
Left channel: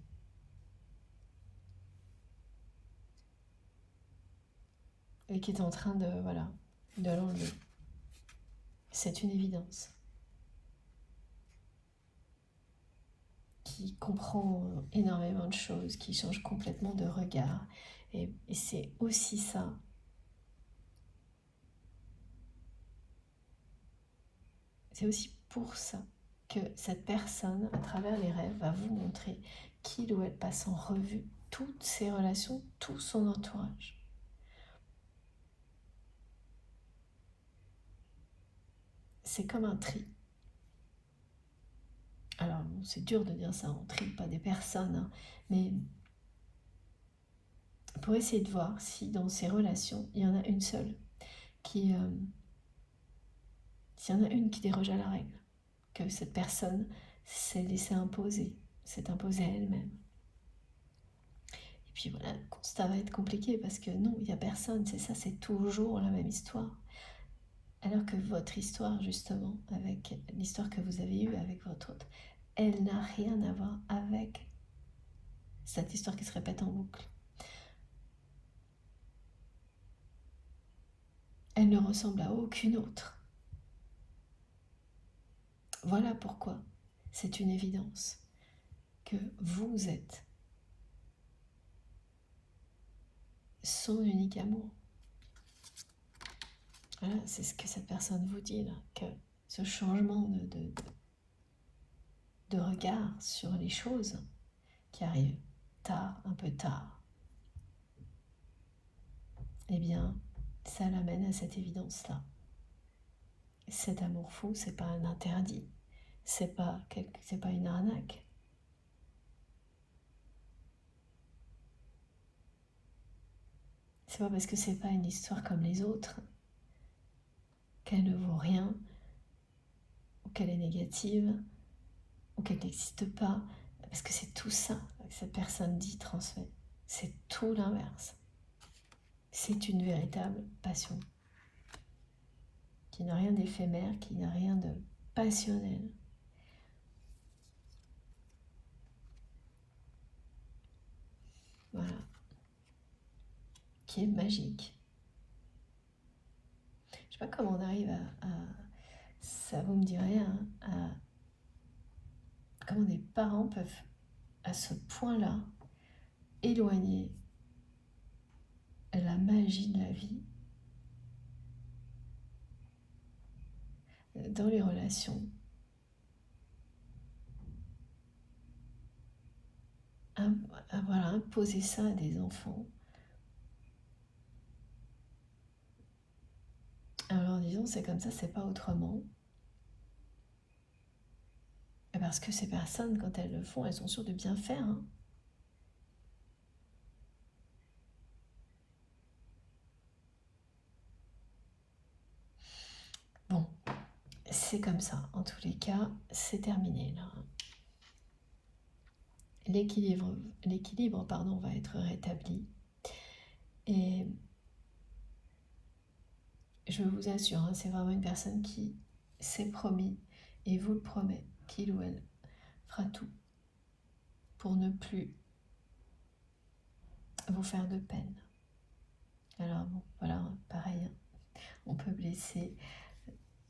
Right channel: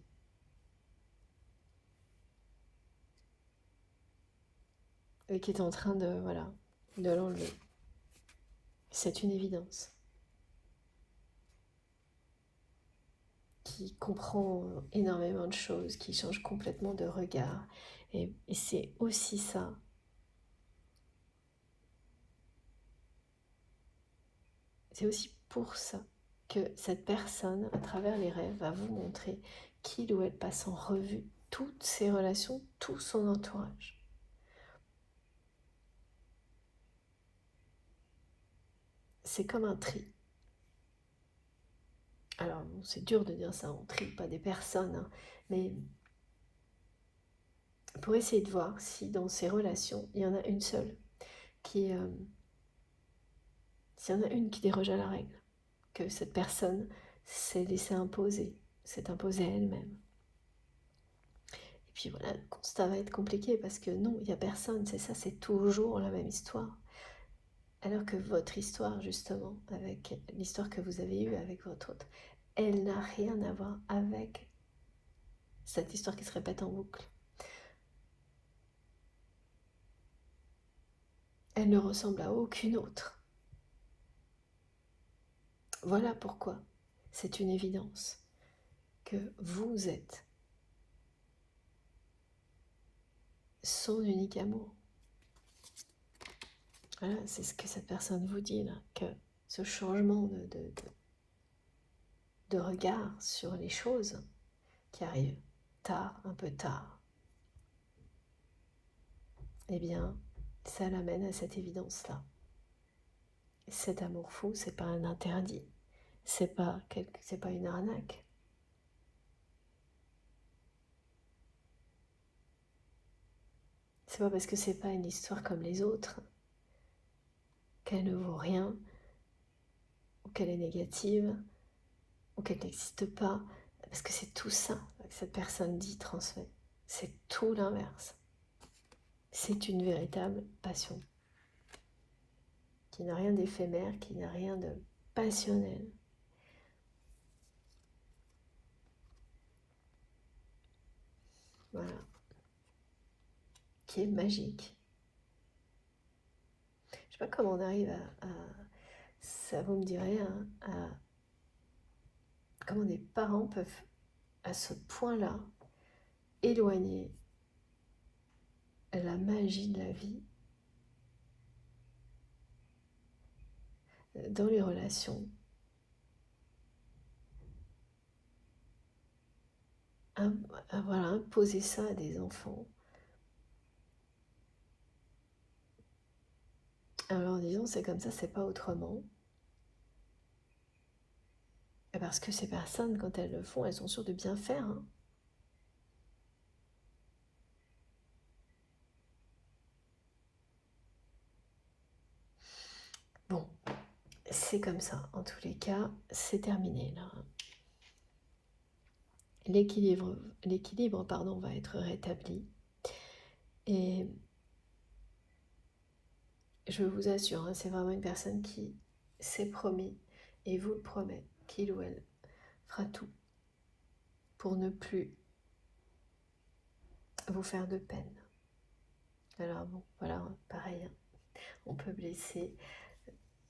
Et qui est en train de, voilà, de l'enlever. C'est une évidence. Qui comprend énormément de choses, qui change complètement de regard. Et c'est aussi ça. C'est aussi pour ça que cette personne, à travers les rêves, va vous montrer qu'il ou elle passe en revue toutes ses relations, tout son entourage. C'est comme un tri. Alors, c'est dur de dire ça, on trie pas des personnes, hein, mais pour essayer de voir si dans ces relations, il y en a une seule qui... s'il y en a une qui déroge à la règle, que cette personne s'est laissée imposer, s'est imposée à elle-même. Et puis voilà, le constat va être compliqué parce que non, il n'y a personne, c'est ça, c'est toujours la même histoire. Alors que votre histoire, justement, avec l'histoire que vous avez eue avec votre autre, elle n'a rien à voir avec cette histoire qui se répète en boucle. Elle ne ressemble à aucune autre. Voilà pourquoi c'est une évidence que vous êtes son unique amour. Voilà, c'est ce que cette personne vous dit là, que ce changement de regard sur les choses qui arrivent tard, un peu tard, eh bien, ça l'amène à cette évidence-là. Cet amour fou, c'est pas un interdit, c'est pas une arnaque. C'est pas parce que c'est pas une histoire comme les autres qu'elle ne vaut rien, ou qu'elle est négative, ou qu'elle n'existe pas, parce que c'est tout ça que cette personne dit, transmet. C'est tout l'inverse. C'est une véritable passion, qui n'a rien d'éphémère, qui n'a rien de passionnel. Voilà. Qui est magique. Je sais pas comment on arrive à ça vous me direz, comment des parents peuvent à ce point-là éloigner la magie de la vie dans les relations. Voilà, imposer ça à des enfants. Alors disons, c'est comme ça, c'est pas autrement. Et parce que ces personnes, quand elles le font, elles sont sûres de bien faire. Hein. Bon, c'est comme ça. En tous les cas, c'est terminé là. L'équilibre va être rétabli. Et je vous assure, hein, c'est vraiment une personne qui s'est promis, et vous le promet, qu'il ou elle fera tout pour ne plus vous faire de peine. Alors bon, voilà, pareil, hein, on peut blesser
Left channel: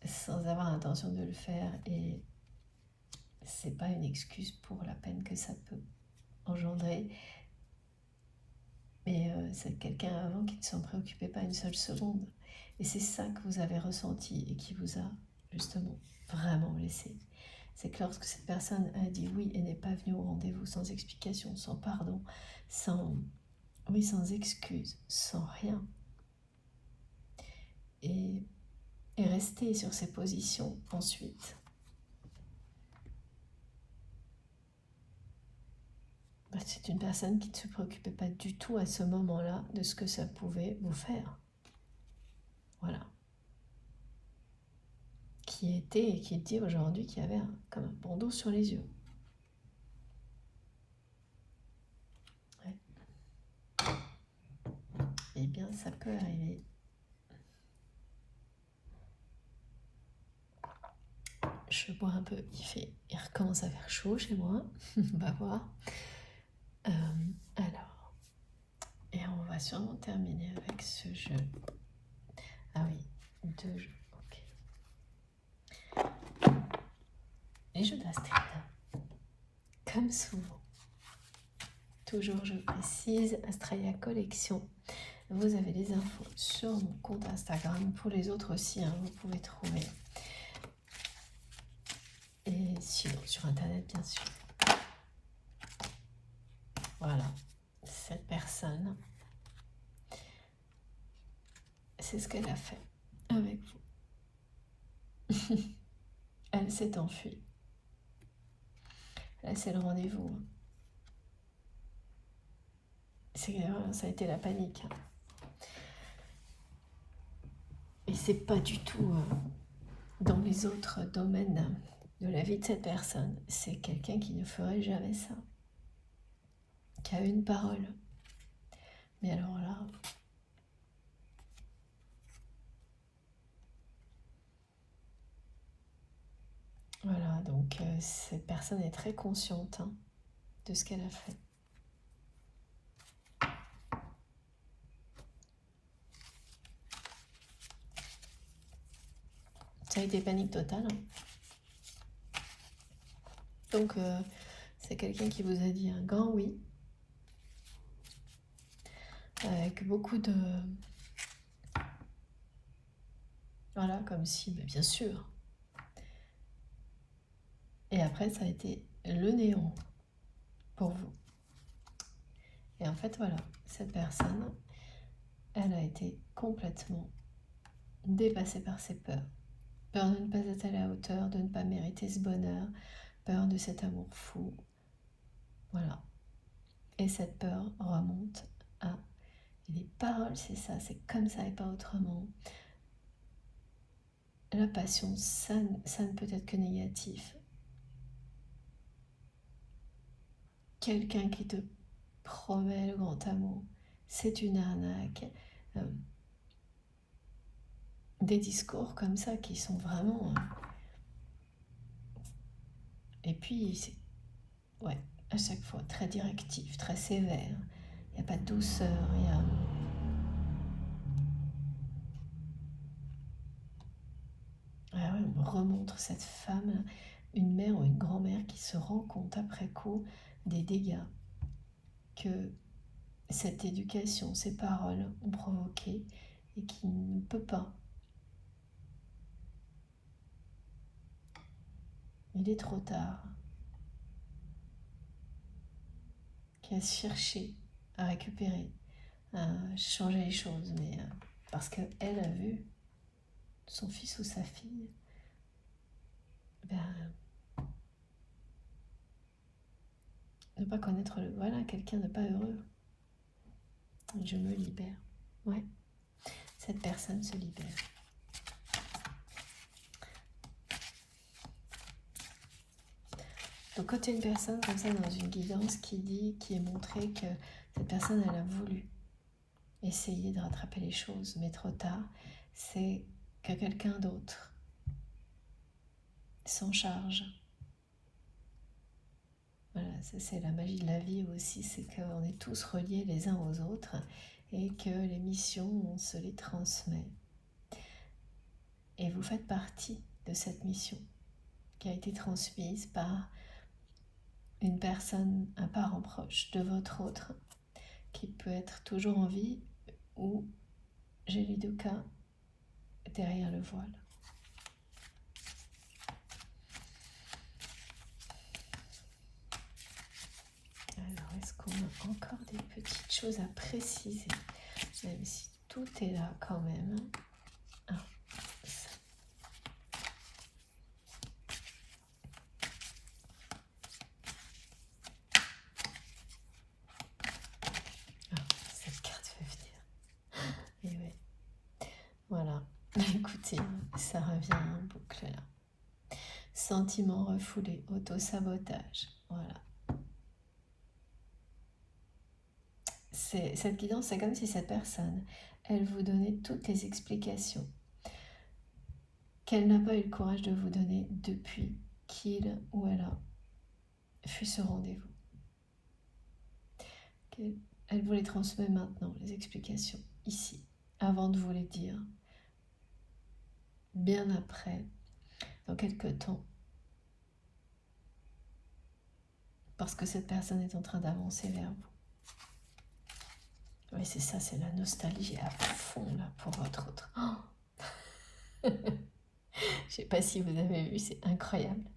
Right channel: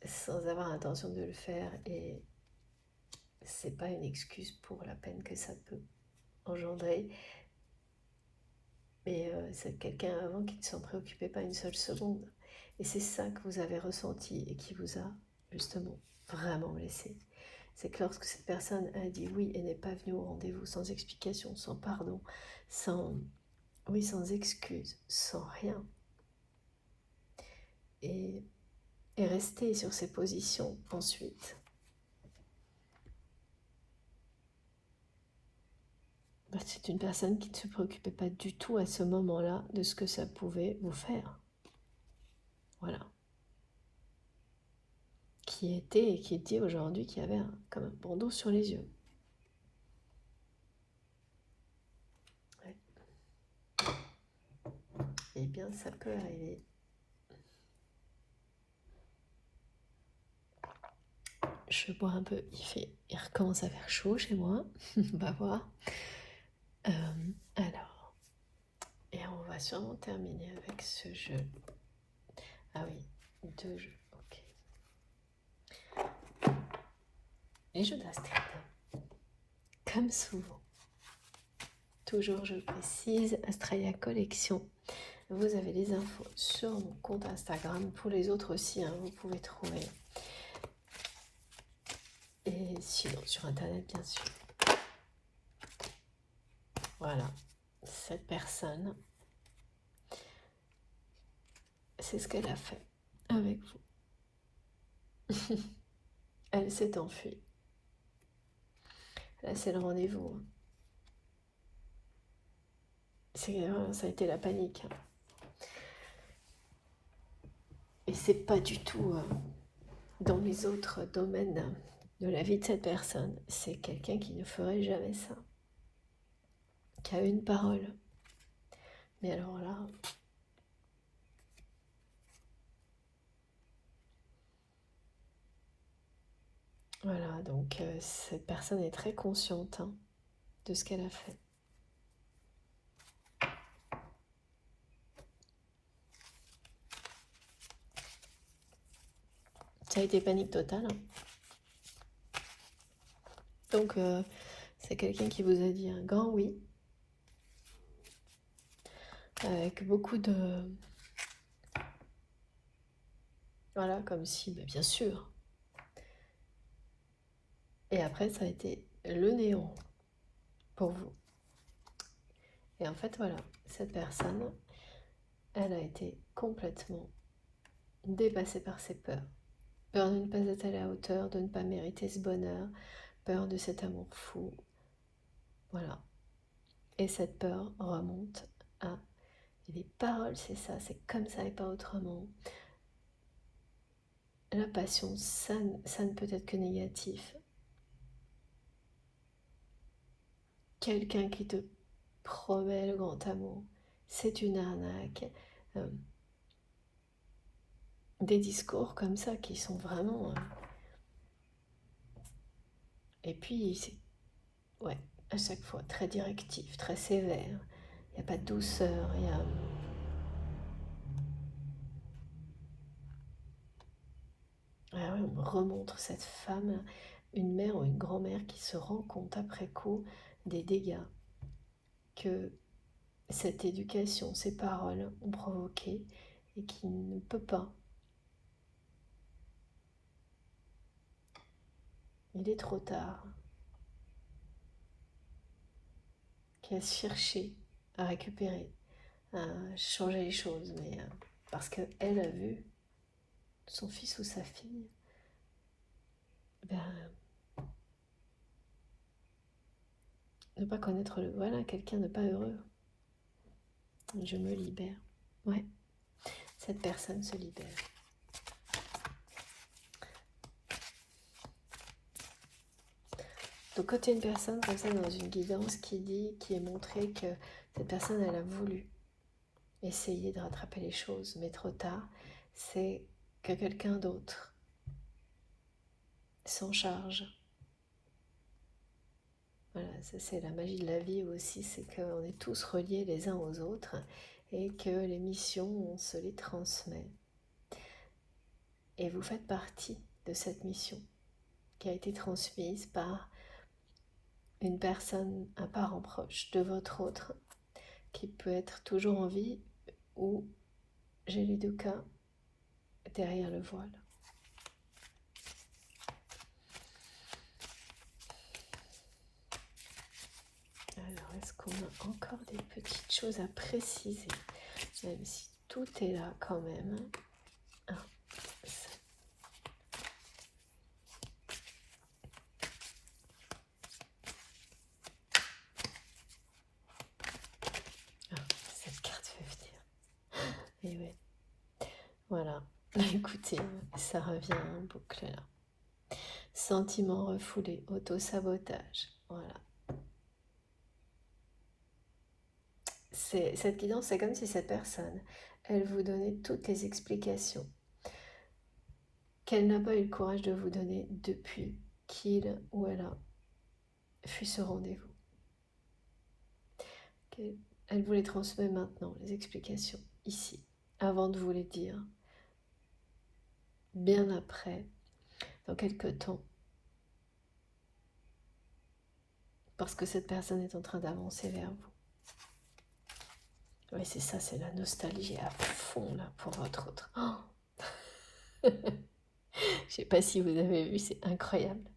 sans avoir l'intention de le faire, et c'est pas une excuse pour la peine que ça peut engendrer. Mais c'est quelqu'un avant qui ne s'en préoccupait pas une seule seconde. Et c'est ça que vous avez ressenti et qui vous a justement vraiment blessé. C'est que lorsque cette personne a dit oui et n'est pas venue au rendez-vous sans explication, sans pardon, sans excuse, sans rien, et est restée sur ses positions ensuite, c'est une personne qui ne se préoccupait pas du tout à ce moment-là de ce que ça pouvait vous faire. Voilà. Qui était et qui dit aujourd'hui qu'il y avait comme un bandeau sur les yeux. Ouais. Eh bien, ça peut arriver. Je bois un peu, il recommence à faire chaud chez moi, on va voir. Alors, et on va sûrement terminer avec ce jeu. Ah oui, 2 jeux, ok. Les jeux d'Astrid, comme souvent. Toujours, je précise, Astralia Collection. Vous avez les infos sur mon compte Instagram. Pour les autres aussi, hein, vous pouvez trouver. Et sinon, sur Internet, bien sûr. Voilà, cette personne, c'est ce qu'elle a fait avec vous. Elle s'est enfuie. Là, c'est le rendez-vous. Ça a été la panique. Et c'est pas du tout dans les autres domaines de la vie de cette personne. C'est quelqu'un qui ne ferait jamais ça. Qui a une parole. Mais alors là... Voilà, donc cette personne est très consciente de ce qu'elle a fait. Ça a été panique totale. Donc, c'est quelqu'un qui vous a dit un grand oui. Avec beaucoup de... Voilà, comme si, bah, bien sûr. Et après, ça a été le néant pour vous. Et en fait, voilà, cette personne, elle a été complètement dépassée par ses peurs. Peur de ne pas être à la hauteur, de ne pas mériter ce bonheur, peur de cet amour fou. Voilà. Et cette peur remonte à... Et les paroles, c'est ça, c'est comme ça et pas autrement. La passion, ça ne peut être que négatif. Quelqu'un qui te promet le grand amour, c'est une arnaque. Des discours comme ça qui sont vraiment... Et puis, c'est... Ouais, à chaque fois, très directif, très sévère. Il n'y a pas de douceur, il y a... Ah ouais, on me remontre cette femme, une mère ou une grand-mère qui se rend compte après coup des dégâts que cette éducation, ces paroles ont provoqué et qui ne peut pas. Il est trop tard. Qui a cherché à récupérer, à changer les choses, mais parce qu'elle a vu son fils ou sa fille, ben, ne pas connaître le... Voilà, quelqu'un de pas heureux. Je me libère. Ouais, cette personne se libère. Donc quand il y a une personne comme ça dans une guidance qui est montré que cette personne, elle a voulu essayer de rattraper les choses, mais trop tard, c'est que quelqu'un d'autre s'en charge. Voilà, ça c'est la magie de la vie aussi, c'est qu'on est tous reliés les uns aux autres et que les missions, on se les transmet. Et vous faites partie de cette mission qui a été transmise par une personne, un parent proche de votre autre, qui peut être toujours en vie ou, j'ai les deux cas, derrière le voile. Alors, est-ce qu'on a encore des petites choses à préciser, même si tout est là quand même. Cette carte fait venir. Et ouais. Voilà. Écoutez, ça revient en boucle là. Sentiments refoulés, auto-sabotage. Voilà. cette guidance, c'est comme si cette personne, elle vous donnait toutes les explications qu'elle n'a pas eu le courage de vous donner depuis qu'il ou elle a fut ce rendez-vous. Elle vous les transmet maintenant, les explications, ici, avant de vous les dire, bien après, dans quelques temps, parce que cette personne est en train d'avancer vers vous. Oui, c'est ça, c'est la nostalgie à fond, là, pour votre autre. Oh je sais pas si vous avez vu, c'est incroyable.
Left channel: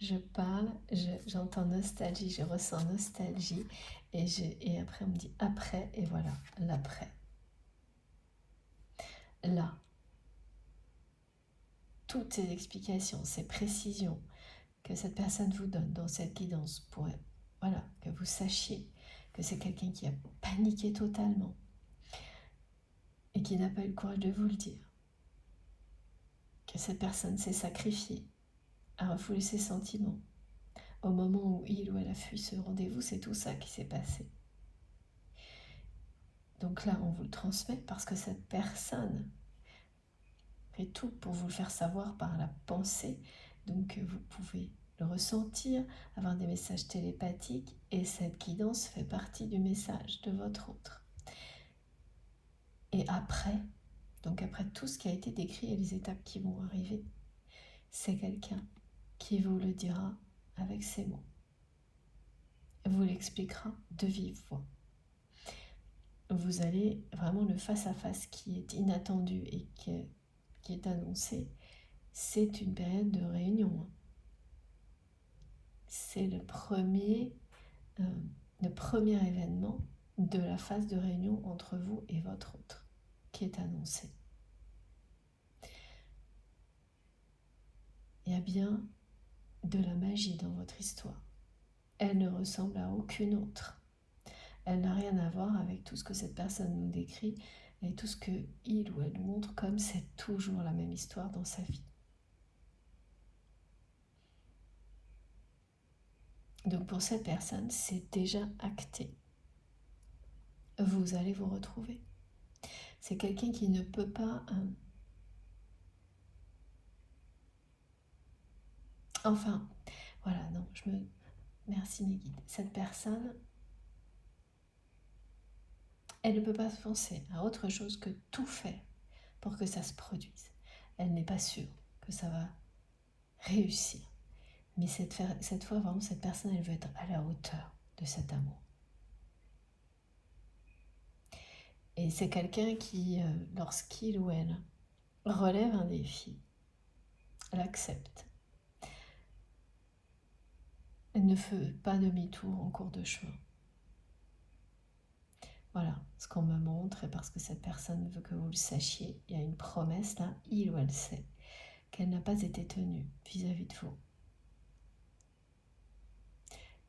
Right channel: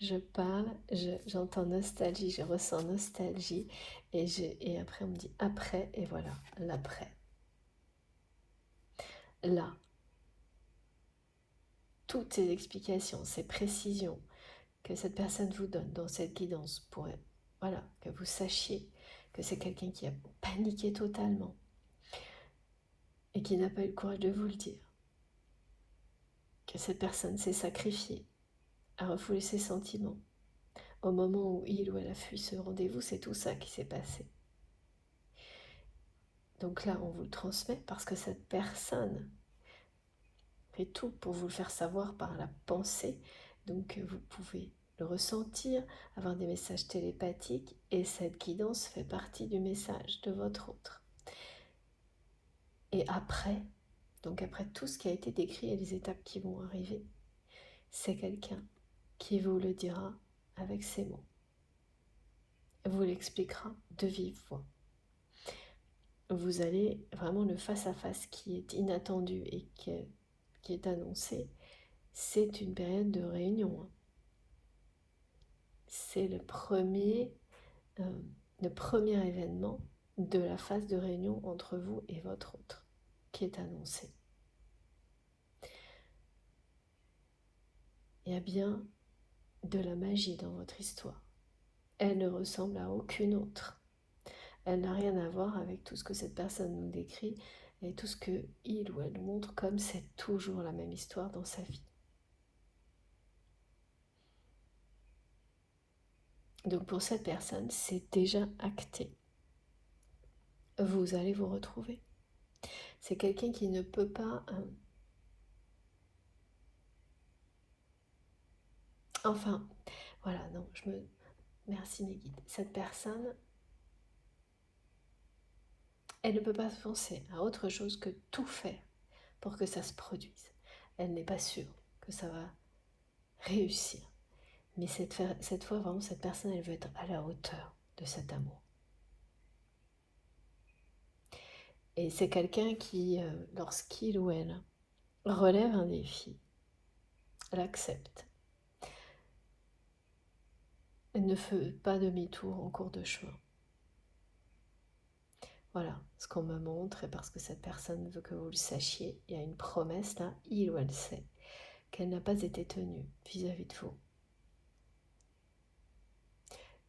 Je parle, j'entends nostalgie, je ressens nostalgie, et après on me dit après, et voilà, l'après. Là, toutes ces explications, ces précisions que cette personne vous donne dans cette guidance pour, voilà, que vous sachiez que c'est quelqu'un qui a paniqué totalement et qui n'a pas eu le courage de vous le dire, que cette personne s'est sacrifiée, a refoulé ses sentiments. Au moment où il ou elle a fui ce rendez-vous, c'est tout ça qui s'est passé. Donc là, on vous le transmet parce que cette personne fait tout pour vous le faire savoir par la pensée. Donc vous pouvez le ressentir, avoir des messages télépathiques, et cette guidance fait partie du message de votre autre. Et après, donc après tout ce qui a été décrit et les étapes qui vont arriver, c'est quelqu'un qui vous le dira avec ses mots. Vous l'expliquera de vive voix. Vous allez vraiment le face-à-face qui est inattendu et qui est annoncé. C'est une période de réunion. C'est le premier événement de la phase de réunion entre vous et votre autre qui est annoncé. Il y a bien de la magie dans votre histoire. Elle ne ressemble à aucune autre. Elle n'a rien à voir avec tout ce que cette personne nous décrit et tout ce que il ou elle montre comme c'est toujours la même histoire dans sa vie. Donc pour cette personne, c'est déjà acté. Vous allez vous retrouver. C'est quelqu'un qui ne peut pas... Enfin, voilà, non, Merci Négide. Cette personne, elle ne peut pas penser à autre chose que tout faire pour que ça se produise. Elle n'est pas sûre que ça va réussir. Mais cette fois, vraiment, cette personne, elle veut être à la hauteur de cet amour. Et c'est quelqu'un qui, lorsqu'il ou elle relève un défi, l'accepte. Elle ne fait pas demi-tour en cours de chemin. Voilà ce qu'on me montre, et parce que cette personne veut que vous le sachiez, il y a une promesse là, il ou elle sait, qu'elle n'a pas été tenue vis-à-vis de vous.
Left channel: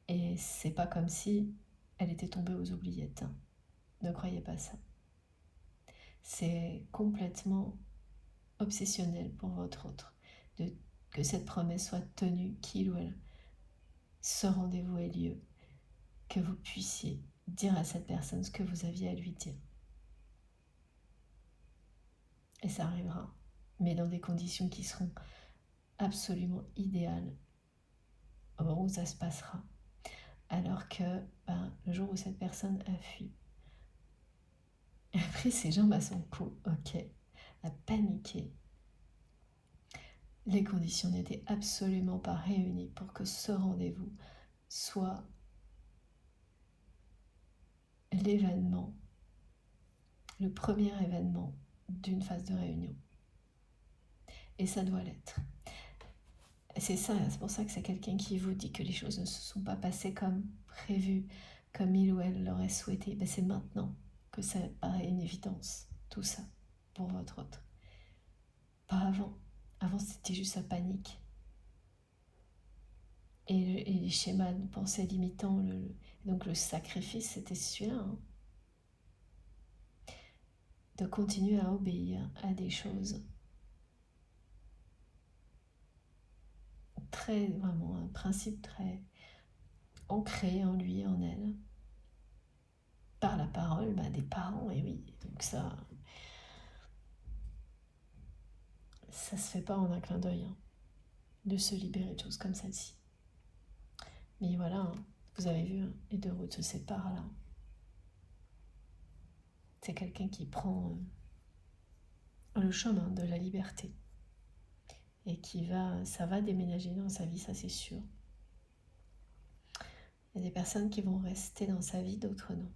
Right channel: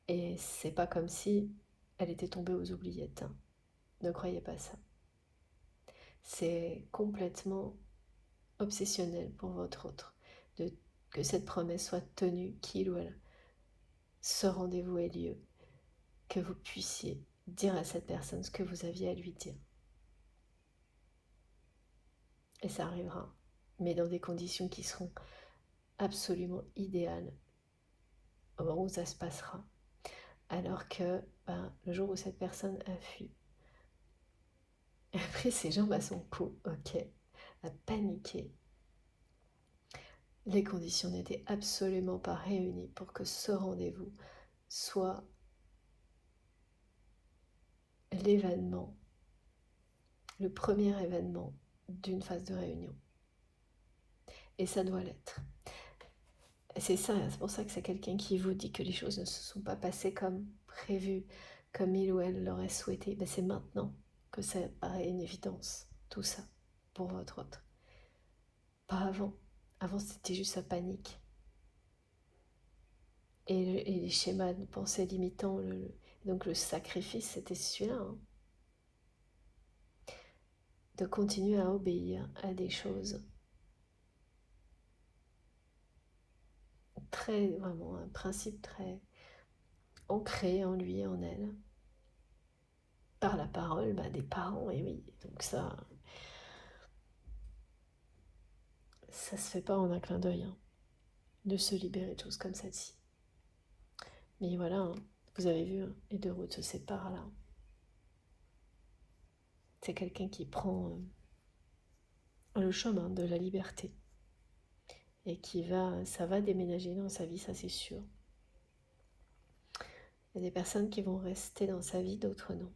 Et c'est pas comme si elle était tombée aux oubliettes. Hein. Ne croyez pas ça. C'est complètement obsessionnel pour votre autre que cette promesse soit tenue, qu'il ou elle, ce rendez-vous ait lieu, que vous puissiez dire à cette personne ce que vous aviez à lui dire. Et ça arrivera, mais dans des conditions qui seront absolument idéales au moment où ça se passera. Alors que le jour où cette personne a fui, a pris ses jambes à son cou, ok, a paniqué, les conditions n'étaient absolument pas réunies pour que ce rendez-vous soit l'événement, le premier événement d'une phase de réunion. Et ça doit l'être. C'est ça, c'est pour ça que c'est quelqu'un qui vous dit que les choses ne se sont pas passées comme prévu, comme il ou elle l'aurait souhaité. Ben c'est maintenant que ça paraît une évidence, tout ça, pour votre autre. Pas avant. Avant, c'était juste sa panique. Et les schémas de pensée limitants, donc le sacrifice, c'était celui-là. Hein. De continuer à obéir à des choses très, vraiment, un principe très ancré en lui et en elle, par la parole des parents, et oui, donc ça se fait pas en un clin d'œil, hein, de se libérer de choses comme celle-ci. Mais voilà, hein, vous avez vu, hein, les deux routes se séparent là. C'est quelqu'un qui prend le chemin de la liberté et ça va déménager dans sa vie, ça c'est sûr. Il y a des personnes qui vont rester dans sa vie, d'autres non.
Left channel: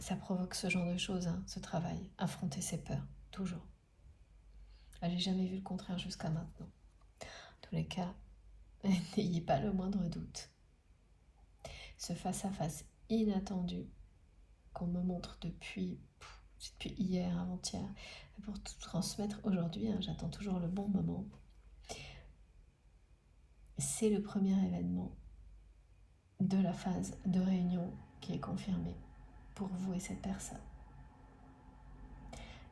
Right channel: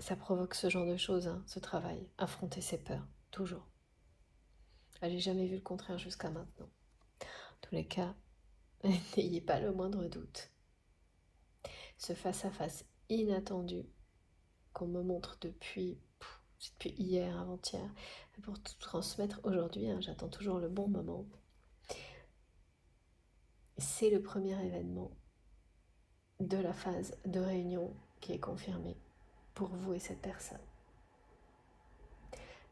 Ça provoque ce genre de choses, hein, ce travail, affronter ses peurs, toujours. J'ai jamais vu le contraire jusqu'à maintenant. En tous les cas, n'ayez pas le moindre doute. Ce face-à-face inattendu qu'on me montre depuis hier, avant-hier, pour tout transmettre aujourd'hui, hein, j'attends toujours le bon moment. C'est le premier événement de la phase de réunion qui est confirmée pour vous et cette personne.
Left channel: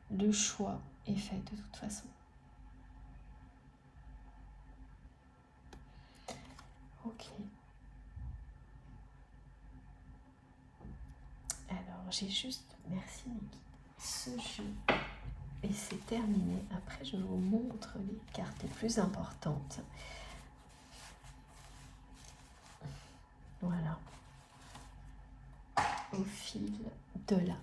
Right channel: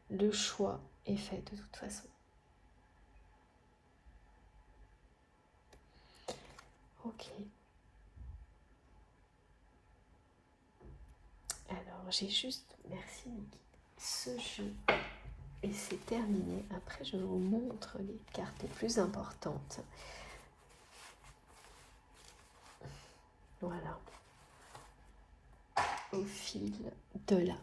Le choix est fait de toute façon. Ok. Alors j'ai juste, merci Niki, ce jeu. Et c'est terminé. Après je vous montre les cartes les plus importantes. Voilà. Au fil de l'âme.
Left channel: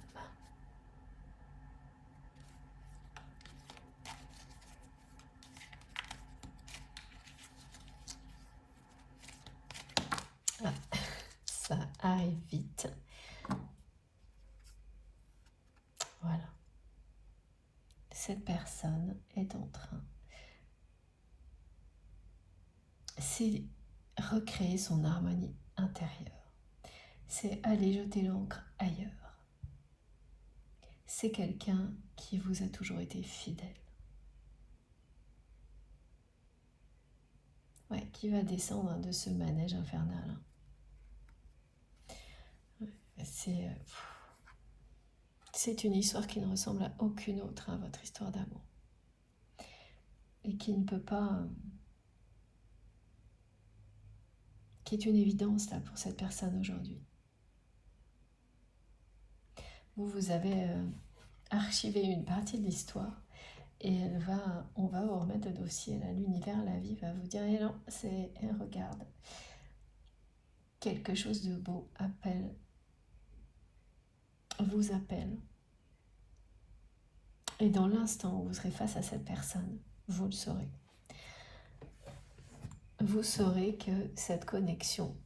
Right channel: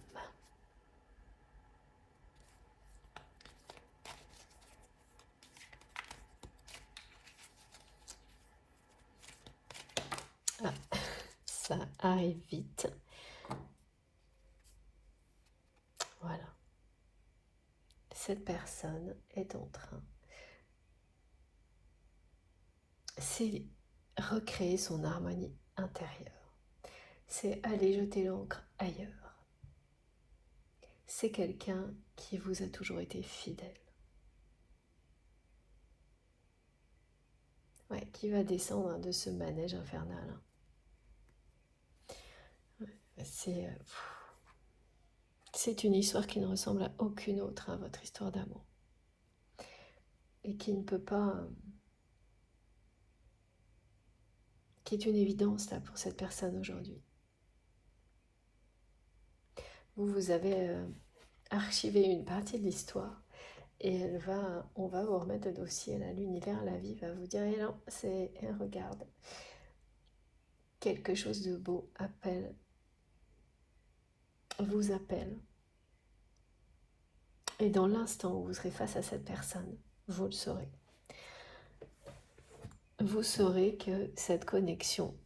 Ça arrive vite. Voilà. Cette personne est en train. C'est recréer son harmonie intérieure. C'est aller jeter l'encre ailleurs. C'est quelqu'un qui vous a toujours été fidèle. Ouais, qui va descendre de ce manège infernal. C'est une histoire qui ne ressemble à aucune autre, à votre histoire d'amour. Et qui ne peut pas... qui est une évidence là pour cette personne aujourd'hui. Vous avez archivé une partie de l'histoire et on va vous remettre le dossier là. L'univers, la vie va vous dire, eh non, regarde, quelque chose de beau vous appelle. Et dans l'instant où vous serez face à cette personne, vous le saurez. Vous saurez que cette connexion,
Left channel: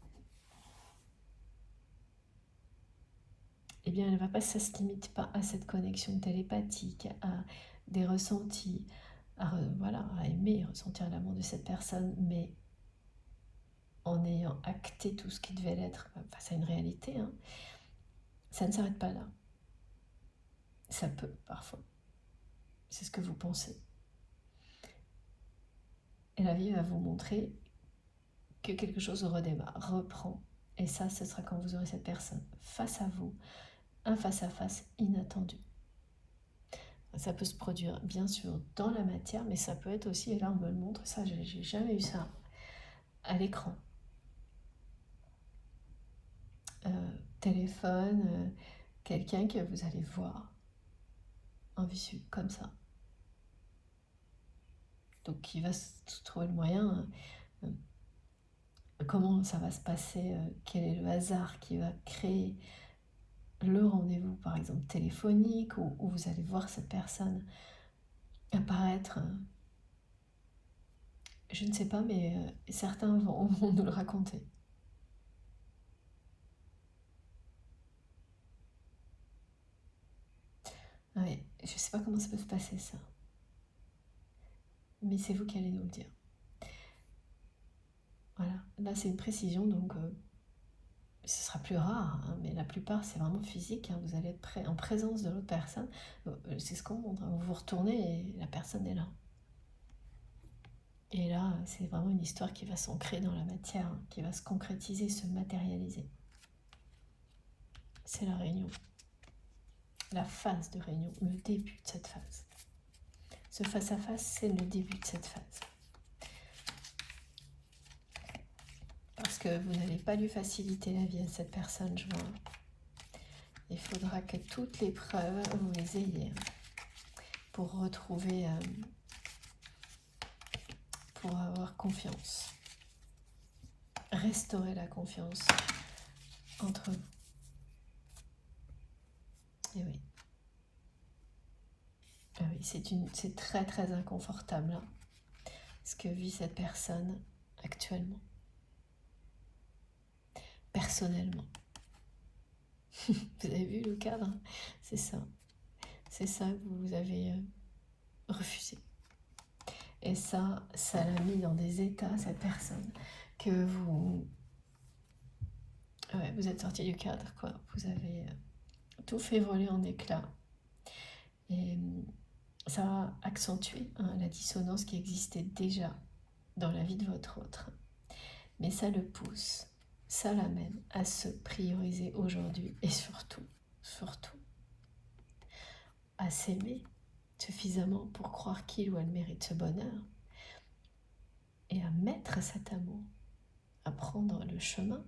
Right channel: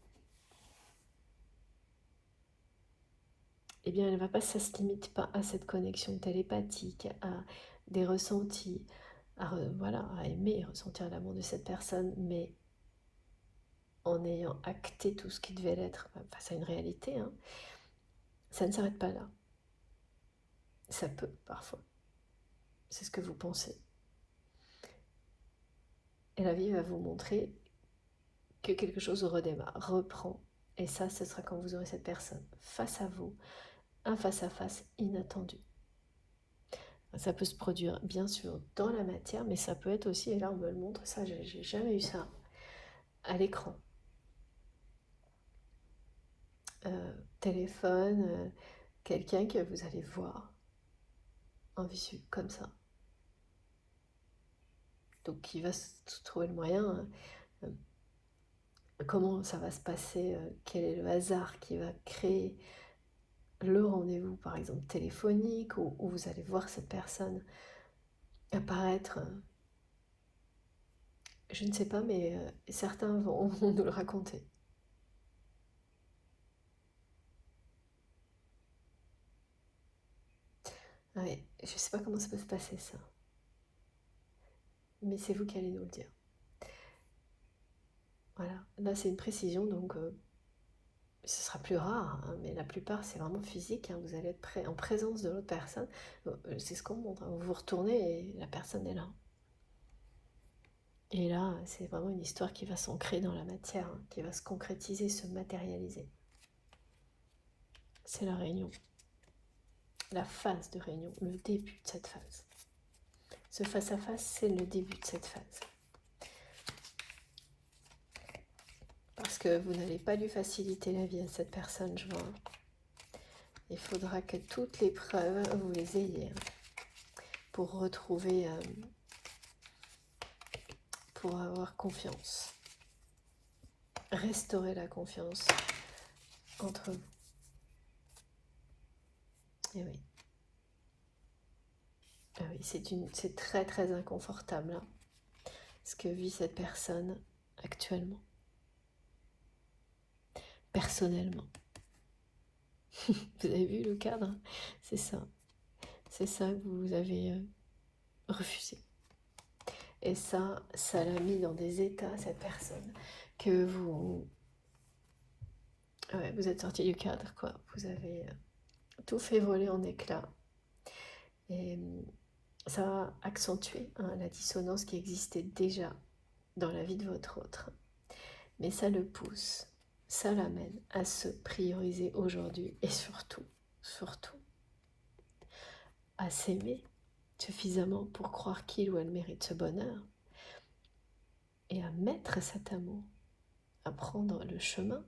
eh bien, ça se limite pas à cette connexion télépathique, à des ressentis, à aimer, ressentir l'amour de cette personne, mais en ayant acté tout ce qui devait l'être face à une réalité, hein, ça ne s'arrête pas là. Ça peut, parfois. C'est ce que vous pensez. Et la vie va vous montrer que quelque chose redémarre, reprend. Et ça, ce sera quand vous aurez cette personne face à vous, un face-à-face inattendu. Ça peut se produire, bien sûr, dans la matière, mais ça peut être aussi, et là on me le montre, ça, j'ai jamais eu ça, à l'écran. Téléphone, quelqu'un que vous allez voir en visu, comme ça. Donc qui va se trouver le moyen, comment ça va se passer, quel est le hasard qui va créer le rendez-vous, par exemple téléphonique, où vous allez voir cette personne apparaître. Je ne sais pas, mais certains vont nous le raconter. Ouais, je ne sais pas comment ça peut se passer ça. Mais c'est vous qui allez nous le dire. Voilà, là c'est une précision, donc ce sera plus rare, hein, mais la plupart c'est vraiment physique, hein, vous allez être en présence de l'autre personne, c'est ce qu'on montre, hein, vous vous retournez et la personne est là. Et là, c'est vraiment une histoire qui va s'ancrer dans la matière, hein, qui va se concrétiser, se matérialiser. C'est la réunion. La phase de réunion, le début de cette phase. Ce face-à-face, c'est le début de cette phase. Parce que vous n'allez pas lui faciliter la vie à cette personne, je vois. Il faudra que toutes les preuves, vous les ayez pour retrouver, pour avoir confiance. Restaurer la confiance entre vous. Et oui. Ah oui, c'est très très inconfortable, hein, ce que vit cette personne actuellement. Personnellement. Vous avez vu le cadre? C'est ça. C'est ça que vous avez refusé. Et ça l'a mis dans des états, cette personne, que vous... Ouais, vous êtes sorti du cadre, quoi. Vous avez tout fait voler en éclats. Et ça va accentuer, hein, la dissonance qui existait déjà dans la vie de votre autre. Mais ça le pousse, ça l'amène à se prioriser aujourd'hui et surtout, à s'aimer suffisamment pour croire qu'il ou elle mérite ce bonheur et à mettre cet amour, à prendre le chemin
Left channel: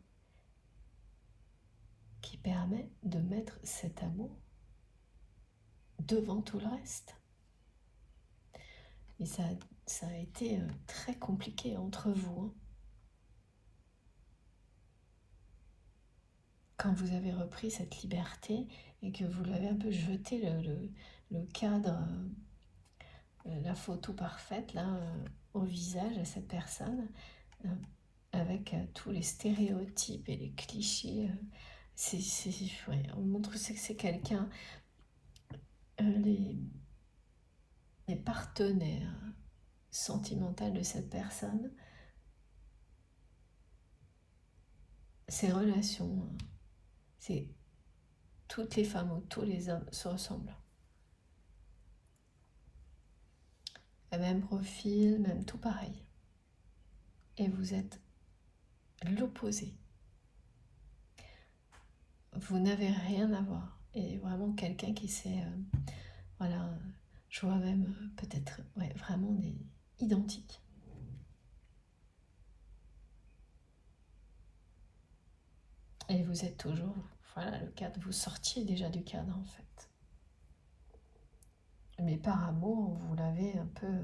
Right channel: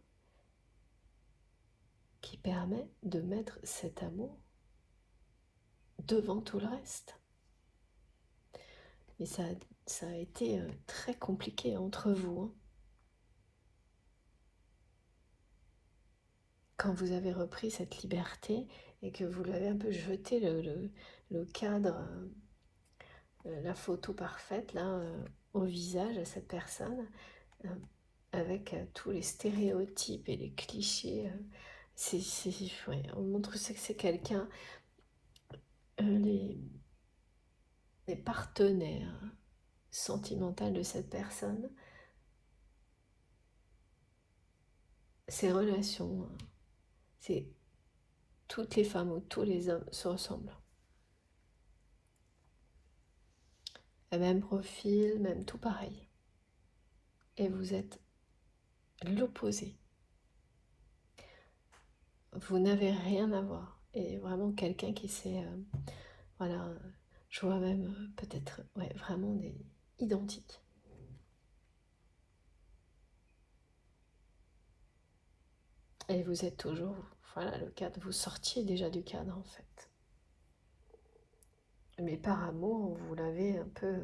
qui permet de mettre cet amour devant tout le reste. Mais ça a été très compliqué entre vous, hein. Quand vous avez repris cette liberté et que vous l'avez un peu jeté le cadre, la photo parfaite là, au visage de cette personne, avec tous les stéréotypes et les clichés, ouais, on montre que c'est quelqu'un, les partenaires sentimentaux de cette personne, ces relations, c'est toutes les femmes ou tous les hommes se ressemblent. Le même profil, même tout pareil. Et vous êtes l'opposé. Vous n'avez rien à voir. Et vraiment quelqu'un qui sait, voilà, je vois même peut-être, ouais, vraiment identiques. Et vous êtes toujours, voilà, le cadre, vous sortiez déjà du cadre en fait. Mais par amour, vous l'avez un peu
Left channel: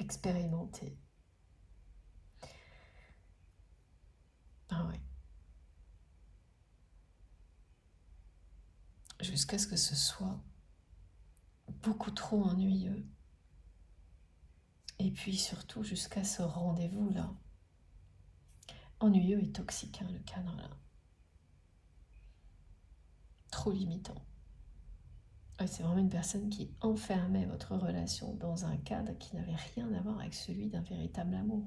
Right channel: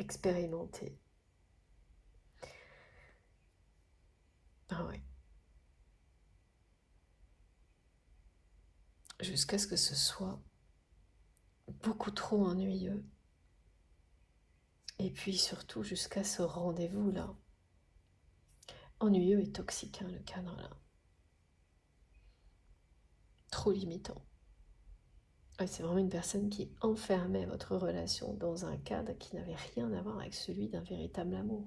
expérimenté. Ah ouais. Jusqu'à ce que ce soit beaucoup trop ennuyeux. Et puis surtout jusqu'à ce rendez-vous là. Ennuyeux et toxique, hein, le cadre là. Trop limitant. C'est vraiment une personne qui enfermait votre relation dans un cadre qui n'avait rien à voir avec celui d'un véritable amour.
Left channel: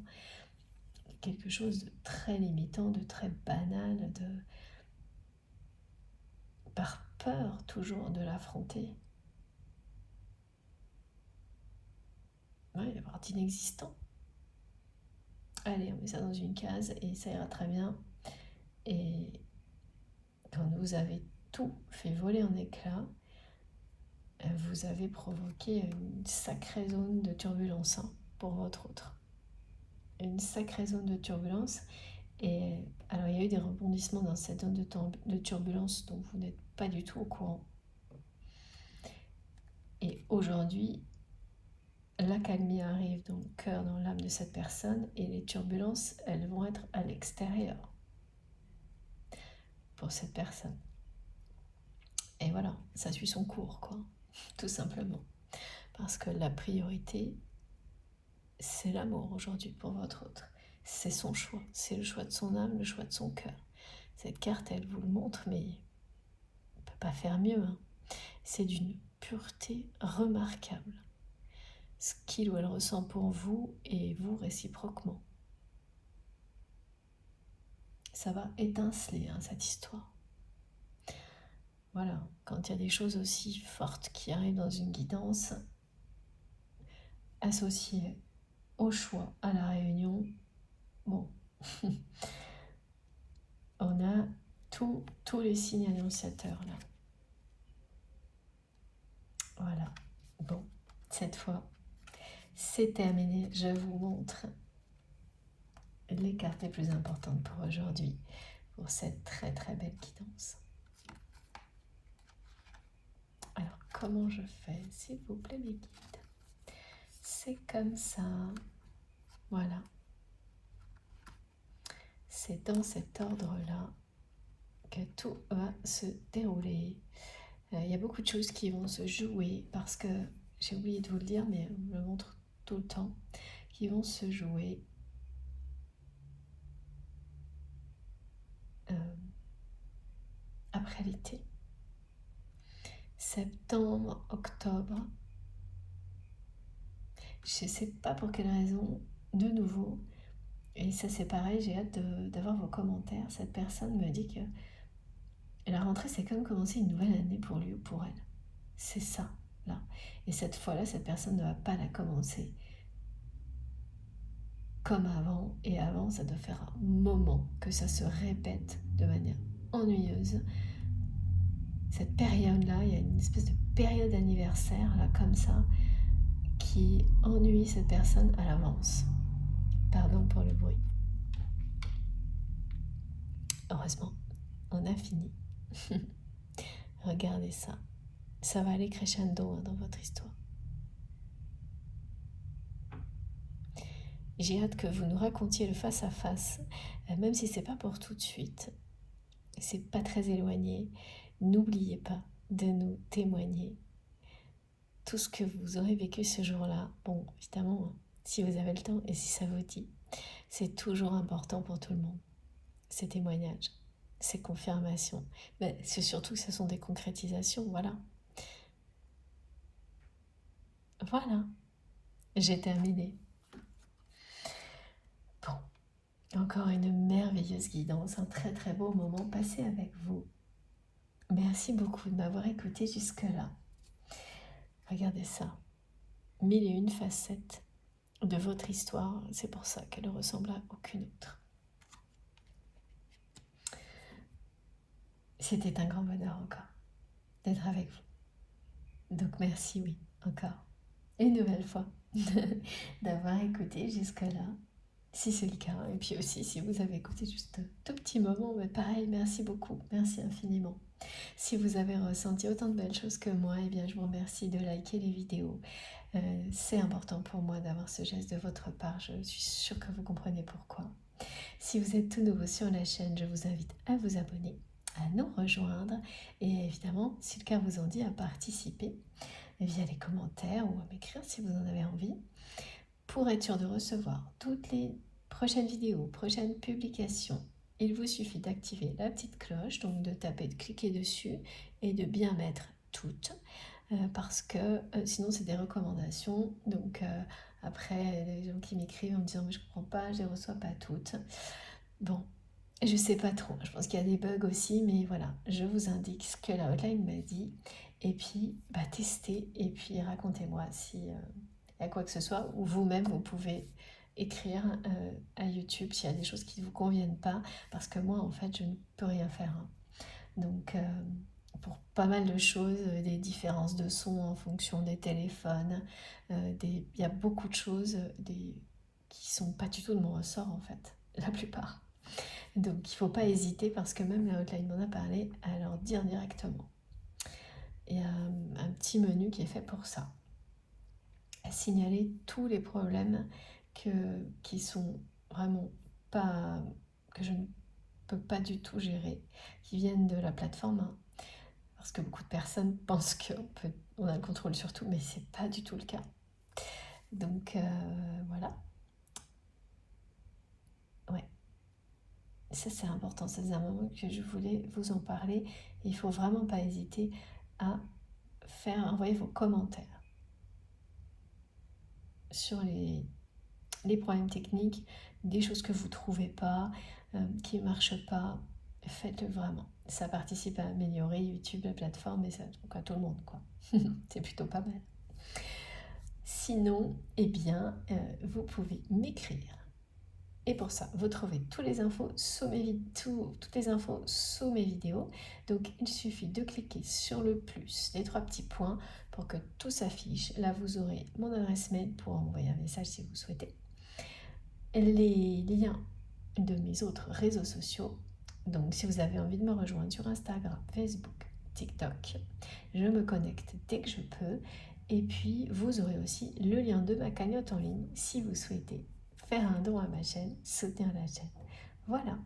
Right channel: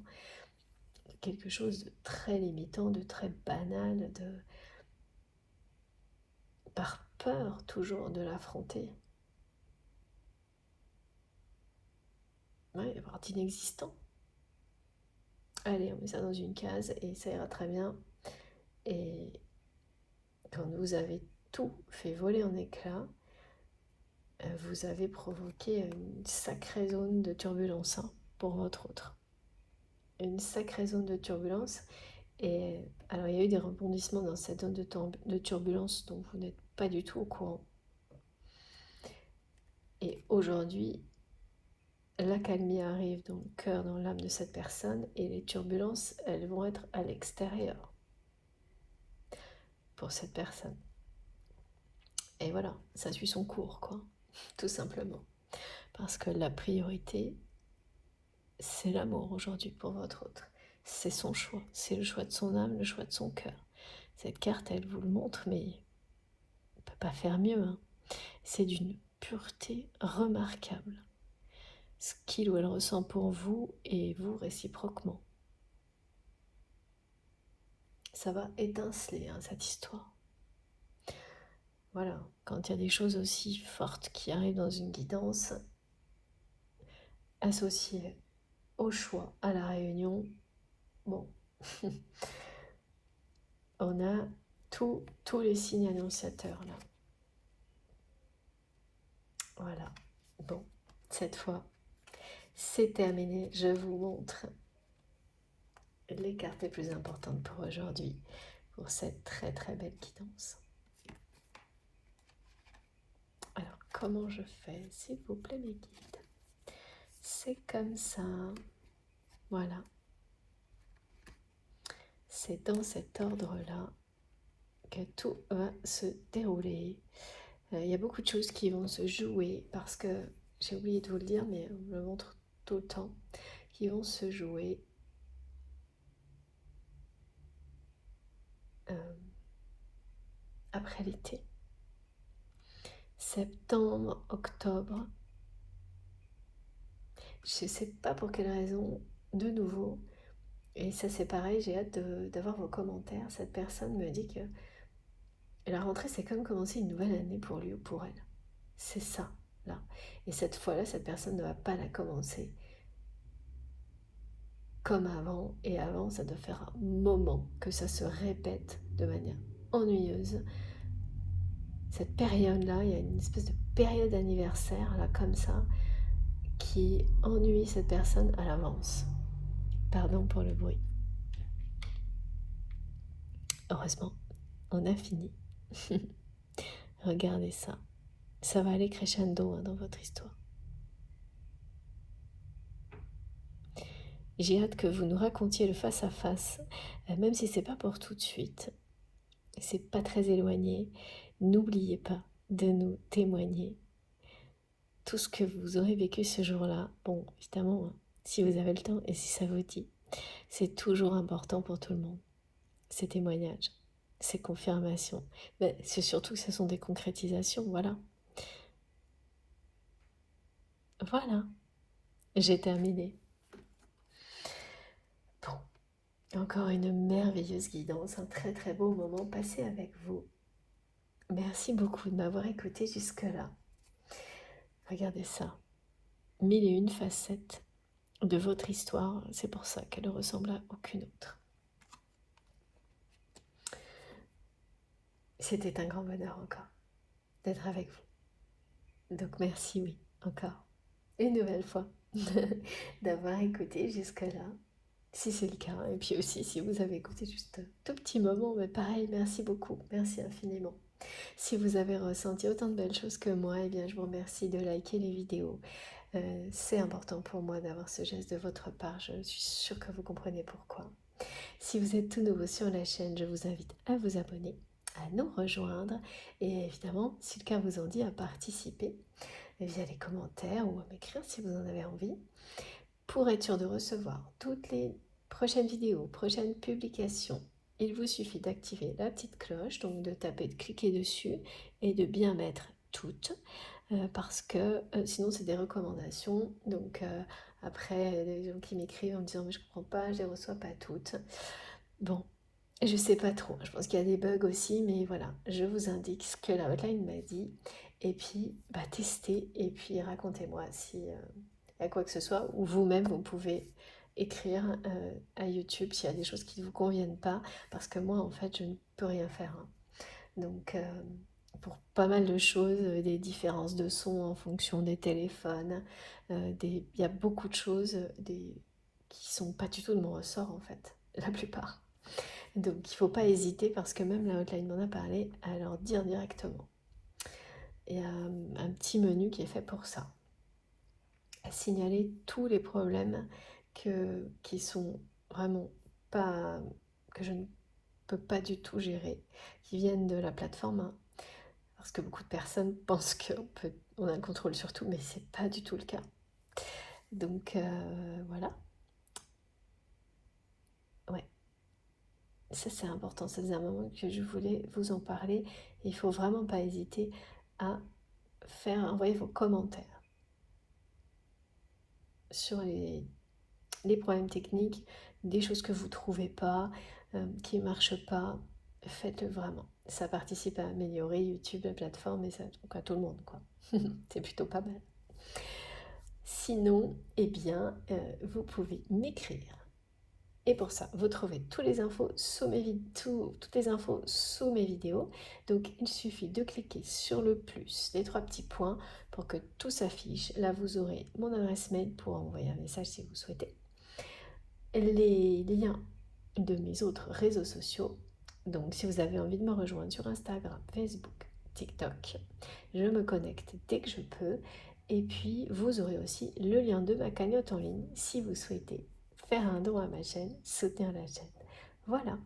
Quelque chose de très limitant, de très banal, par peur toujours de l'affronter. Ouais, voire d'inexistant. Allez, on met ça dans une case et ça ira très bien. Et quand vous avez tout fait voler en éclats, vous avez provoqué une sacrée zone de turbulence, hein, pour votre autre. Une sacrée zone de turbulence. Et alors il y a eu des rebondissements dans cette zone de turbulence dont vous n'êtes pas du tout au courant. Et aujourd'hui, l'accalmie arrive dans le cœur, dans l'âme de cette personne, et les turbulences, elles vont être à l'extérieur pour cette personne. Et voilà, ça suit son cours, quoi, tout simplement. Parce que la priorité, c'est l'amour aujourd'hui pour votre autre. C'est son choix, c'est le choix de son âme, le choix de son cœur. Cette carte, elle vous le montre, mais on ne peut pas faire mieux, hein. C'est d'une pureté remarquable. Ce qu'il ou elle ressent pour vous et vous réciproquement. Ça va étinceler, hein, cette histoire. Voilà, quand il y a des choses aussi fortes qui arrivent dans une guidance, associées au choix, à la réunion, bon, on a tous les signes annonciateurs là. Voilà, bon, cette fois, c'est terminé, je vous montre les cartes les plus importantes pour aujourd'hui, pour cette très très belle guidance. Alors, comment je fais, s'il vous plaît, mes guides? C'est comme ça. Voilà. C'est dans cet ordre-là que tout va se dérouler. Il y a beaucoup de choses qui vont se jouer parce que, j'ai oublié de vous le dire, mais on me le montre tout le temps, qui vont se jouer après l'été. Septembre, octobre. Je ne sais pas pour quelle raison, de nouveau, et ça c'est pareil, j'ai hâte d'avoir vos commentaires. Cette personne me dit que la rentrée c'est comme commencer une nouvelle année pour lui ou pour elle. C'est ça, là. Et cette fois-là, cette personne ne va pas la commencer comme avant. Et avant, ça doit faire un moment que ça se répète de manière ennuyeuse. Cette période-là, il y a une espèce de période anniversaire, là, comme ça, qui ennuie cette personne à l'avance. Pardon pour le bruit. Heureusement, on a fini. Regardez ça. Ça va aller crescendo dans votre histoire. J'ai hâte que vous nous racontiez le face à face, même si c'est pas pour tout de suite. C'est pas très éloigné. N'oubliez pas de nous témoigner tout ce que vous aurez vécu ce jour-là. Bon, évidemment, si vous avez le temps et si ça vous dit, c'est toujours important pour tout le monde. Ces témoignages, ces confirmations. Mais c'est surtout que ce sont des concrétisations, voilà. Voilà, j'ai terminé. Bon, encore une merveilleuse guidance, un très très beau moment passé avec vous. Merci beaucoup de m'avoir écouté jusque-là. Regardez ça, 1001 facettes de votre histoire, c'est pour ça qu'elle ne ressemble à aucune autre. C'était un grand bonheur encore d'être avec vous. Donc merci, oui, encore une nouvelle fois d'avoir écouté jusque-là, si c'est le cas. Et puis aussi, si vous avez écouté juste un tout petit moment, mais pareil, merci beaucoup, merci infiniment. Si vous avez ressenti autant de belles choses que moi, eh bien, je vous remercie de liker les vidéos. C'est important pour moi d'avoir ce geste de votre part, je suis sûre que vous comprenez pourquoi. Si vous êtes tout nouveau sur la chaîne, je vous invite à vous abonner, à nous rejoindre et évidemment, si le cas vous en dit, à participer via les commentaires ou à m'écrire si vous en avez envie, pour être sûr de recevoir toutes les prochaines vidéos, prochaines publications. Il vous suffit d'activer la petite cloche, donc de taper, de cliquer dessus et de bien mettre toutes, parce que sinon c'est des recommandations. Donc après, des gens qui m'écrivent en me disant mais je comprends pas, je les reçois pas toutes. Bon, je sais pas trop, je pense qu'il y a des bugs aussi, mais voilà, je vous indique ce que la hotline m'a dit. Et puis, testez et puis racontez-moi si y a quoi que ce soit, ou vous-même vous pouvez écrire à YouTube s'il y a des choses qui ne vous conviennent pas, parce que moi en fait je ne peux rien faire. Hein. Donc pour pas mal de choses, des différences de son en fonction des téléphones, il y a beaucoup de choses qui sont pas du tout de mon ressort en fait, la plupart. Donc il ne faut pas hésiter parce que même la hotline m'en a parlé à leur dire directement. Il y a un petit menu qui est fait pour ça. À signaler tous les problèmes qui sont vraiment pas, que je ne peux pas du tout gérer, qui viennent de la plateforme. Hein, parce que beaucoup de personnes pensent qu'on a le contrôle sur tout, mais c'est pas du tout le cas. Donc voilà. Ouais. Ça c'est important, c'est un moment que je voulais vous en parler. Et il faut vraiment pas hésiter à envoyer vos commentaires sur les problèmes techniques, des choses que vous ne trouvez pas, qui ne marchent pas, faites-le vraiment. Ça participe à améliorer YouTube, la plateforme, et ça donc à tout le monde, quoi. C'est plutôt pas mal. Sinon, eh bien, vous pouvez m'écrire. Et pour ça, vous trouvez toutes les infos sous mes vidéos. Donc, il suffit de cliquer sur le plus des 3 petits points pour que tout s'affiche. Là, vous aurez mon adresse mail pour envoyer un message si vous souhaitez. Les liens de mes autres réseaux sociaux. Donc si vous avez envie de me rejoindre sur Instagram, Facebook, TikTok, je me connecte dès que je peux. Et puis vous aurez aussi le lien de ma cagnotte en ligne si vous souhaitez faire un don à ma chaîne, soutenir la chaîne. Voilà.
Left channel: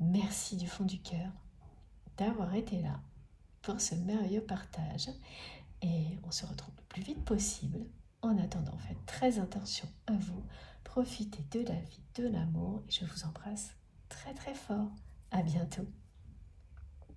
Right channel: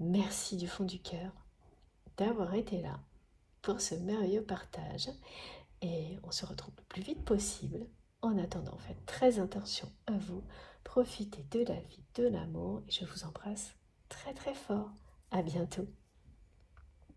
Merci du fond du cœur d'avoir été là pour ce merveilleux partage. Et on se retrouve le plus vite possible. En attendant, faites très attention à vous. Profitez de la vie, de l'amour. Et je vous embrasse très très fort. À bientôt.